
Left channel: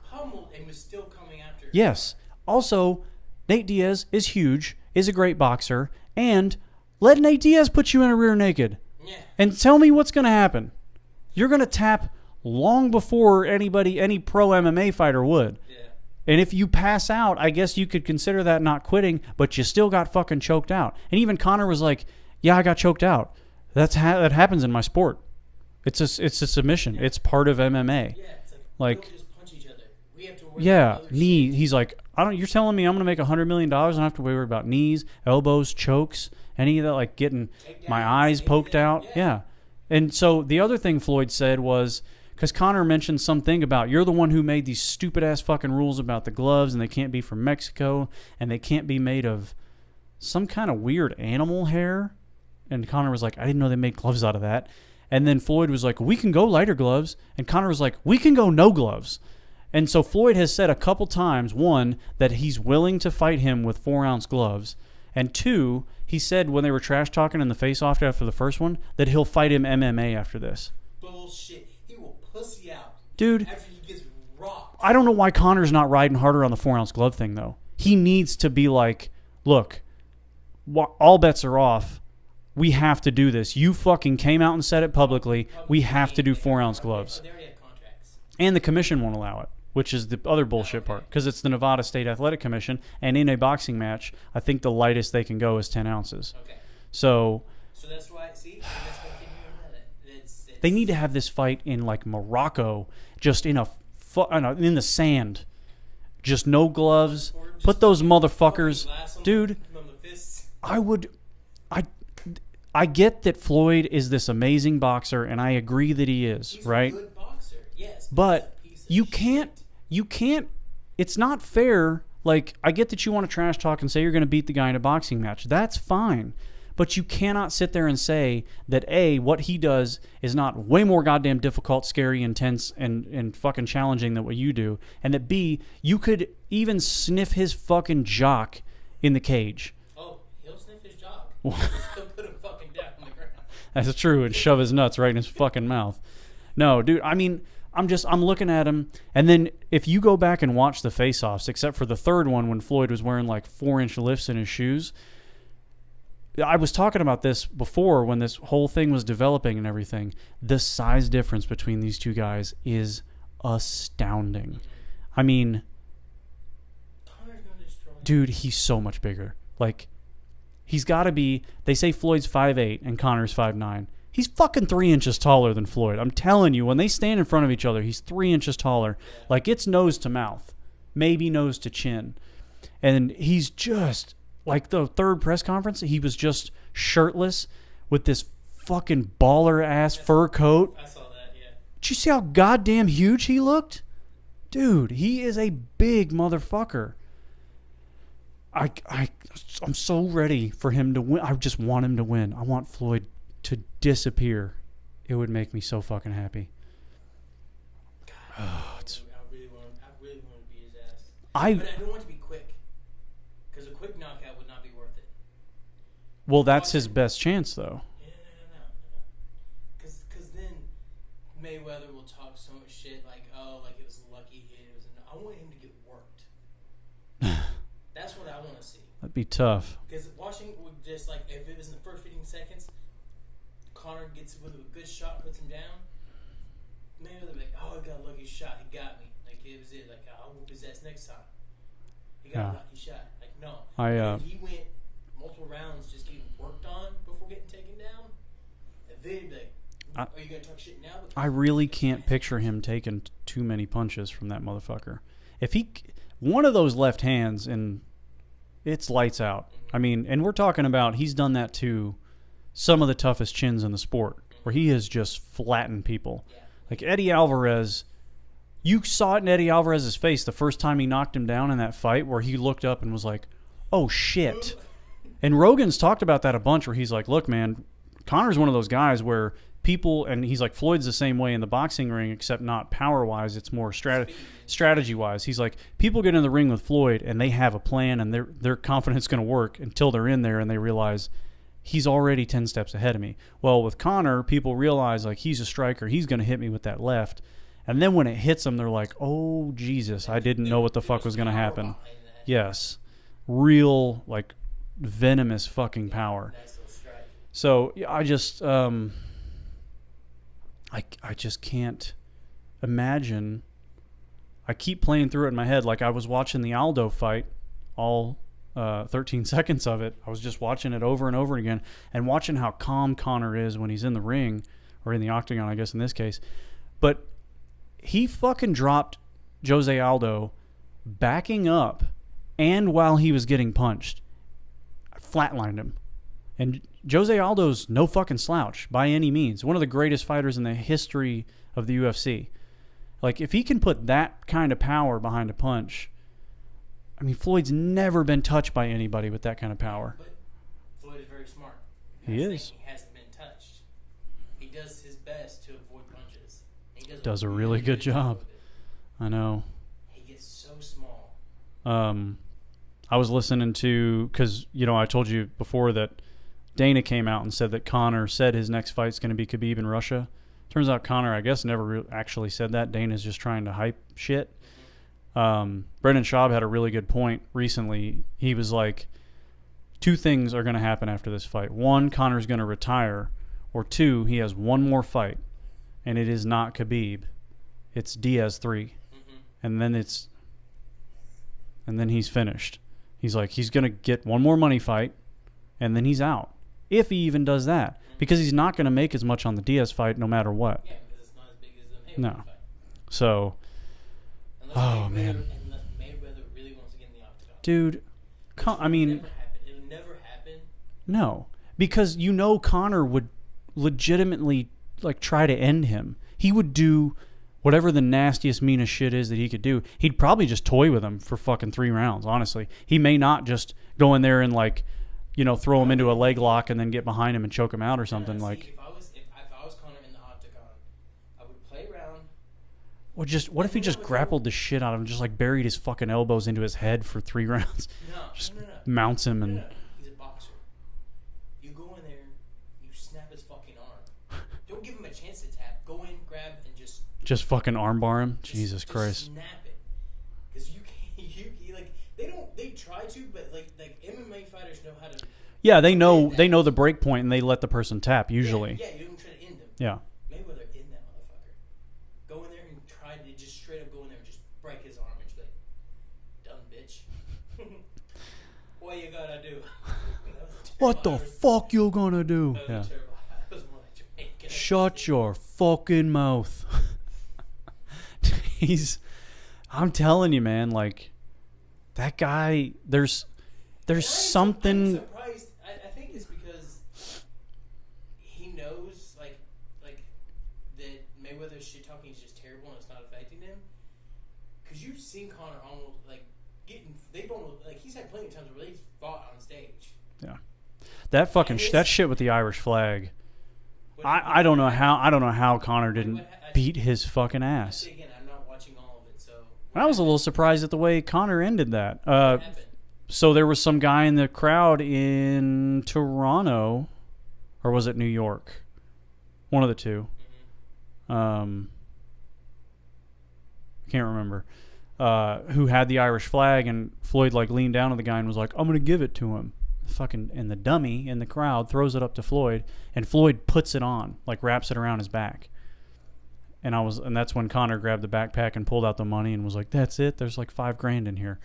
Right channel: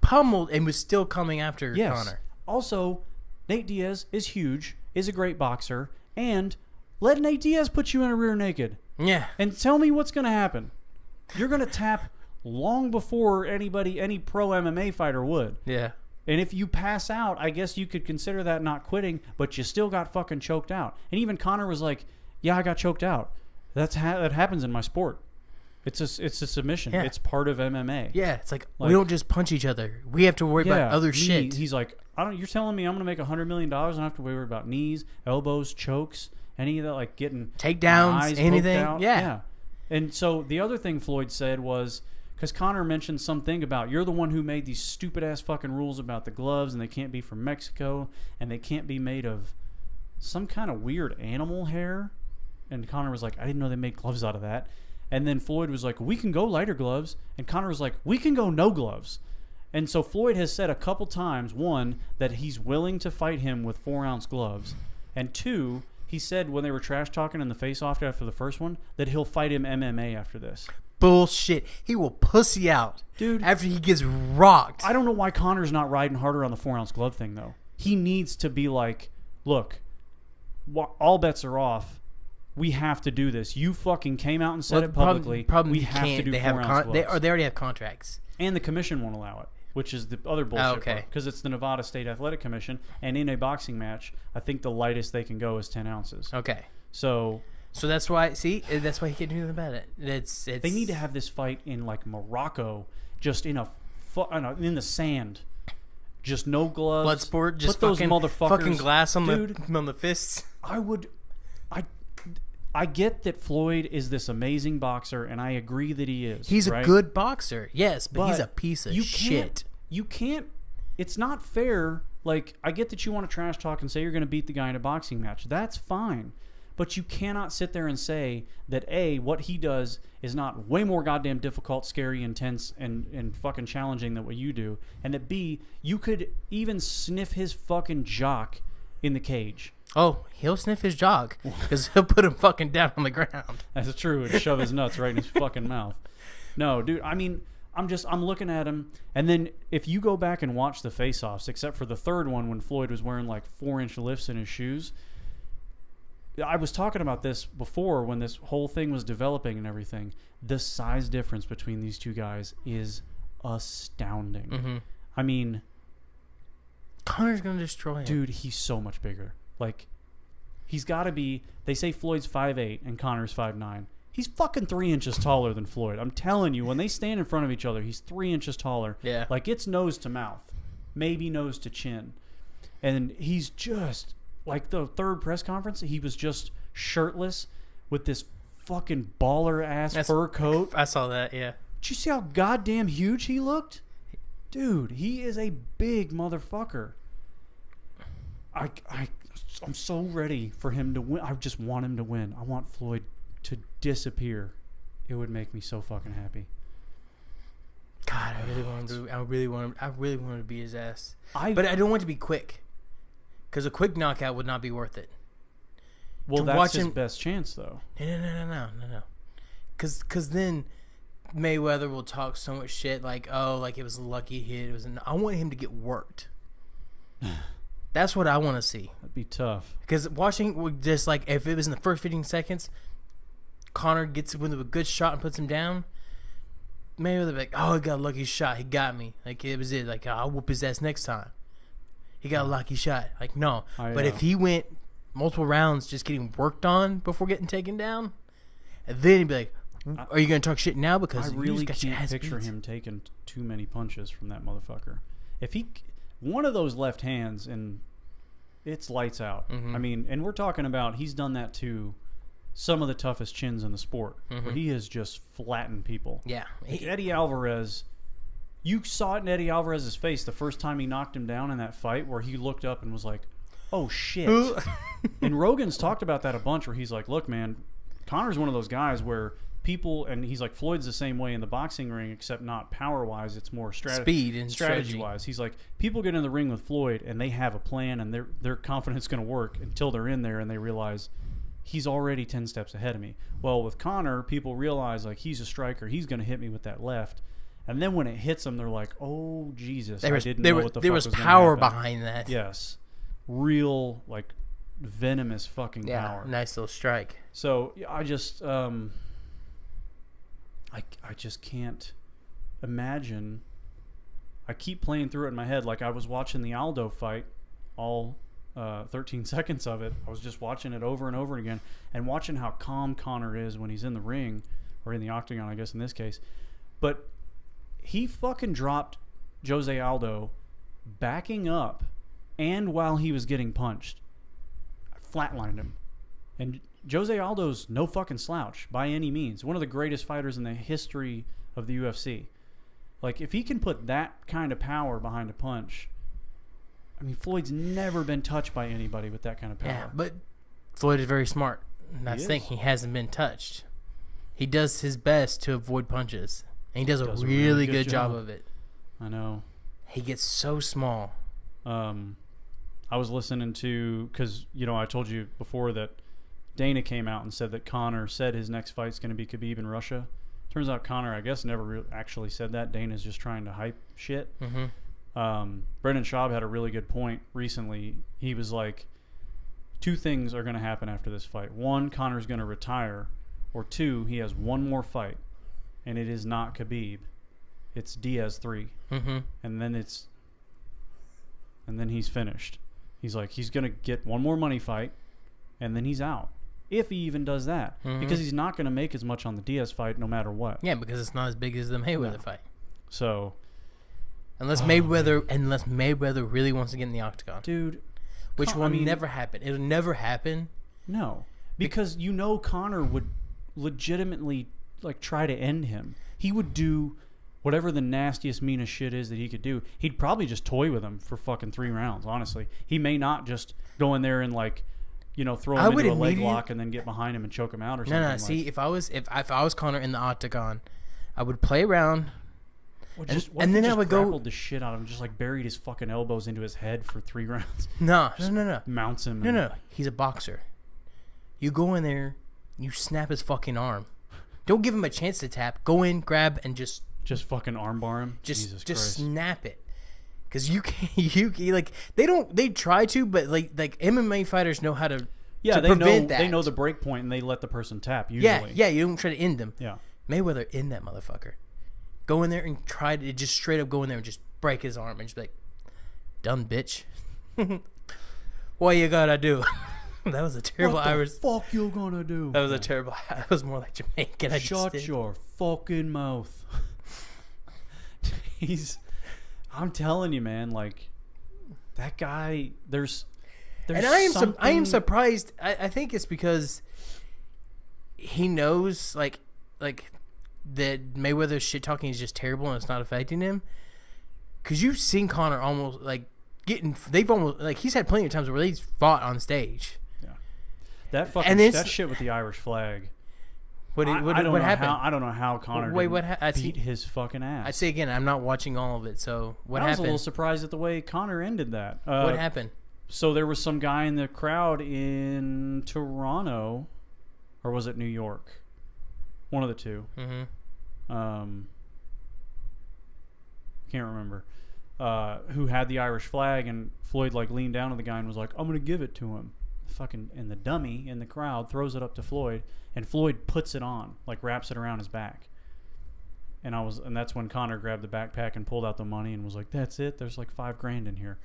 pummeled and was still coming after Conor. Also, Nate Diaz is huge, is a great boxer, and let Nate Diaz put you in a rear naked. Yeah. And tell me what's going to happen. You're going to tap long before any pro MMA fighter would. Yeah. And if you pass out, I guess you could consider that not quitting, but you still got fucking choked out. And even Conor was like, yeah, I got choked out. That happens in my sport. It's a submission. Yeah. It's part of MMA. Yeah, it's like we don't just punch each other. We have to worry about other shit. He's like, you're telling me I'm going to make $100 million. I don't have to worry about knees, elbows, chokes, any of that, like getting takedowns, my eyes anything. poked out. Yeah. And so the other thing Floyd said was, because Conor mentioned something about, you're the one who made these stupid ass fucking rules about the gloves, and they can't be from Mexico, and they can't be made of some kind of weird animal hair. And Conor was like, I didn't know they made gloves out of that. And then Floyd was like, we can go lighter gloves. And Conor was like, we can go no gloves. And so Floyd has said a couple times, one, that he's willing to fight him with 4-ounce gloves. And two, he said when they were trash talking in the face-off after the first one, that he'll fight him MMA after this. Bullshit. He will pussy out. Dude. After he gets rocked. I don't know why Conor's not riding harder on the 4-ounce glove thing, though. He needs to be like, look, all bets are off. We have to do this. You fucking came out and said it publicly. We have to do 4-ounce gloves. They already have contracts. And the commission won't allow it, which is the other bullshit part. Because it's the Nevada State Athletic Commission, and in a boxing match, I think the lightest they can go is 10 ounces. Okay. So that's why, that's why he can't do anything about it. It's they need to have this fight in, like, Morocco, just in the sand. Just no gloves. Bloodsport, just put those motherfuckers. Fucking glass on the fists. I get that Floyd is this amazing boxer, and I agree that he is. He's right? a good boxer, yes, but he's a piece of shit. You can't. It's not fair. Like, I get that you want to trash talk and say you're going to beat the guy in a boxing match. That's fine. But you cannot sit there and say that, A, what he does is not way more goddamn difficult, scary, intense, and fucking challenging than what you do. And that, B, you could even sniff his fucking jock in the cage. Oh, he'll sniff his jock because he'll put him fucking down on the ground. That's true. And shove his nuts right in his fucking mouth. No, dude, I mean, I'm looking at him. And then if you go back and watch the face-offs, except for the third one when Floyd was wearing like 4-inch lifts in his shoes, I was talking about this before when this whole thing was developing and everything. The size difference between these two guys is astounding. Mm-hmm. I mean, Conor's going to destroy him. Dude, he's so much bigger. Like, He's got to be. They say Floyd's 5'8" and Conor's 5'9". He's fucking 3 inches taller than Floyd. I'm telling you, when they stand in front of each other, he's 3 inches taller. Yeah. Like, it's nose to mouth, maybe nose to chin. And he's just, like, the third press conference, he was just shirtless with this fucking baller-ass fur coat. I saw that, yeah. Did you see how goddamn huge he looked? Dude, he is a big motherfucker. I'm so ready for him to win. I just want him to win. I want Floyd to disappear. It would make me so fucking happy. God, I really want to beat his ass. But I don't want it to be quick, because a quick knockout would not be worth it. Well, that's his best chance, though. No. Because then Mayweather will talk so much shit like, oh, like it was a lucky hit. I want him to get worked. That's what I want to see. That'd be tough. Because watching, just like, if it was in the first 15 seconds, Conor gets with a good shot and puts him down, Mayweather be like, oh, he got a lucky shot. He got me. Like, it was it. Like, I'll whoop his ass next time. He got a lucky shot. Like, no. But if he went multiple rounds just getting worked on before getting taken down, and then he'd be like, are you going to talk shit now? Because I really can't picture him taking too many punches from that motherfucker. If he... One of those left hands, and it's lights out. Mm-hmm. I mean, and we're talking about he's done that to some of the toughest chins in the sport, where he has just flattened people. Yeah. Like Eddie Alvarez, you saw it in Eddie Alvarez's face the first time he knocked him down in that fight, where he looked up and was like, oh, shit. And Rogan's talked about that a bunch, where he's like, look, man, Conor's one of those guys where people, and he's like, Floyd's the same way in the boxing ring, except not power-wise, it's more speed and strategy-wise. He's like, people get in the ring with Floyd, and they have a plan, and their confidence going to work until they're in there, and they realize he's already 10 steps ahead of me. Well, with Conor, people realize, like, he's a striker, he's going to hit me with that left, and then when it hits them, they're like, oh, Jesus, I didn't know what the fuck was going to happen. There was power behind that. Yes. Real, like, venomous fucking power. Nice little strike. So, I just... I just can't imagine. I keep playing through it in my head. Like, I was watching the Aldo fight, all 13 seconds of it. I was just watching it over and over again, and watching how calm Conor is when he's in the ring, or in the octagon, I guess in this case. But he fucking dropped Jose Aldo backing up, and while he was getting punched, I flatlined him. And Jose Aldo's no fucking slouch by any means. One of the greatest fighters in the history of the UFC. Like, if he can put that kind of power behind a punch, I mean, Floyd's never been touched by anybody with that kind of power. Yeah, but Floyd is very smart. That's the thing. He hasn't been touched. He does his best to avoid punches. And he does a really good job of it. I know. He gets so small. I was listening to, because, you know, I told you before that Dana came out and said that Conor said his next fight's going to be Khabib in Russia. Turns out Conor, I guess, never actually said that. Dana's just trying to hype shit. Brendan Schaub had a really good point recently. He was like, 2 things are going to happen after this fight. 1, Conor's going to retire. Or 2, he has one more fight. And it is not Khabib. It's Diaz 3. And then he's finished. He's like, he's going to get one more money fight, and then he's out. If he even does that. Because he's not going to make as much on the Diaz fight no matter what. Yeah, because it's not as big as the Mayweather fight. So... Unless Mayweather really wants to get in the octagon. Dude. Which will never happen. It'll never happen. No. Because you know Conor would legitimately like try to end him. He would do whatever the nastiest, meanest shit is that he could do. He'd probably just toy with him for fucking 3 rounds, honestly. He may not just go in there and like... You know, throw him into a leg lock and then get behind him and choke him out or something. No. See, if I was Conor in the octagon, I would play around. Well, what if he just grappled the shit out of him, just like buried his fucking elbows into his head for 3 rounds? No. Mounts him. No. He's a boxer. You go in there, you snap his fucking arm. Don't give him a chance to tap. Go in, grab, and just fucking armbar him. Jesus Christ! Just snap it. Because you like they try to, but like MMA fighters know how to. Yeah, they know the break point and they let the person tap usually. Yeah, you don't try to end them. Yeah, Mayweather end that motherfucker. Go in there and try to just straight up go in there and just break his arm and just be like, done, bitch. What you gotta do? That was a terrible What the Irish. fuck you gonna do? That was a terrible. That was more like Jamaican. Shut your fucking mouth. I'm telling you, man, like, that guy, there's something. I am surprised. I think it's because he knows, like that Mayweather's shit talking is just terrible and it's not affecting him. Because you've seen Conor almost, like, he's had plenty of times where he's fought on stage. Yeah. That shit with the Irish flag. I don't know how Conor didn't beat his fucking ass. I say again, I'm not watching all of it, so I was a little surprised at the way Conor ended that. What happened? So there was some guy in the crowd in Toronto, or was it New York? One of the two. Mm-hmm. Can't remember. Who had the Irish flag, and Floyd like leaned down to the guy and was like, "I'm gonna give it to him." And the dummy in the crowd throws it up to Floyd, and Floyd puts it on, like wraps it around his back. And that's when Conor grabbed the backpack and pulled out the money and was like, "That's it. There's like $5,000 in here."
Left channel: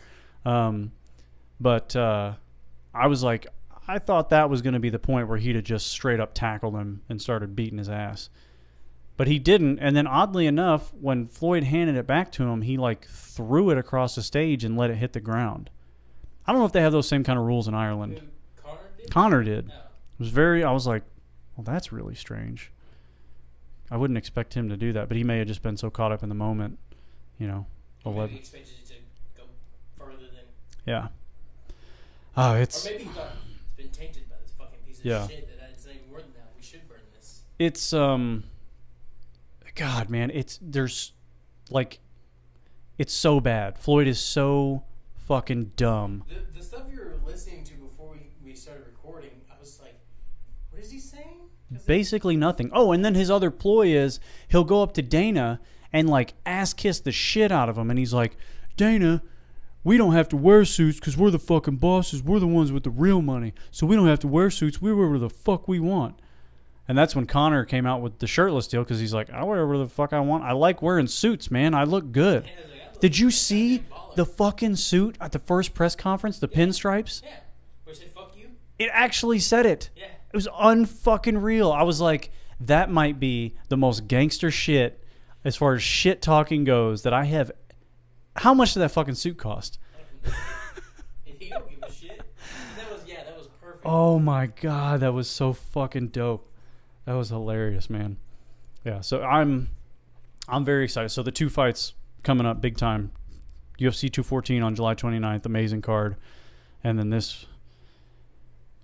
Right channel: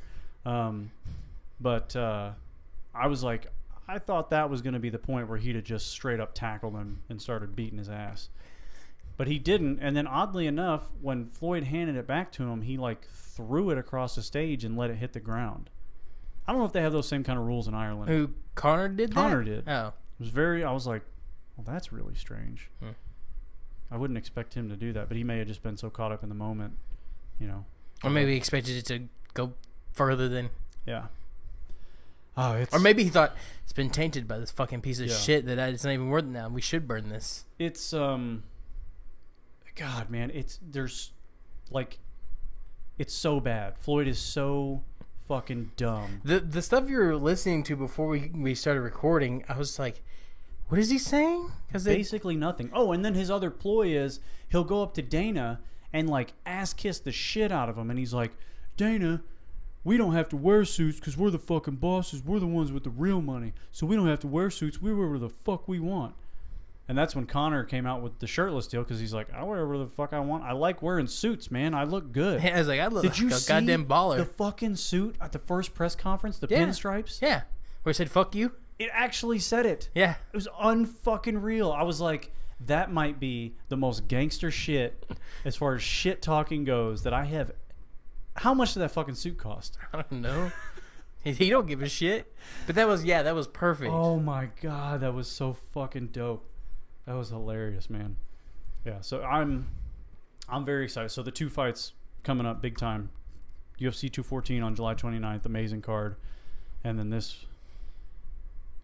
But I was like, I thought that was going to be the point where he'd have just straight up tackled him and started beating his ass. But he didn't. And then oddly enough, when Floyd handed it back to him, he like threw it across the stage and let it hit the ground. I don't know if they have those same kind of rules in Ireland. Who, Conor did? Conor did. Oh. I was like, well, that's really strange. I wouldn't expect him to do that, but he may have just been so caught up in the moment, you know. Or maybe he expected it to go further than... Yeah. Oh, or maybe he thought, it's been tainted by this fucking piece of shit that it's not even worth it now. We should burn this. It's, God, man, it's so bad. Floyd is so fucking dumb. The stuff you were listening to before we started recording, I was like, what is he saying? Basically nothing. Oh, and then his other ploy is he'll go up to Dana and like ass kiss the shit out of him, and he's like, "Dana, we don't have to wear suits because we're the fucking bosses. We're the ones with the real money, so we don't have to wear suits. We wear whatever the fuck we want." And that's when Conor came out with the shirtless deal, because he's like, "I wear whatever the fuck I want. I like wearing suits, man. I look good." I was like, I look Did like you a see goddamn baller. the fucking suit at the first press conference? The pinstripes? Yeah. Where it said, "Fuck you"? It actually said it. Yeah. It was unfucking real. I was like, that might be the most gangster shit as far as shit talking goes that I have. How much did that fucking suit cost? I don't know. He don't give a shit. But that was perfect. Oh my God, that was so fucking dope. That was hilarious, man. Yeah, so I'm very excited. So the two fights coming up big time. UFC 214 on July 29th, amazing card. And then this,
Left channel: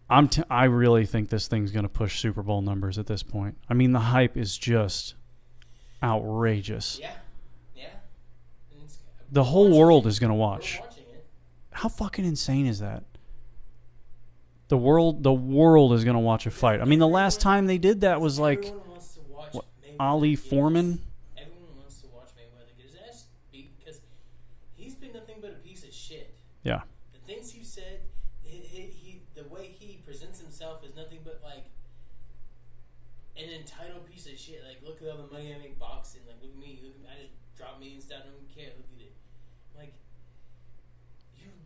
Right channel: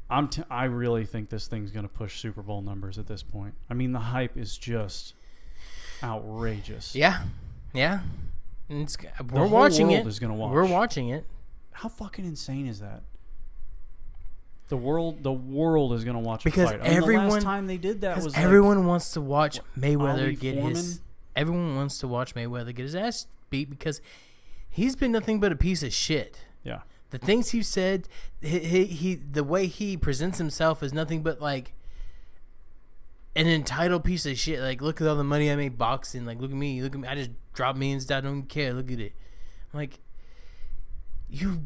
I really think this thing's going to push Super Bowl numbers at this point. I mean, the hype is just outrageous. Yeah. Yeah. The whole world is going to watch. We're watching it. How fucking insane is that? The world is going to watch a fight. I mean, the last time they did that was like... Everyone wants to watch Mayweather Ali Foreman? Everyone wants to watch Mayweather get his ass beat because he's been nothing but a piece of shit. Yeah. The things he said, the way he presents himself is nothing but like an entitled piece of shit. Like, look at all the money I made boxing. Like, look at me. I just dropped millions. I don't care. Look at it. I'm like, you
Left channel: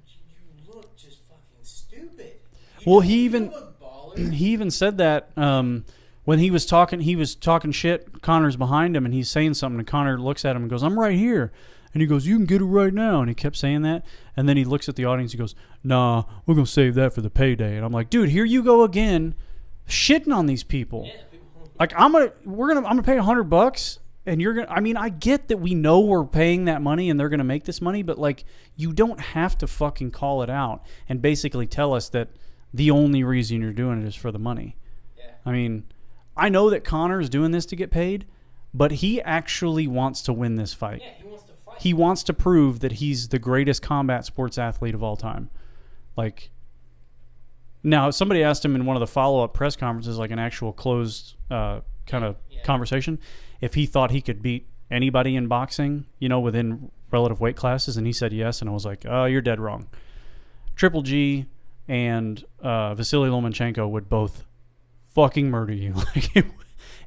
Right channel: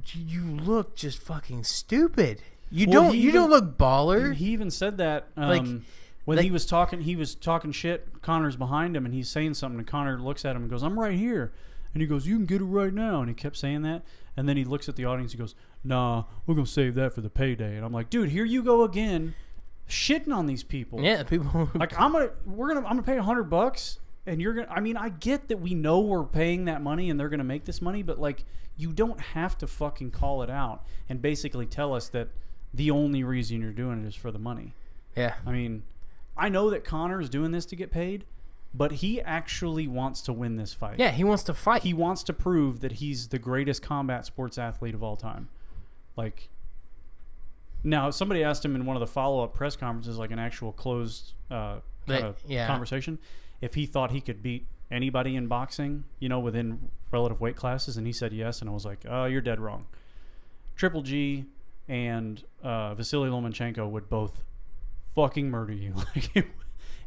look just fucking stupid. You don't look baller. He even said that when he was talking shit. Conor's behind him and he's saying something, and Conor looks at him and goes, "I'm right here." And he goes, "You can get it right now." And he kept saying that. And then he looks at the audience. He goes, "Nah, we're going to save that for the payday." And I'm like, dude, here you go again, shitting on these people. Yeah, people. Like, I'm going to pay $100 and you're going to, I mean, I get that we know we're paying that money and they're going to make this money, but like, you don't have to fucking call it out and basically tell us that the only reason you're doing it is for the money. Yeah. I mean, I know that Conor is doing this to get paid, but he actually wants to win this fight. Yeah, he wants to fight. He wants to prove that he's the greatest combat sports athlete of all time. Like, now, somebody asked him in one of the follow-up press conferences, like an actual closed kind of conversation, if he thought he could beat anybody in boxing, you know, within relative weight classes, and he said yes, and I was like, oh, you're dead wrong. Triple G and Vasily Lomachenko would both fucking murder you. Like,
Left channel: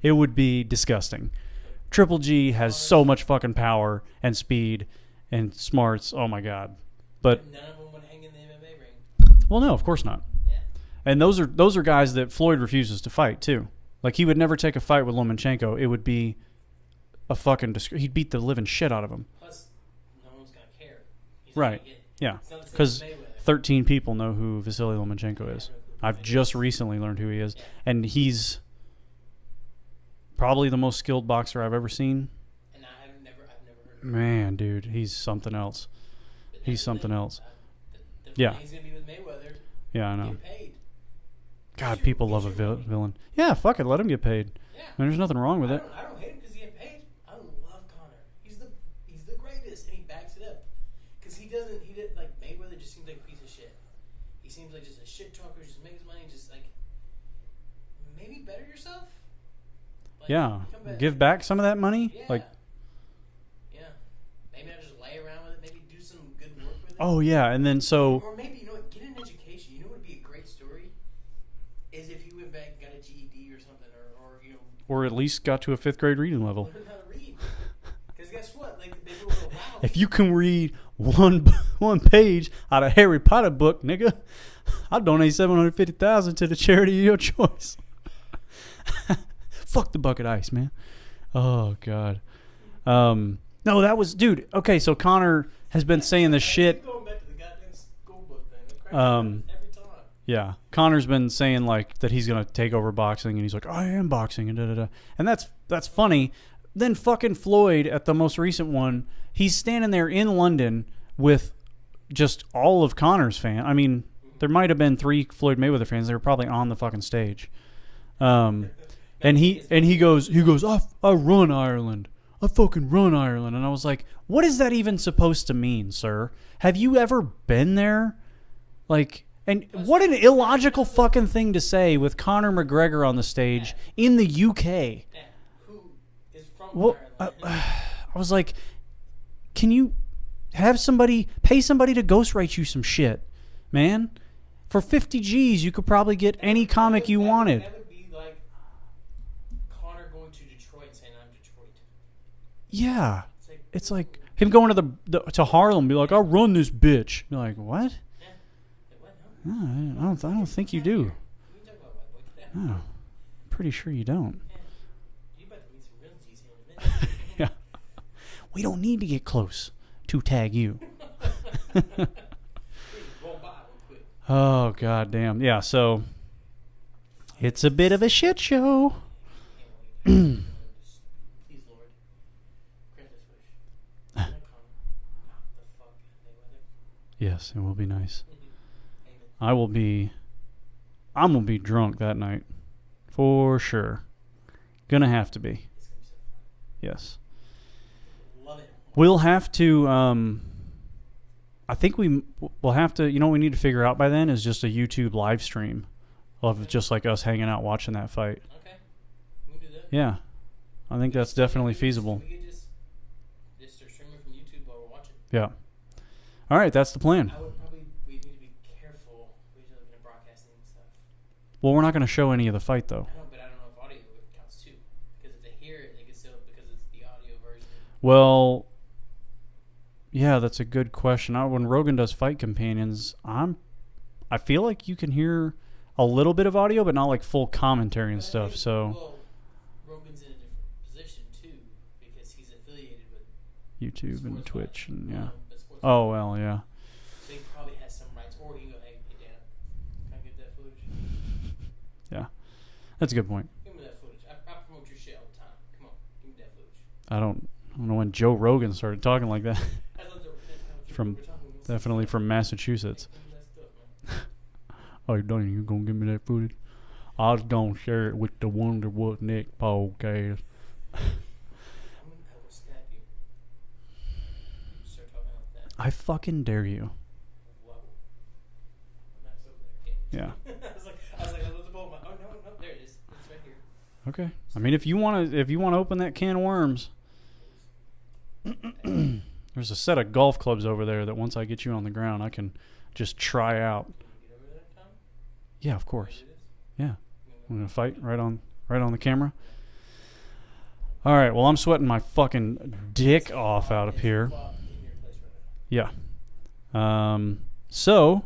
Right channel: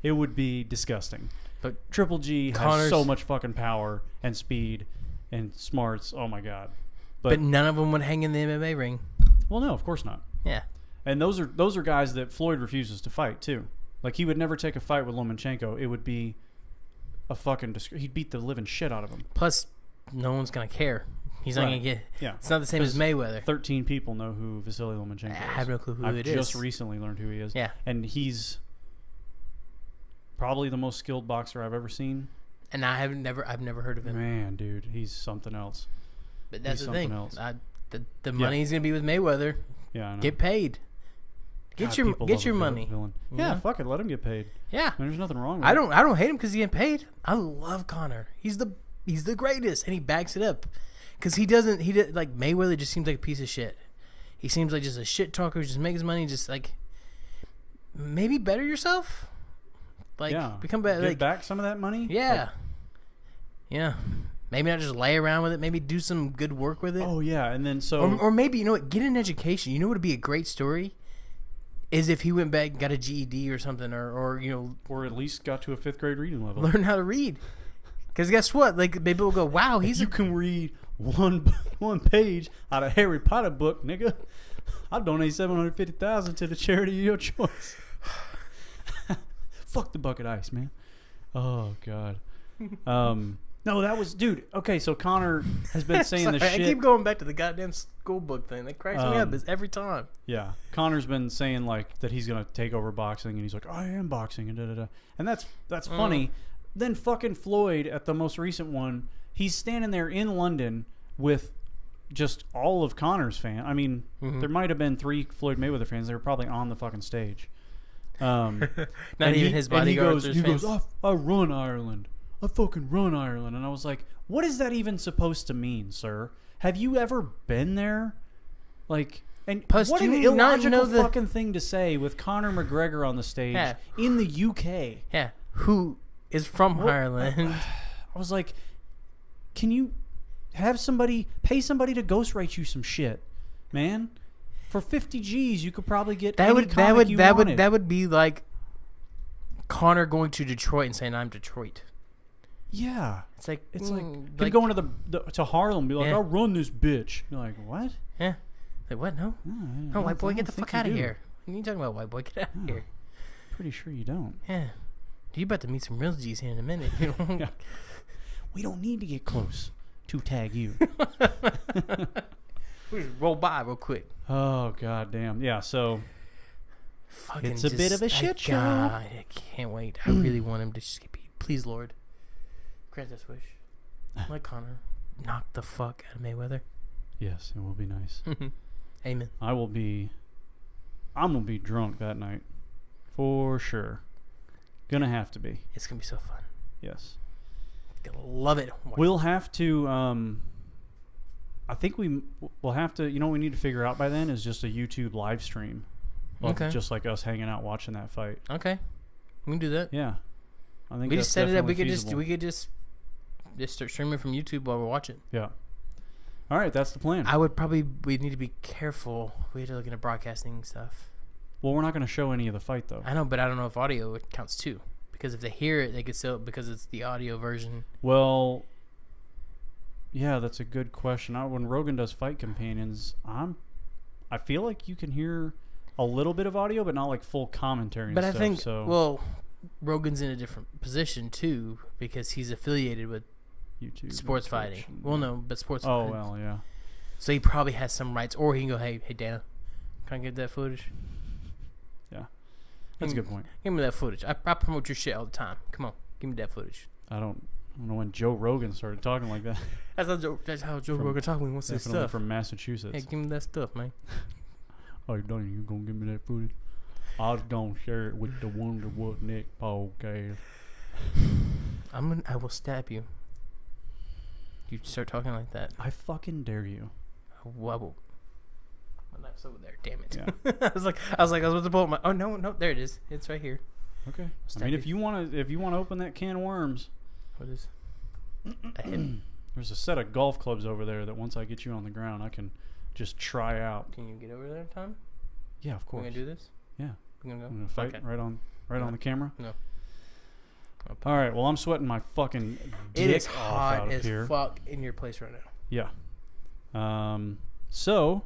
it would be disgusting. But Triple G has so much fucking power and speed and smarts. Oh my God! But none of them would hang in the MMA ring. Well, no, of course not. Yeah. And those are guys that Floyd refuses to fight too. Like he would never take a fight with Lomachenko. It would be a fucking he'd beat the living shit out of him. Plus, no one's gonna care. He's not gonna get. Yeah, it's not the same as Mayweather. 13 people know who Vasily Lomachenko is. I have no clue who I've just recently learned who he is. Yeah, and he's probably the most skilled boxer I've ever seen. And I've never heard of him. Man, dude, he's something else. But that's he's something else. The money's gonna be with Mayweather. Yeah, I know. Get paid. God, people love a villain. Yeah, fuck it, let him get paid. Yeah, I mean, there's nothing wrong with it. I don't hate him because he's getting paid. I love Conor. He's the greatest, and he backs it up. Because he doesn't like Mayweather. Just seems like a piece of shit. He seems like just a shit talker. Just makes money. Just like maybe better yourself. Like, yeah, become better. Give back some of that money. Yeah, like, yeah. Maybe not just lay around with it. Maybe do some good work with it. Oh yeah, and then or maybe you know what? Get an education. You know what would be a great story is if he went back and got a GED or something, or you know, or at least got to a 5th grade reading level. Learn how to read. Because guess what? Like people will go, "Wow, if you can read one page out of Harry Potter book, nigga, I'll donate $750,000 to the charity of your choice." Fuck the bucket ice, man. Oh god. No, that was dude. Okay, so Conor has been saying this shit. I keep going back to the goddamn school book thing. That cracks me up every time. Yeah, Conor's been saying like that he's gonna take over boxing, and he's like, I am boxing, and and that's funny. Then fucking Floyd at the most recent one, he's standing there in London with just all of Conor's fans. I mean, there might have been 3 Floyd Mayweather fans. They were probably on the fucking stage. And he goes, I run Ireland. I fucking run Ireland. And I was like, what is that even supposed to mean, sir? Have you ever been there? Like, and plus, what an illogical fucking thing to say with Conor McGregor on the stage in the UK. Yeah, who is from Ireland. I was like, can you pay somebody to ghostwrite you some shit, man? For 50 G's, you could probably get any comic you wanted. That would be like Conor going to Detroit and saying, I'm Detroit. Yeah. It's like him going to Harlem and be like, I'll run this bitch. You're like, what? Yeah. Like, what? No? No, white boy, get the fuck out of here. What are you talking about, white boy? Get out of here. Pretty sure you don't. Yeah. You about to meet some real G's here in a minute. Yeah. We don't need to get close to tag you. We roll by real quick. Oh, god damn. Yeah, so it's a bit of a shit show. I can't wait. I really want him to just get beat. Please, Lord. Grant this wish. Let Conor knock the fuck out of Mayweather. Yes, it will be nice. Amen. I'm gonna be drunk that night. For sure. Gonna have to be. It's gonna be so fun. Yes. Gonna love it. We'll have to I think we'll have to, you know what we need to figure out by then is just a YouTube live stream of just like us hanging out watching that fight. Okay. We can do that. Yeah. I think that's definitely feasible. We could just start streaming from YouTube while we're watching. Yeah. All right, that's the plan. We'd need to be careful. We had to look into broadcasting stuff. Well, we're not going to show any of the fight, though. I know, but I don't know if audio counts too. Because if they hear it, they could still, because it's the audio version. Well, yeah, that's a good question. When Rogan does Fight Companions, I feel like you can hear a little bit of audio, but not like full commentary and stuff. Well, Rogan's in a different position too because he's affiliated with YouTube, sports fighting. Sports. Oh fighting. well, yeah. So he probably has some rights, or he can go, hey Dana, can I get that footage? Yeah, that's a good point. Give me that footage. I promote your shit all the time. Come on, give me that footage. I don't know when Joe Rogan started talking like that. That's how Joe Rogan talks when he wants that stuff. Definitely from Massachusetts. Hey, give me that stuff, man. Oh, Donnie, you gonna give me that footage? I was gonna share it with the Wonder What Nick podcast. I will stab you. You start talking like that. I fucking dare you. My knife's over there. Damn it. Yeah. I was like, I was about to pull my. Oh no, there it is. It's right here. Okay. I mean, if you want to open that can of worms. What is? There's a set of golf clubs over there that once I get you on the ground, I can just try out. Can you get over there, Tom? Yeah, of course. Can we do this? Yeah. We're gonna fight right on the camera. No. All right. Well, I'm sweating my fucking dick off out of here. Fuck in your place right now. Yeah. So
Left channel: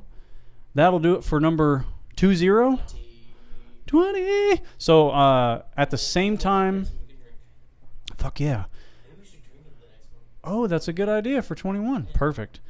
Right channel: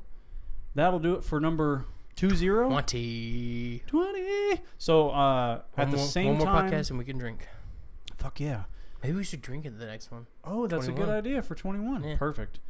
that'll do it for number 20. 20. So at the same time, podcast and we can drink. Fuck yeah. Maybe we should drink into the next one. Oh, that's 21. A good idea for 21. Yeah. Perfect.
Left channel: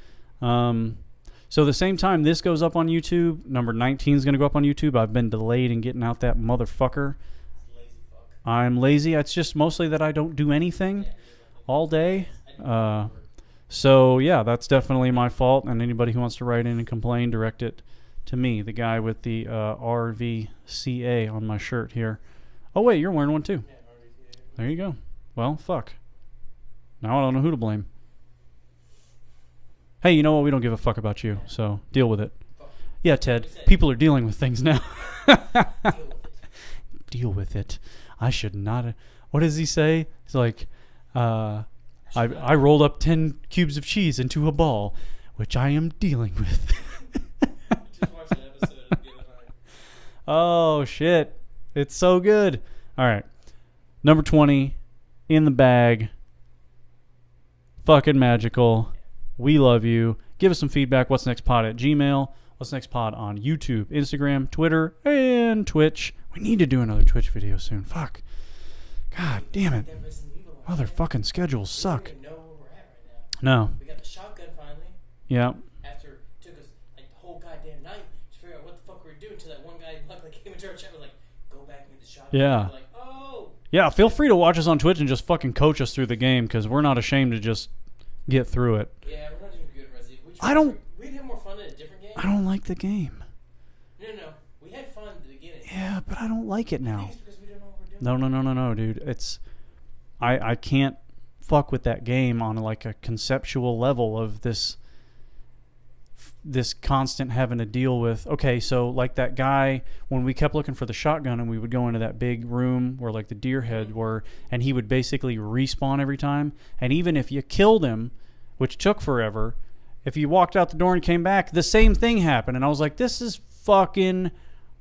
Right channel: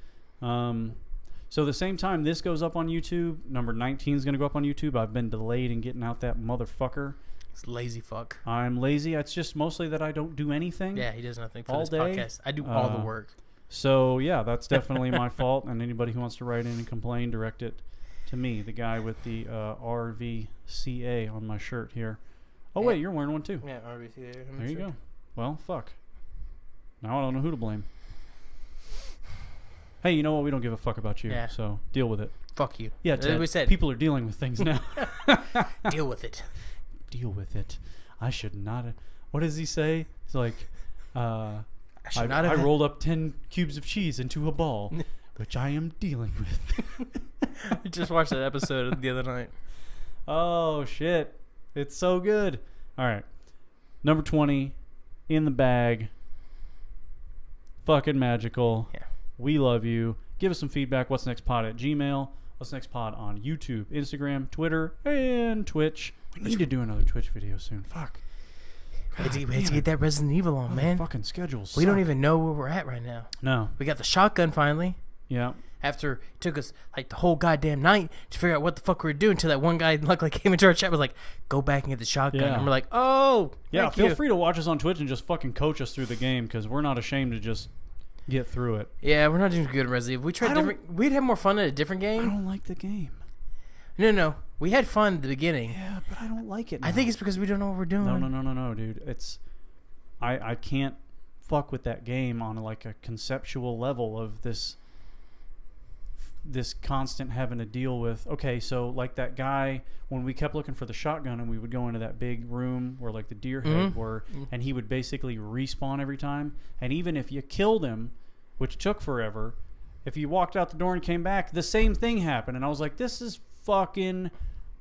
So the same time this goes up on YouTube, number 19 is going to go up on YouTube. I've been delayed in getting out that motherfucker. It's lazy fuck. I'm lazy. It's just mostly that I don't do anything. Yeah, he does nothing for all this day. Podcast. I do all the work. So yeah, that's definitely my fault. And anybody who wants to write in and complain, direct it to me, the guy with the RVCA on my shirt here. Oh wait, you're wearing one too. Yeah, RVCA. There you go. Well, fuck. Now I don't know who to blame. Hey, you know what? We don't give a fuck about you, so deal with it. Fuck you. Yeah, Ted. People are dealing with things now. Deal with it. Deal with it. I should not. What does he say? It's like, I rolled up 10 cubes of cheese into a ball, which I am dealing with. I just watched that episode the other night. Oh, shit. It's so good. All right. Number 20, in the bag. Fucking magical. Yeah. We love you. Give us some feedback. What's Next Pod at Gmail. What's Next Pod on YouTube, Instagram, Twitter, and Twitch. We need to do another Twitch video soon. Fuck. God damn it. Let's get that Resident Evil on, man. Fucking schedules suck. We don't even know where we're at right now. No. We got the shotgun finally. Yeah. After it took us like the whole goddamn night to figure out what the fuck we were doing, until that one guy luckily came into our chat was like, go back and get the shotgun. Yeah. And we're like, oh. Yeah, feel free to watch us on Twitch and just fucking coach us through the game, because we're not ashamed to just get through it. Yeah, we're not doing good at Resident Evil. We'd have more fun at a different game. I don't like the game. No. We had fun at the beginning. Yeah, but I don't like it now. I think it's because we don't know what we're doing. No, dude. It's I can't fuck with that game on like a conceptual level of this constant having to deal with. Okay, so like that guy, when we kept looking for the shotgun and we would go into that big room where like the deer head were, and he would basically respawn every time. And even if you killed him, which took forever, if you walked out the door and came back, the same thing happened. And I was like, this is fucking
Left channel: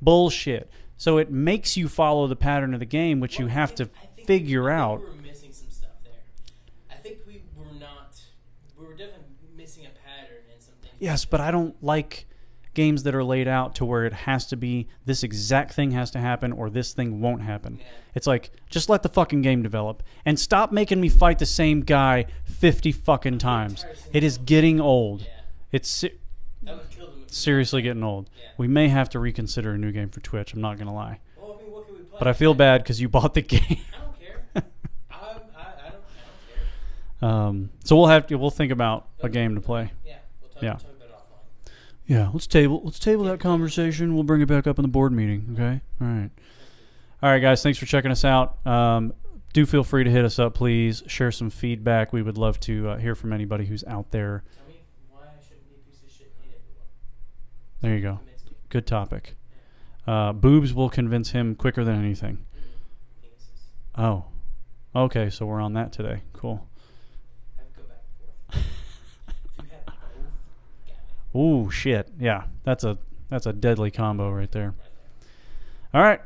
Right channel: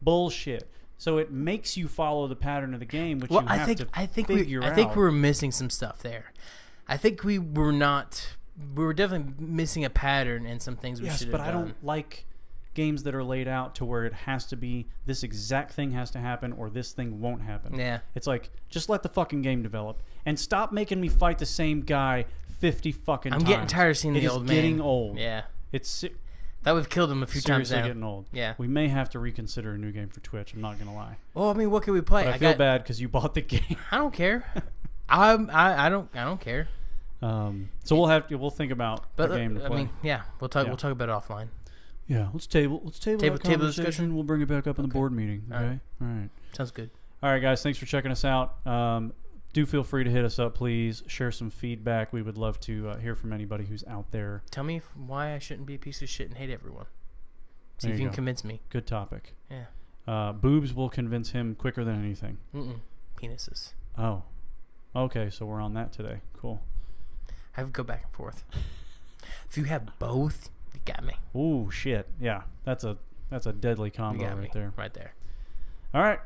bullshit. So it makes you follow the pattern of the game, which you have to figure out. I think we were missing some stuff there. I think we were definitely missing a pattern in some things. Yes, but I don't like games that are laid out to where it has to be this exact thing has to happen or this thing won't happen. Yeah. It's like, just let the fucking game develop and stop making me fight the same guy 50 fucking times. I'm getting tired of seeing it is getting old. Yeah. It's that we've killed him a few times. Seriously getting old. Yeah. We may have to reconsider a new game for Twitch. I'm not gonna lie. Well, I mean, what can we play? But I feel bad because you bought the game. I don't care. I don't care. So we'll think about a game to play. I mean, yeah, we'll talk about it offline. Yeah, let's table that conversation. We'll bring it back up in the board meeting. Okay, all right. Sounds good. All right, guys. Thanks for checking us out. Do feel free to hit us up, please. Share some feedback. We would love to hear from anybody who's out there. Tell me why I shouldn't be a piece of shit and hate everyone. See there if you go. Convince me. Good topic. Yeah. Boobs will convince him quicker than anything. Penises. Oh. Okay, so we're on that today. Cool. I would go back and forth. If you have both, you got me. Ooh, shit. Yeah, that's a deadly combo right there. Right there. All right.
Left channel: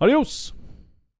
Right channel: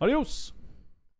Adios.